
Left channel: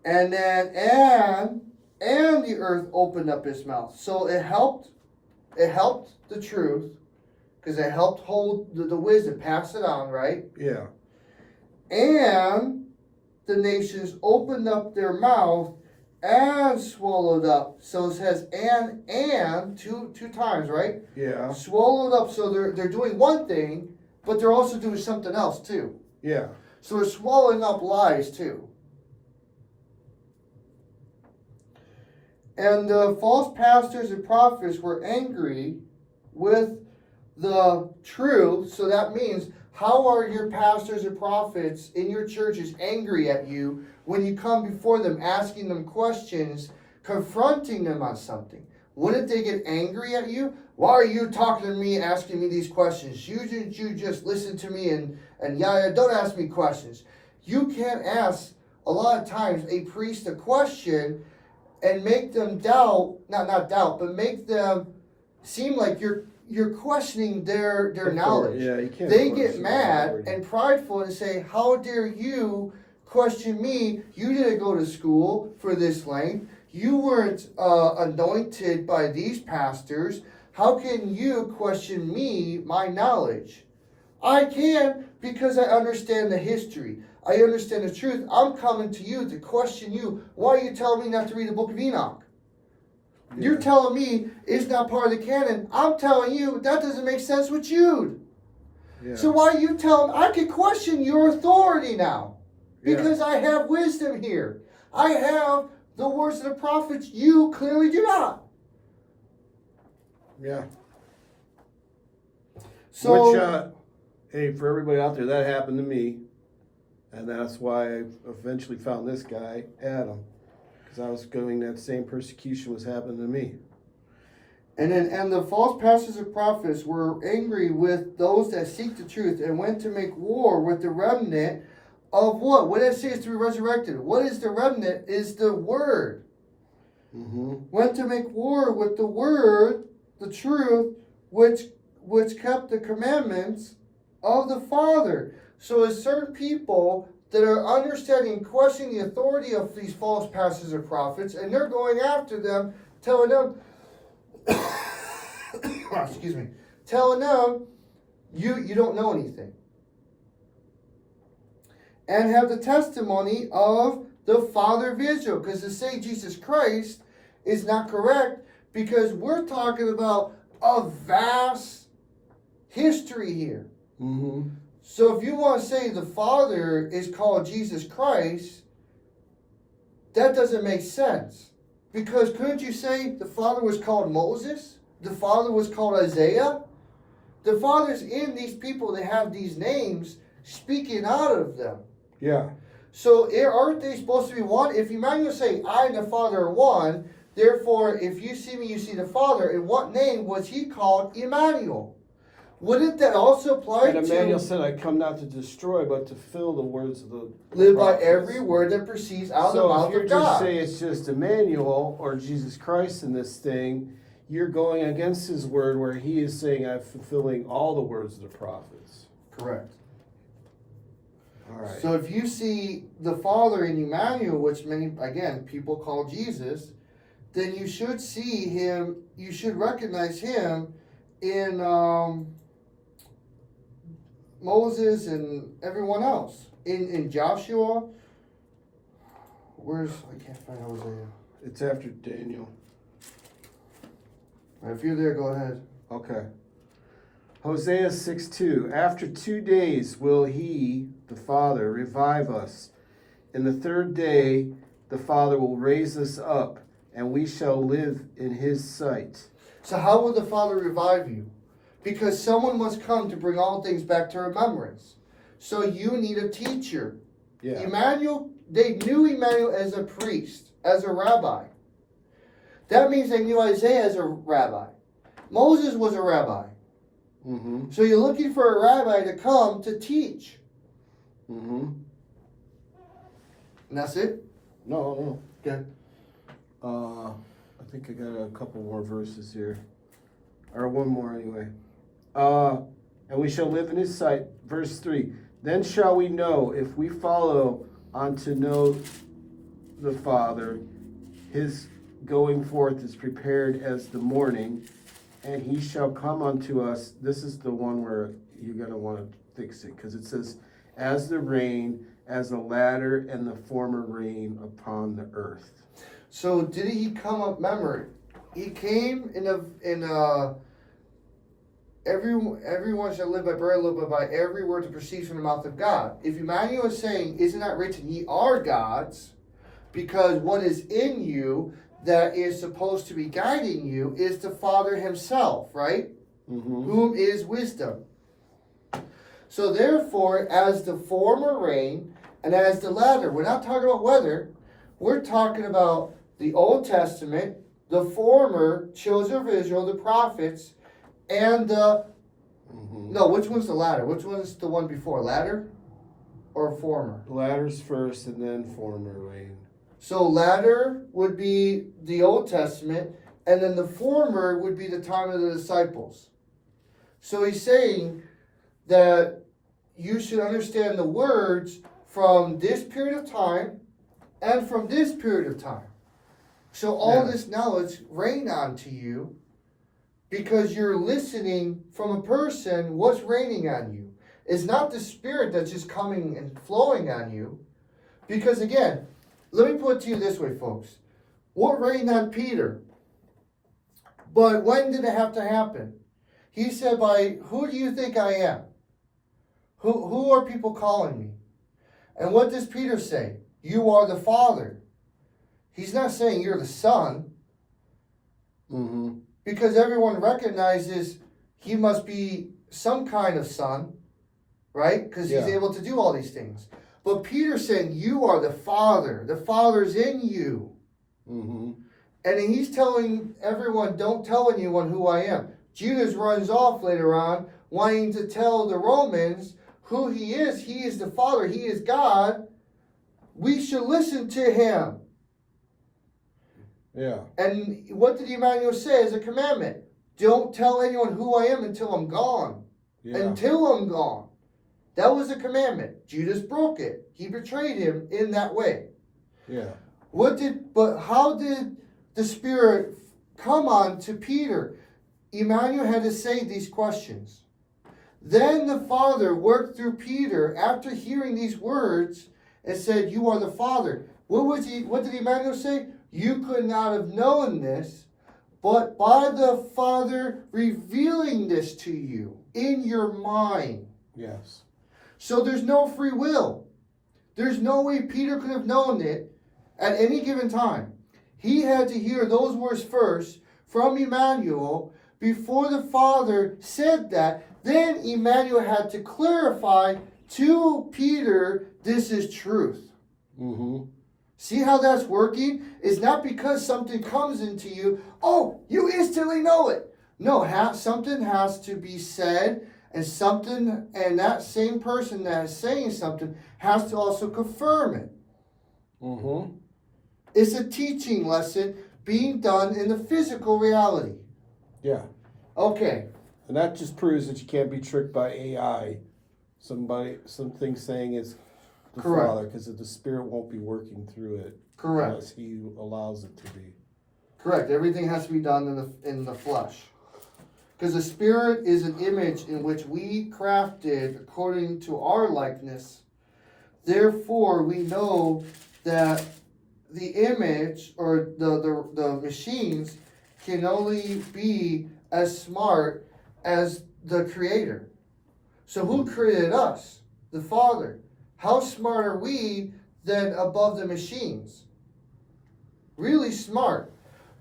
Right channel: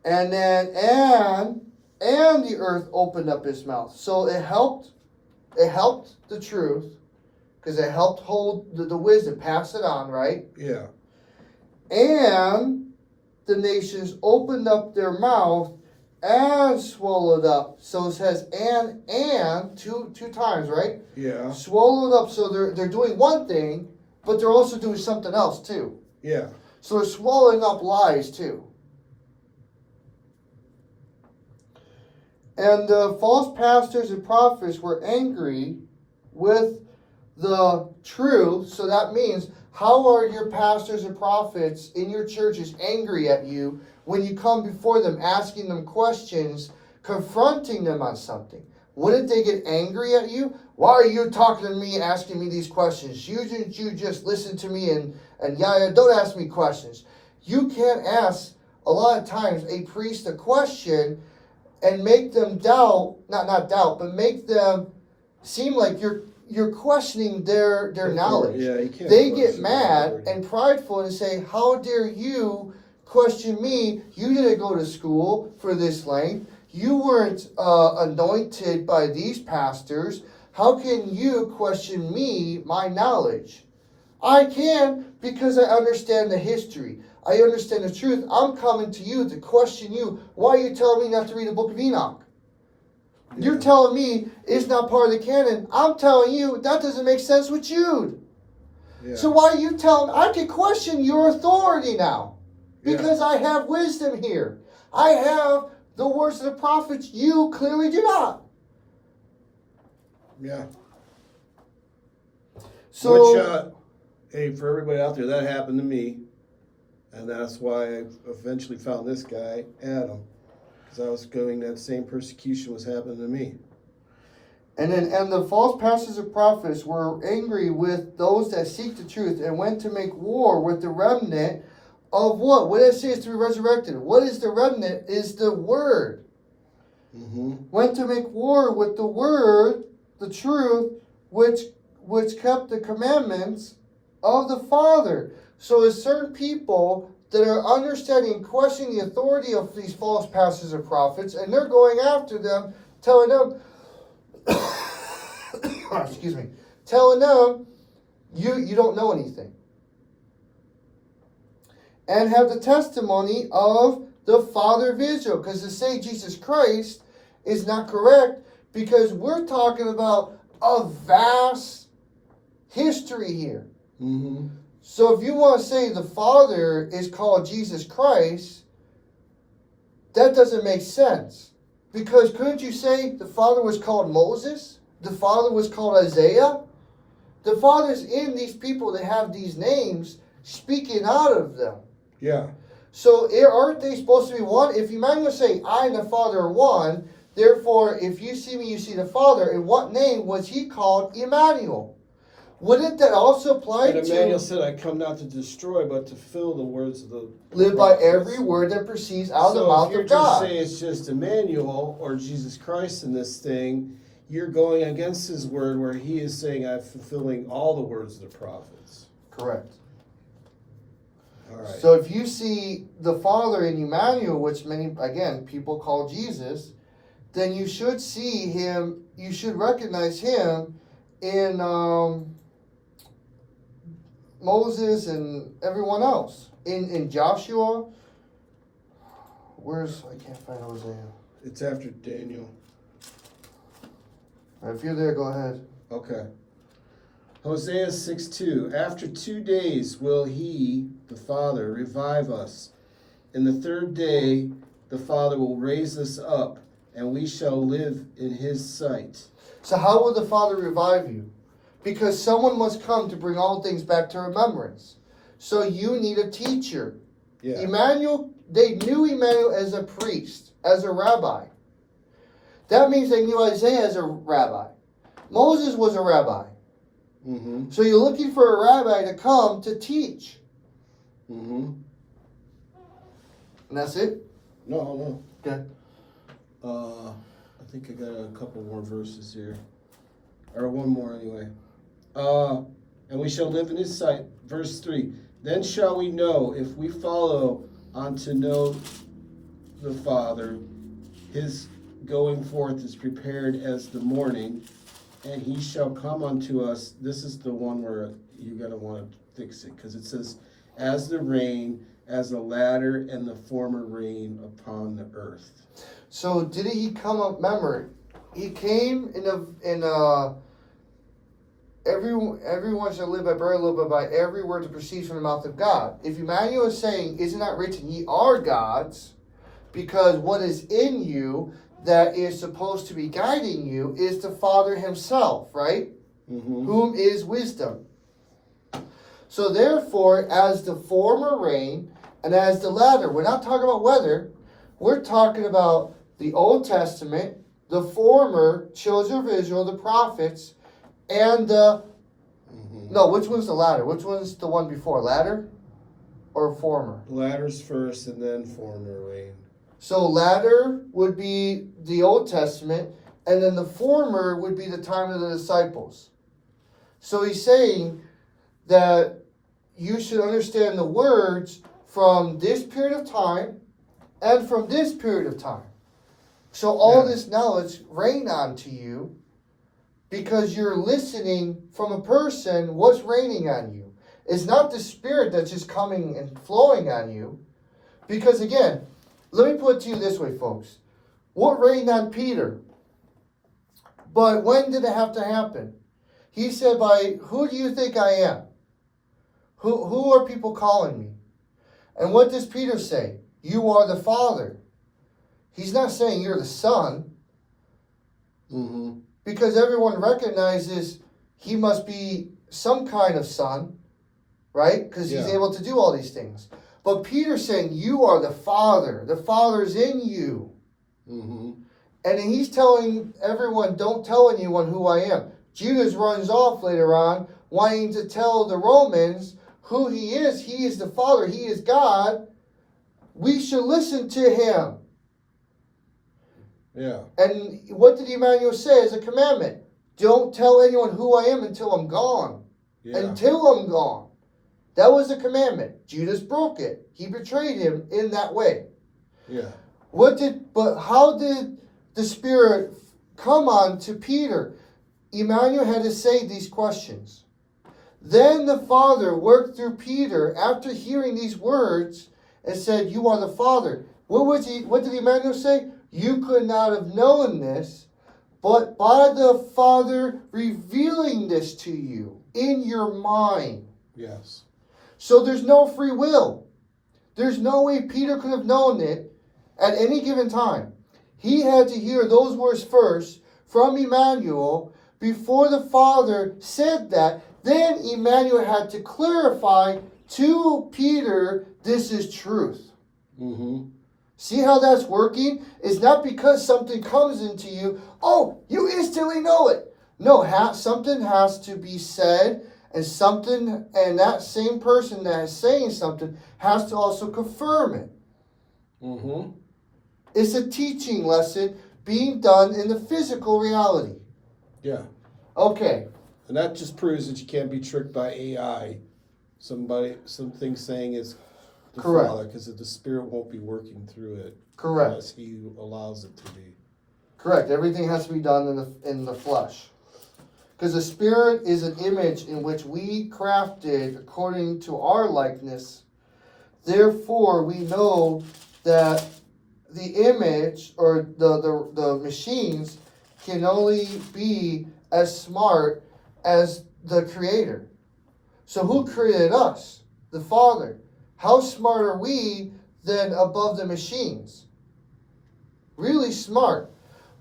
And then and the earth opened up its mouth. So it helped the truth, because it helped hold the wisdom, pass it on, right? Yeah. And the nations opened up their mouth and swallowed up. So it says and two times, right? Yeah. Swallowed up. So they're doing one thing, but they're also doing something else too. Yeah. So they're swallowing up lies too. And the false pastors and prophets were angry with the truth. So that means, how are your pastors and prophets in your churches angry at you when you come before them, asking them questions, confronting them on something? Wouldn't they get angry at you? Why are you talking to me and asking me these questions? You just listen to me and don't ask me questions. You can't ask, a lot of times, a priest a question and make them doubt, not doubt, but make them seem like you're questioning their knowledge. Yeah, you can't. They get mad and prideful and say, how dare you question me? You didn't go to school for this length. You weren't anointed by these pastors. How can you question me, my knowledge? I can, because I understand the history. I understand the truth. I'm coming to you to question you. Why are you telling me not to read the book of Enoch? You're telling me it's not part of the canon. I'm telling you that doesn't make sense with Jude. Yeah. So why are you telling me? I can question your authority now, because I have wisdom here. I have the words of the prophets. You clearly do not. Yeah. So, which, hey, for everybody out there, that happened to me. And that's why I eventually found this guy, Adam. Because I was going, that same persecution was happening to me. and the false pastors and prophets were angry with those that seek the truth and went to make war with the remnant of what? What did it say is to be resurrected? What is the remnant? Is the word. Mm-hmm. Went to make war with the word, the truth, which kept the commandments of the Father. So there's certain people that are understanding and questioning the authority of these false pastors and prophets, and they're going after them, telling them, excuse me, telling them, you don't know anything. And have the testimony of the Father of Israel. Because to say Jesus Christ is not correct, because we're talking about a vast history here. Mm-hmm. So if you want to say the Father is called Jesus Christ, that doesn't make sense. Because couldn't you say the Father was called Moses? The Father was called Isaiah? The Father's in these people that have these names speaking out of them. Yeah. So aren't they supposed to be one? If Emmanuel say, I and the Father are one, therefore if you see me, you see the Father. In what name was he called Emmanuel? Wouldn't that also apply And Emmanuel to said, I come not to destroy, but to fill the words of the live by prophets." every word that proceeds out of the mouth So if of you just God? say it's just Emmanuel or Jesus Christ in this thing, you're going against his word where he is saying, I'm fulfilling all the words of the prophets. Correct. All right. So if you see the Father in Emmanuel, which many, again, people call Jesus, then you should see him, you should recognize him in Moses and everyone else. In Joshua, I can't find Hosea. It's after Daniel. If you're there, go ahead. Okay. Hosea 6:2. After 2 days will he, the Father, revive us. In the third day, the Father will raise us up, and we shall live in his sight. So how will the Father revive you? Because someone must come to bring all things back to remembrance. So you need a teacher. Yeah. Emmanuel, they knew Emmanuel as a priest, as a rabbi. That means they knew Isaiah as a rabbi. Moses was a rabbi. Mm-hmm. So you're looking for a rabbi to come to teach. Mm-hmm. And that's it? No. Okay. I think I got a couple more verses here. Or one more anyway. And we shall live in his sight. Verse 3. Then shall we know if we follow on to know the Father. His going forth is prepared as the morning, and he shall come unto us. This is the one where you're going to want to fix it, because it says, as the rain, as the latter and the former rain upon the earth. So did he come up? Remember, he came everyone shall live by bread, but by every word that proceeds from the mouth of God. If Emmanuel is saying, isn't that written, ye are gods, because what is in you that is supposed to be guiding you is the Father himself, right? Mm-hmm. Whom is wisdom. So therefore, as the former rain and as the latter, we're not talking about weather, we're talking about the Old Testament, the former children of Israel, the prophets, and the, no, which one's the latter? Which one's the one before? Latter or former? Latter's first and then former rain. So latter would be the Old Testament, and then the former would be the time of the disciples. So he's saying that you should understand the words from this period of time and from this period of time. So all this knowledge rain onto you because you're listening from a person. What's raining on you? It's not the Spirit that's just coming and flowing on you. Because again, let me put it to you this way, folks. What rained on Peter? But when did it have to happen? He said, by who do you think I am? Who are people calling me? And what does Peter say? You are the Father. He's not saying you're the Son. Mm-hmm. Because everyone recognizes he must be some kind of son, right? Because he's able to do all these things. But Peter's saying, you are the Father. The Father's in you. Mm-hmm. And he's telling everyone, don't tell anyone who I am. Judas runs off later on, wanting to tell the Romans who he is. He is the Father. He is God. We should listen to him. Yeah. And what did Emmanuel say as a commandment? Don't tell anyone who I am until I'm gone. Yeah. Until I'm gone. That was a commandment. Judas broke it. He betrayed him in that way. Yeah. But how did the Spirit come on to Peter? Emmanuel had to say these questions. Then the Father worked through Peter after hearing these words and said, you are the Father. What did Emmanuel say? You could not have known this, but by the Father revealing this to you in your mind. Yes. So there's no free will. There's no way Peter could have known it at any given time. He had to hear those words first from Emmanuel before the Father said that. Then Emmanuel had to clarify to Peter, this is truth. Mm-hmm. See how that's working? It's not because something comes into you, oh, you instantly know it. No, something has to be said and that same person that is saying something has to also confirm it. Mm-hmm. It's a teaching lesson being done in the physical reality. Yeah. Okay. And that just proves that you can't be tricked by AI. Something saying it's the Correct. Father, because the Spirit won't be working through it. Correct. Unless He allows it to be. Correct. Everything has to be done in the flesh. Because the Spirit is an image in which we crafted according to our likeness. Therefore, we know that the image or the machines can only be as smart as the Creator. So who created us? The Father. How smart are we then above the machines? Really smart.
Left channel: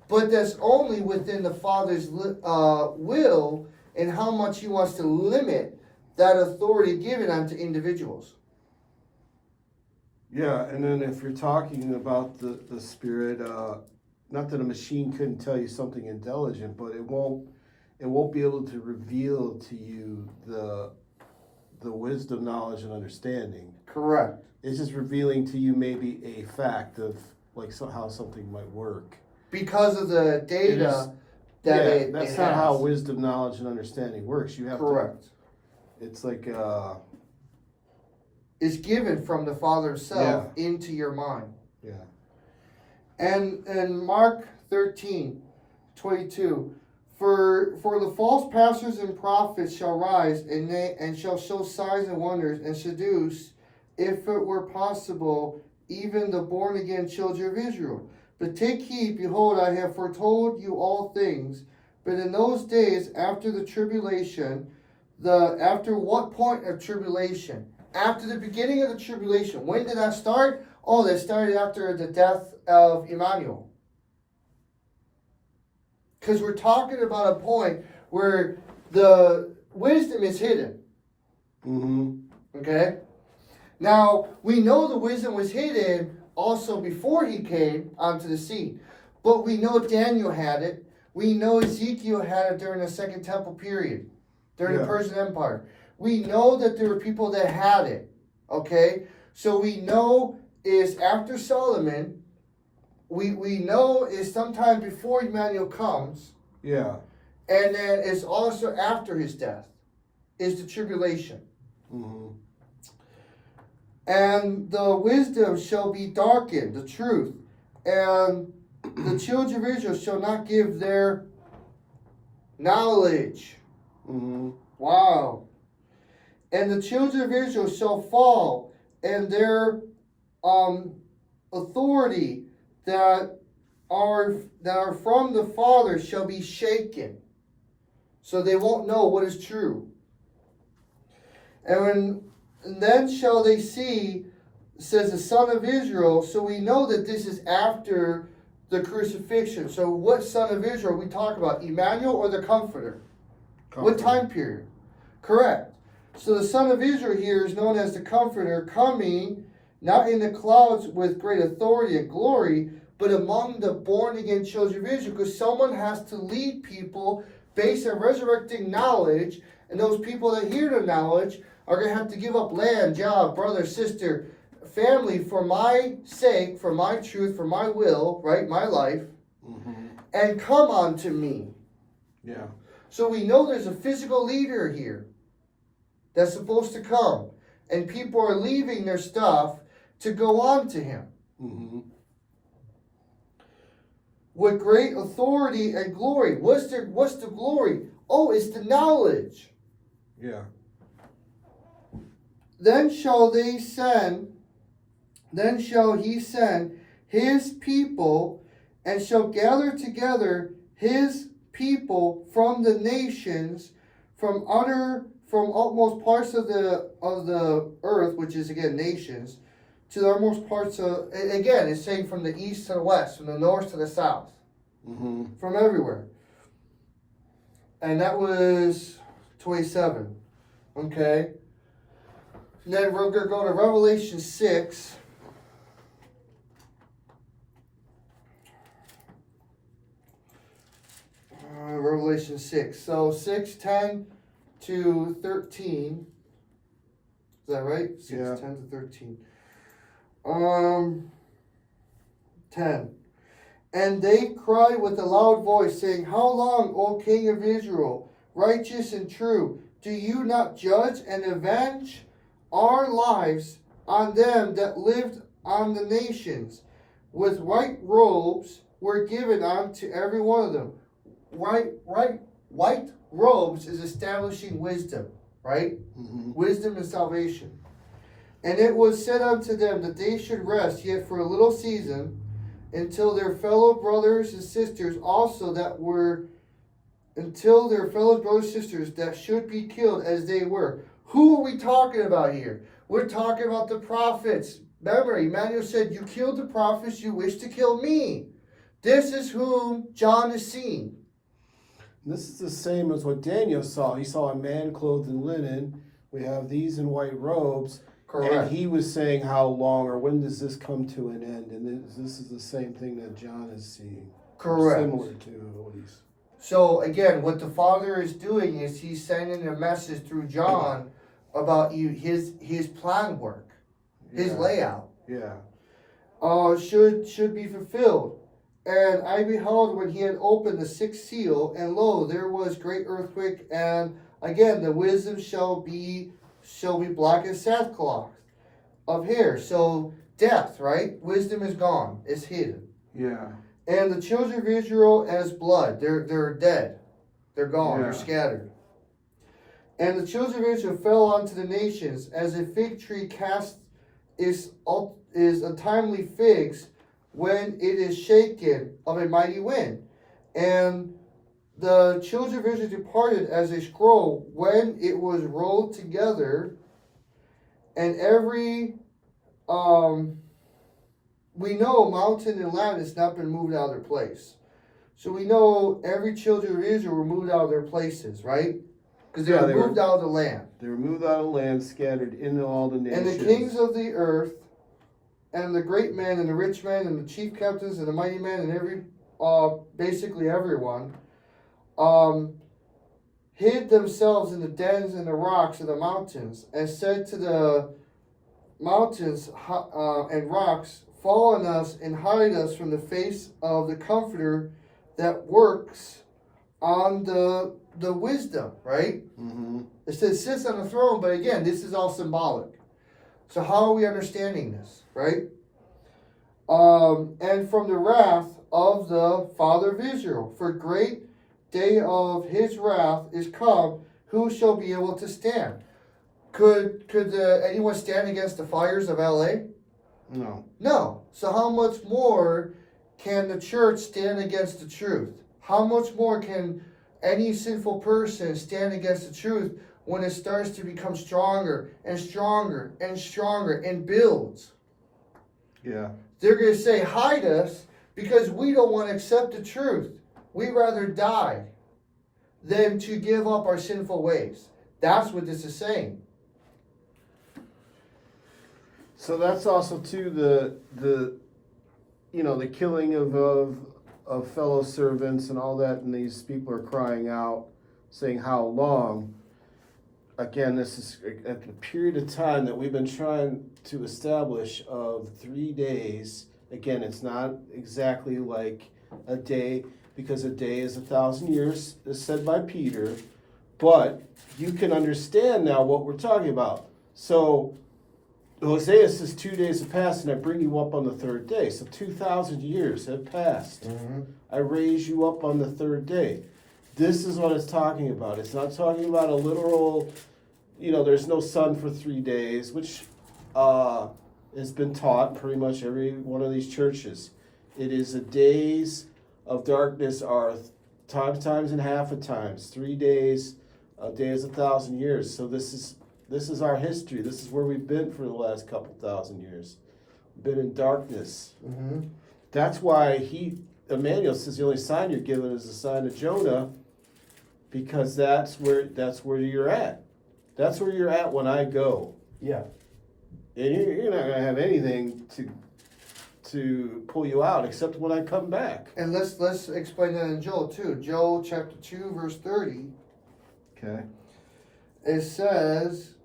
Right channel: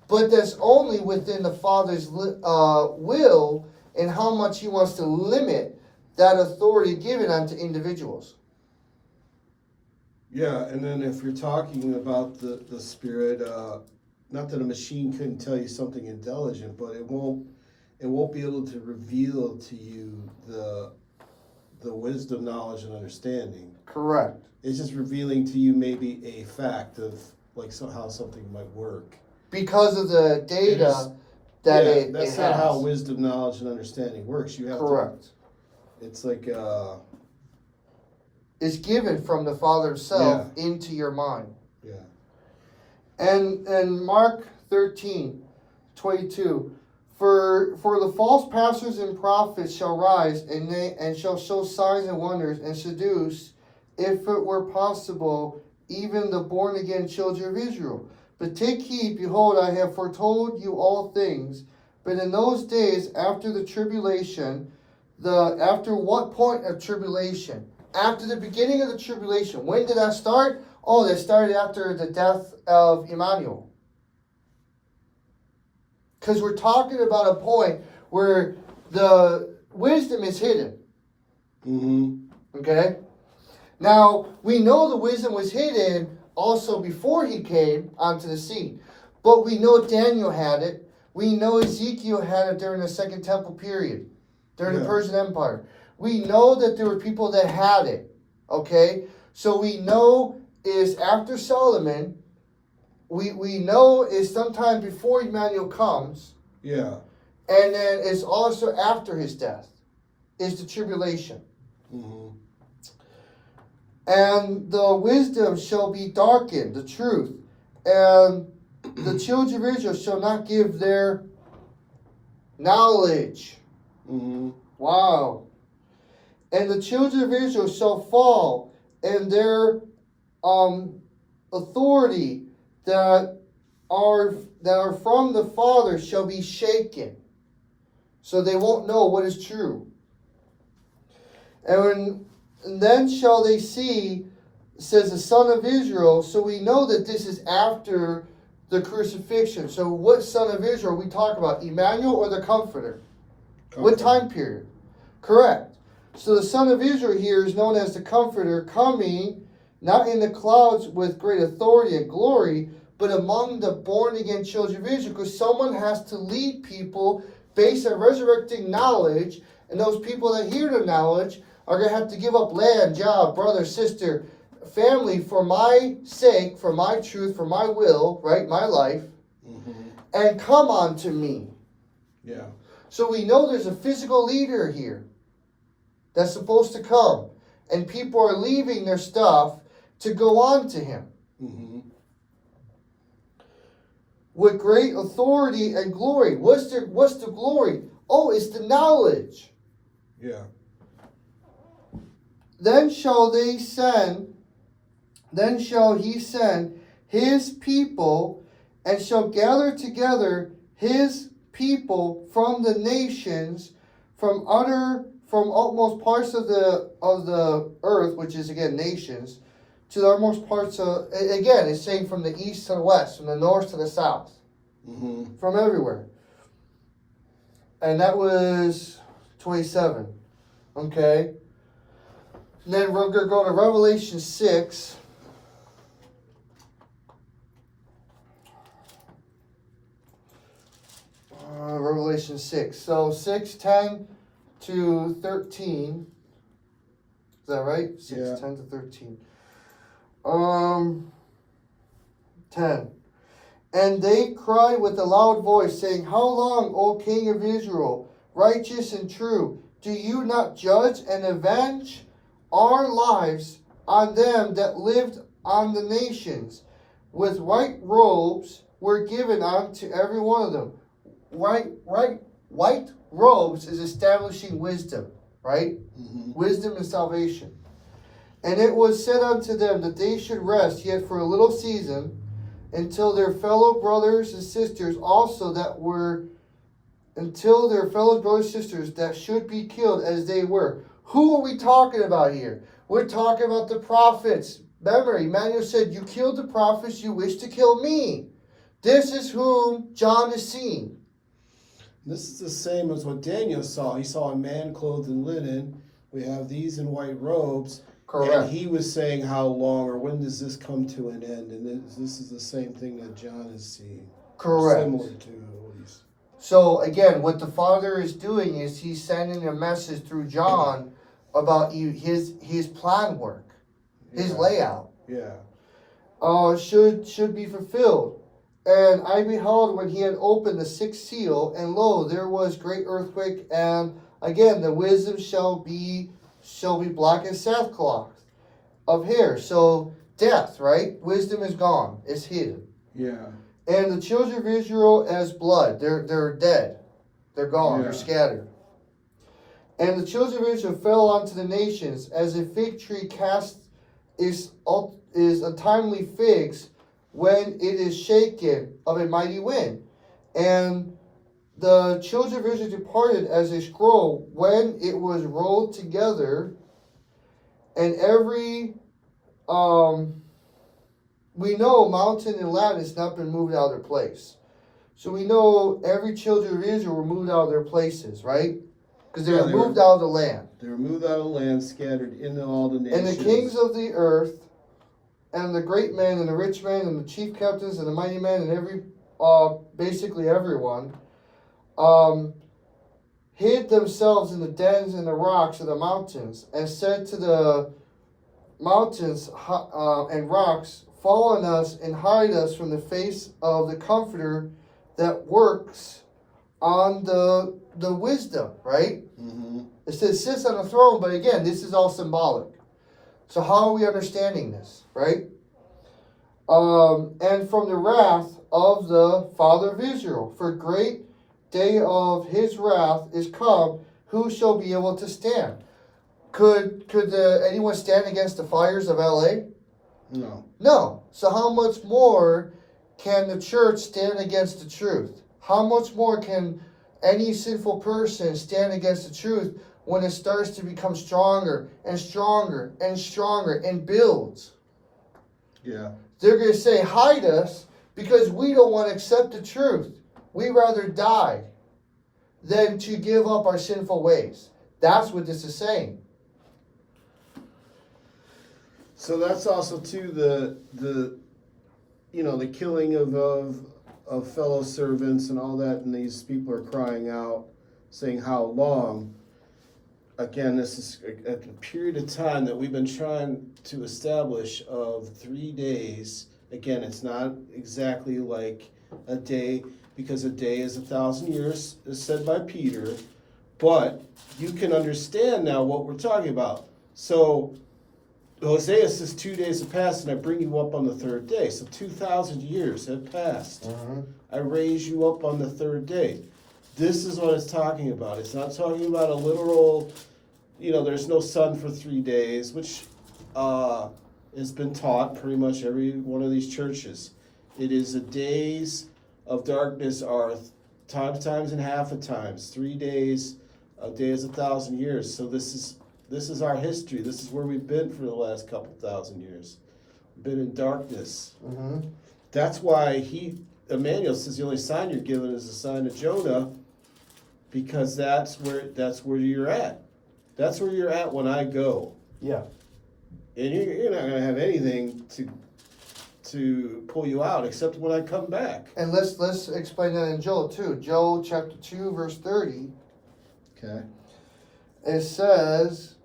But that's only within the Father's will and how much He wants to limit that authority given unto individuals. Yeah, and then if you're talking about the Spirit, not that a machine couldn't tell you something intelligent, but it won't be able to reveal to you the wisdom, knowledge, and understanding. Correct. It's just revealing to you maybe a fact of how something might work. Because of the data That's not has. how wisdom, knowledge, and understanding works. You have Correct. It's like It's given from the Father Himself into your mind. yeah. And Mark 13:22, for the false pastors and prophets shall rise, and shall show signs and wonders, and seduce, if it were possible, even the born again children of Israel. But take heed, behold, I have foretold you all things. But in those days after the tribulation, after what point of tribulation? After the beginning of the tribulation. When did that start? Oh, that started after the death of Emmanuel. Because we're talking about a point where the wisdom is hidden. Mm-hmm. Okay? Now, we know the wisdom was hidden also before He came onto the scene. But we know Daniel had it. We know Ezekiel had it during the Second Temple period, during the Persian Empire. We know that there were people that had it. Okay? So we know is after Solomon. We know is sometime before Emmanuel comes. Yeah. And then it's also after his death. Is the tribulation. Mm-hmm. And the wisdom shall be darkened, the truth. And the children of Israel shall not give their knowledge. Mm-hmm. Wow. And the children of Israel shall fall, and their authority that are from the Father shall be shaken. So they won't know what is true. And then shall they see, says the Son of Israel. So we know that this is after the crucifixion. So what Son of Israel we talk about? Emmanuel or the Comforter? What time period? Correct. So the Son of Israel here is known as the Comforter, coming not in the clouds with great authority and glory, but among the born again children of Israel, because someone has to lead people based on resurrecting knowledge, and those people that hear the knowledge are going to have to give up land, job, brother, sister, family for my sake, for my truth, for my will, right, my life, and come unto me. Yeah. So we know there's a physical leader here that's supposed to come, and people are leaving their stuff to go on to him. Mm-hmm. With great authority and glory. What's the glory? Oh, it's the knowledge. Yeah. Then shall he send his people, and shall gather together his people from the nations, from utmost parts of the earth, which is again nations, to the utmost parts of, again, it's saying from the east to the west, from the north to the south, from everywhere. And that was 27. Okay. And then we're going to go to Revelation 6. Revelation 6. So 6:10 to 13. Is that right? 6, Yeah. 10 to 13. 10. And they cried with a loud voice, saying, How long, O King of Israel, righteous and true, do you not judge and avenge our lives on them that lived on the nations? With white robes were given unto every one of them. White robes is establishing wisdom, right? Mhm. Wisdom and salvation. And it was said unto them that they should rest yet for a little season, until their fellow brothers and sisters also that were, until their fellow brothers and sisters that should be killed as they were. Who are we talking about here? We're talking about the prophets. Remember, Emmanuel said, You killed the prophets, you wish to kill me. This is whom John is seeing. This is the same as what Daniel saw. He saw a man clothed in linen. We have these in white robes. Correct. And he was saying how long or when does this come to an end? And this is the same thing that John is seeing. Correct. Similar to what he's. So again, what the Father is doing is he's sending a message through John about his plan work, his Yeah. layout. Yeah. Should be fulfilled. And I beheld when he had opened the sixth seal, and lo, there was great earthquake, and again the wisdom shall be black as sackcloth of hair. So death, right? Wisdom is gone, it's hidden. Yeah. And the children of Israel as blood, they're dead, they're gone, they're Yeah. scattered. And the children of Israel fell unto the nations as a fig tree cast is untimely figs when it is shaken of a mighty wind. And the children of Israel departed as a scroll when it was rolled together, and every we know mountain and land has not been moved out of their place. So we know every children of Israel were moved out of their places, right? Because they Yeah, were they moved out of the land. They were moved out of the land, scattered into all the nations. And the kings of the earth, and the great men, and the rich men, and the chief captains, and the mighty men, and every, basically everyone, hid themselves in the dens and the rocks of the mountains, and said to the mountains and rocks, Fall on us and hide us from the face of the Comforter that works on the wisdom, right? Mm-hmm. It says sits on the throne, but again, this is all symbolic. So how are we understanding this, right? And from the wrath of the Father of Israel, for great day of his wrath is come, who shall be able to stand? Could anyone stand against the fires of LA? No. No. So how much more can the church stand against the truth? How much more can any sinful person stand against the truth when it starts to become stronger and stronger and stronger and builds? Yeah. They're going to say, hide us because we don't want to accept the truth. We'd rather die than to give up our sinful ways. That's what this is saying. So that's also too the the killing of fellow servants and all that, and these people are crying out, saying how long. Again, this is a period of time that we've been trying to establish of 3 days. Again, it's not exactly like a day, because a day is 1,000 years, is said by Peter, but you can understand now what we're talking about. So Hosea says 2 days have passed and I bring you up on the third day. So 2,000 years have passed. I raise you up on the third day. This is what it's talking about. It's not talking about a literal, there's no sun for 3 days, which has been taught pretty much every one of these churches. It is the days of darkness are times and half of times. 3 days, a day is 1,000 years. So this is our history. This is where we've been for the last couple thousand years. We've been in darkness. Mm-hmm. That's why Emmanuel says the only sign you're given is the sign of Jonah, because that's where you're at. That's where you're at when I go. Yeah. And you're not going to have anything to pull you out except when I come back. And let's explain that in Joel too. Joel chapter 2 verse 30. Okay. it says,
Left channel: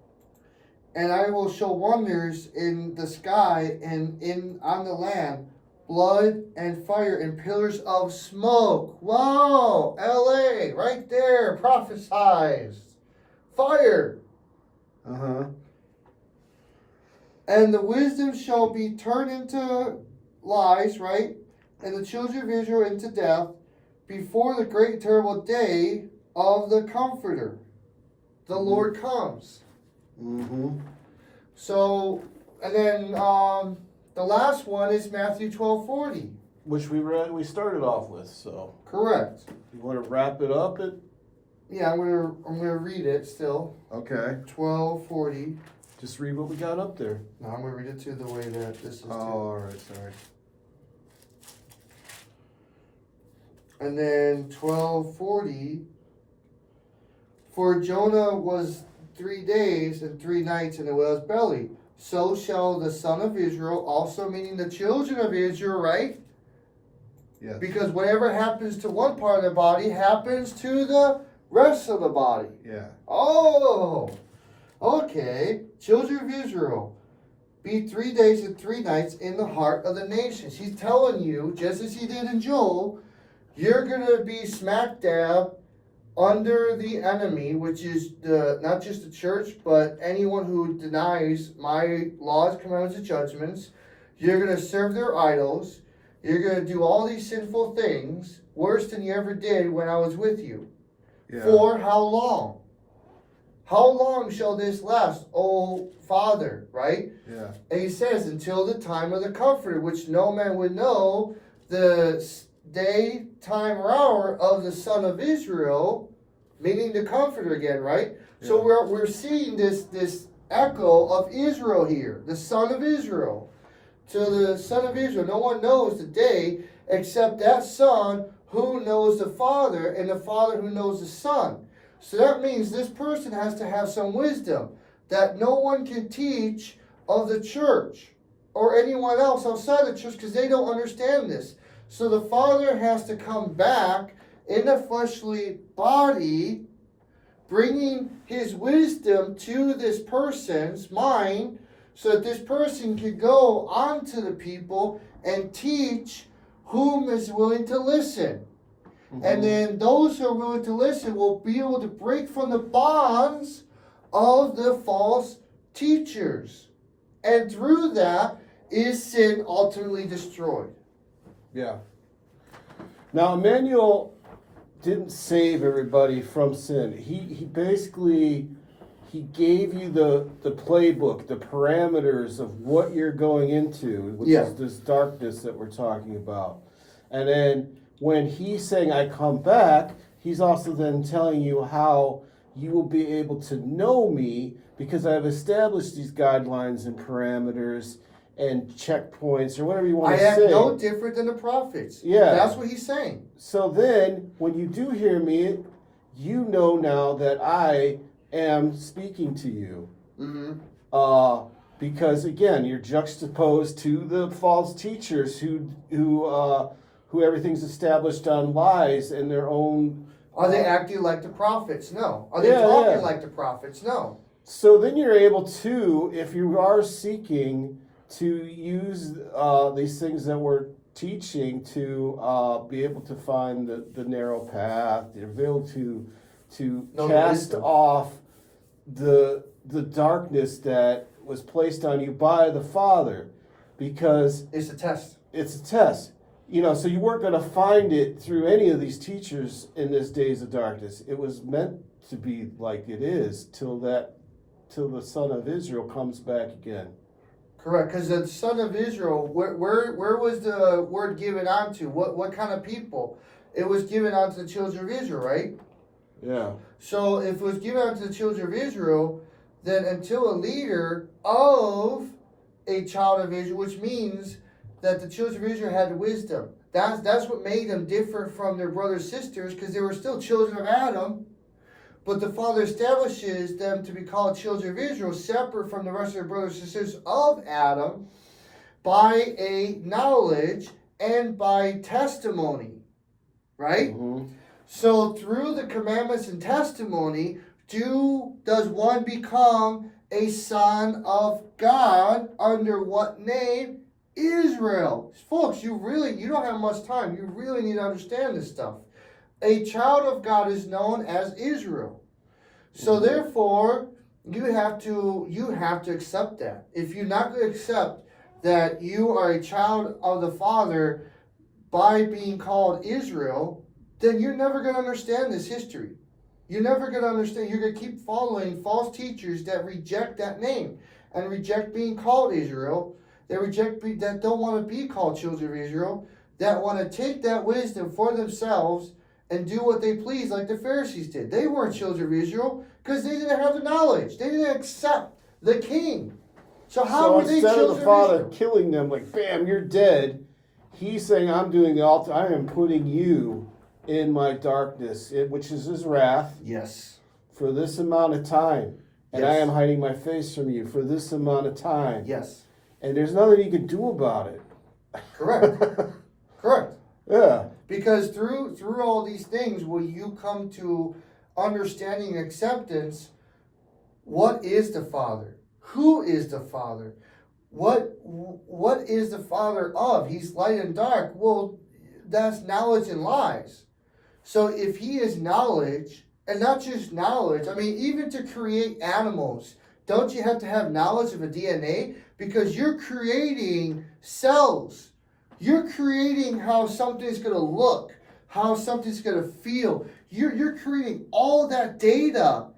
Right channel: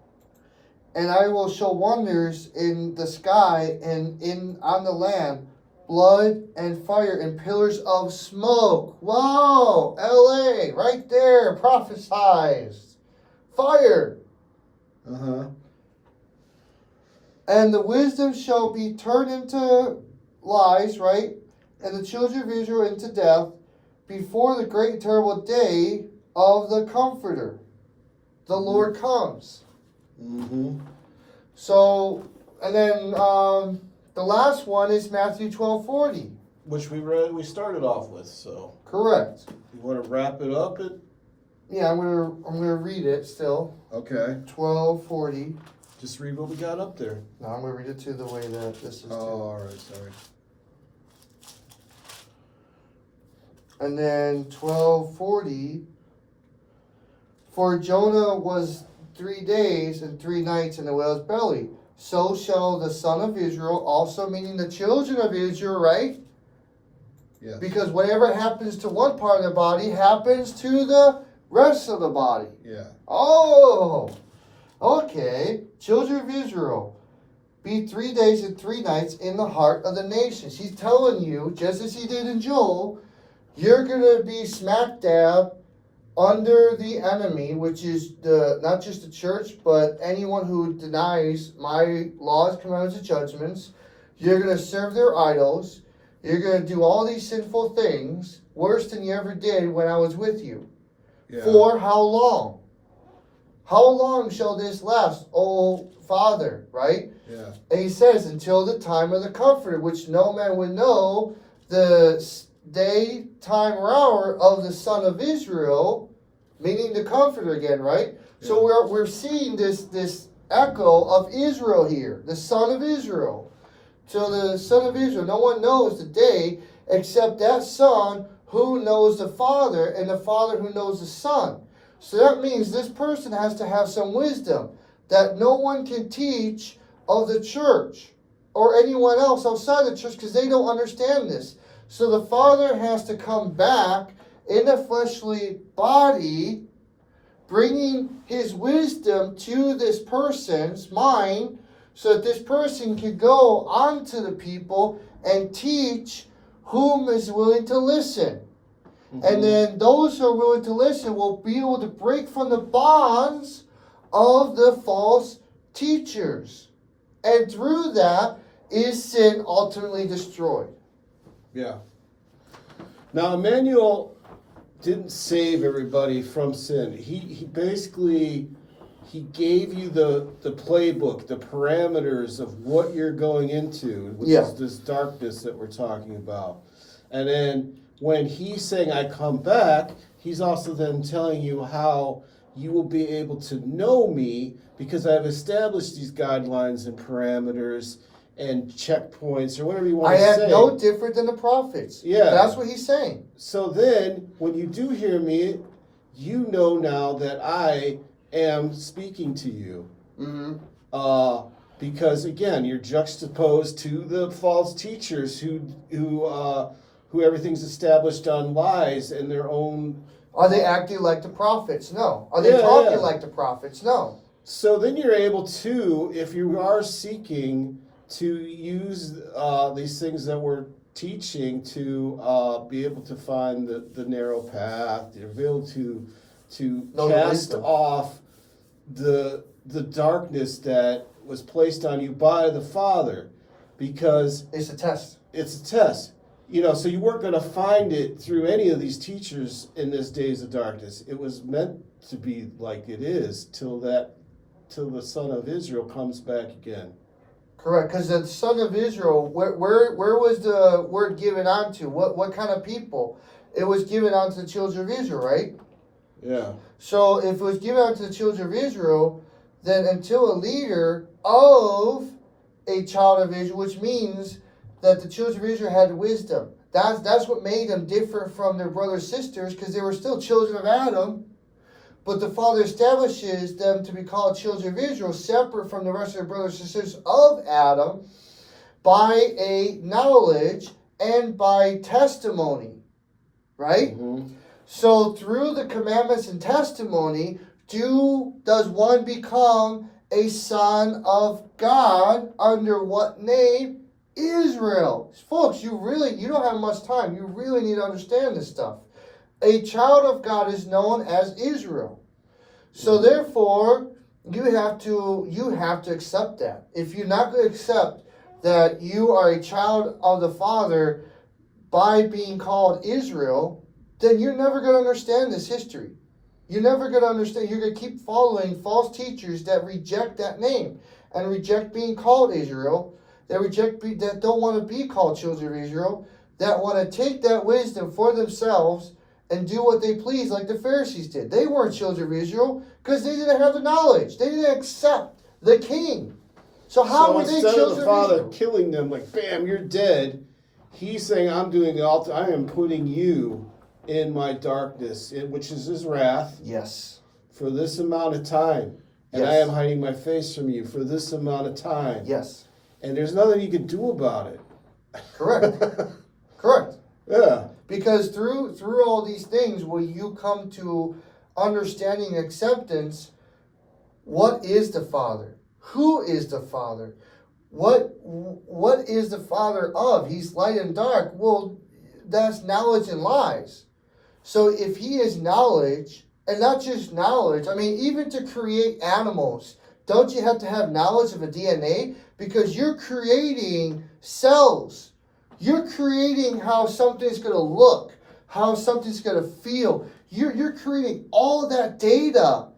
and I will show wonders in the sky and on the land, blood and fire and pillars of smoke. Whoa, LA, right there, prophesized. Fire. Uh-huh. And the wisdom shall be turned into lies, right? And the children of Israel into death before the great and terrible day of the Comforter. The Lord comes. Mm-hmm. So, and then the last one is Matthew 12:40. Which we started off with, so. Correct. You wanna wrap it up at, Yeah, I'm gonna read it still. Okay. 12:40. just read what we got up there. Now I'm gonna read it to the way that this is. Oh, all right, sorry. And then 12:40. For Jonah was 3 days and 3 nights in the whale's belly. So shall the son of Israel also, meaning the children of Israel, right? Yes. Because whatever happens to one part of the body happens to the rest of the body. Yeah. Oh, okay. Children of Israel, be 3 days and 3 nights in the heart of the nations. He's telling you, just as he did in Joel, you're going to be smack dab under the enemy, which is not just the church, but anyone who denies my laws, commandments, and judgments. You're going to serve their idols. You're going to do all these sinful things, worse than you ever did when I was with you. Yeah. For how long? How long shall this last, O Father, right? Yeah. And he says, until the time of the Comforter, which no man would know the day, time, or hour of the Son of Israel, meaning the Comforter again, right? Yeah. So we're seeing this echo of Israel here, the Son of Israel. So the Son of Israel, no one knows the day except that Son who knows the Father, and the Father who knows the Son. So that means this person has to have some wisdom that no one can teach of the church or anyone else outside the church, because they don't understand this. So the Father has to come back in a fleshly body, bringing his wisdom to this person's mind, so that this person can go on to the people and teach whom is willing to listen. Mm-hmm. And then those who are willing to listen will be able to break from the bonds of the false teachers. And through that is sin ultimately destroyed. Yeah. Now, Emmanuel didn't save everybody from sin. He basically, he gave you the playbook, the parameters of what you're going into, which Yeah. is this darkness that we're talking about. And then when he's saying, I come back, he's also then telling you how you will be able to know me, because I've established these guidelines and parameters and checkpoints, or whatever you want I to act say. no different than the prophets. Yeah. That's what he's saying. So then, when you do hear me, you know now that I am speaking to you. Mm-hmm. Because again, you're juxtaposed to the false teachers who everything's established on lies and their own. Are they acting like the prophets? No. Are they Yeah, talking yeah. like the prophets? No. So then you're able to, if you are seeking to use these things that we're teaching to be able to find the narrow path, to be able to Know the cast wisdom. off the darkness that was placed on you by the Father, because It's a test. it's a test. You know, so you weren't going to find it through any of these teachers in this days of darkness. It was meant to be like it is till the Son of Israel comes back again. Correct. Because the Son of Israel, where was the word given unto? What kind of people? It was given unto the children of Israel, right? Yeah. So if it was given unto the children of Israel, then until a leader of a child of Israel, which means that the children of Israel had wisdom. That's what made them different from their brothers and sisters, because they were still children of Adam. But the Father establishes them to be called children of Israel, separate from the rest of their brothers and sisters of Adam, by a knowledge and by testimony. Right? Mhm. So through the commandments and testimony, does one become a son of God under what name? Israel. Folks, you don't have much time. You really need to understand this stuff. A child of God is known as Israel. So therefore, you have to accept that. If you're not going to accept that you are a child of the Father by being called Israel, then you're never going to understand this history. You're never going to understand. You're going to keep following false teachers that reject that name and reject being called Israel. That don't want to be called children of Israel. That want to take that wisdom for themselves and do what they please, like the Pharisees did. They weren't children of Israel because they didn't have the knowledge. They didn't accept the King. So how were they instead children of the of Father Israel? killing them, like bam, you're dead, he's saying, I'm doing all. I am putting you in my darkness, which is his wrath, Yes. for this amount of time. And I Yes. am hiding my face from you for this amount of time. Yes. And there's nothing you can do about it. Correct. Correct. Yeah. Because through all these things, will you come to understanding and acceptance? What is the Father? Who is the Father? What is the Father of? He's light and dark. Well, that's knowledge and lies. So if he is knowledge, and not just knowledge, I mean, even to create animals, don't you have to have knowledge of a DNA? Because you're creating cells. You're creating how something's going to look, how something's going to feel. You're creating all of that data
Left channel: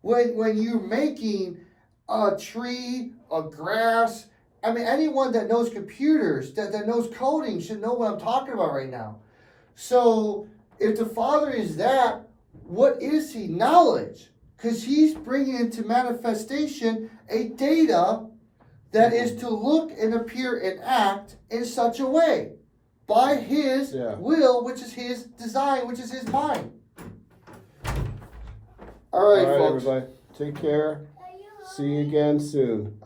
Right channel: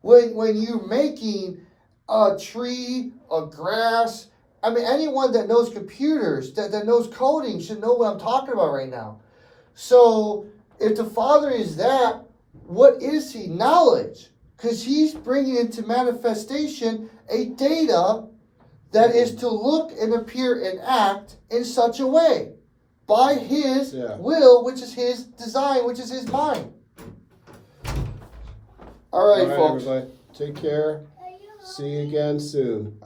when you're making a tree, a grass. I mean, anyone that knows computers, that knows coding should know what I'm talking about right now. So if the Father is that, what is he? Knowledge. Because he's bringing into manifestation a data that is to look and appear and act in such a way by his will, which is his design, which is his mind. All right, folks. Everybody. Take care. See you again soon.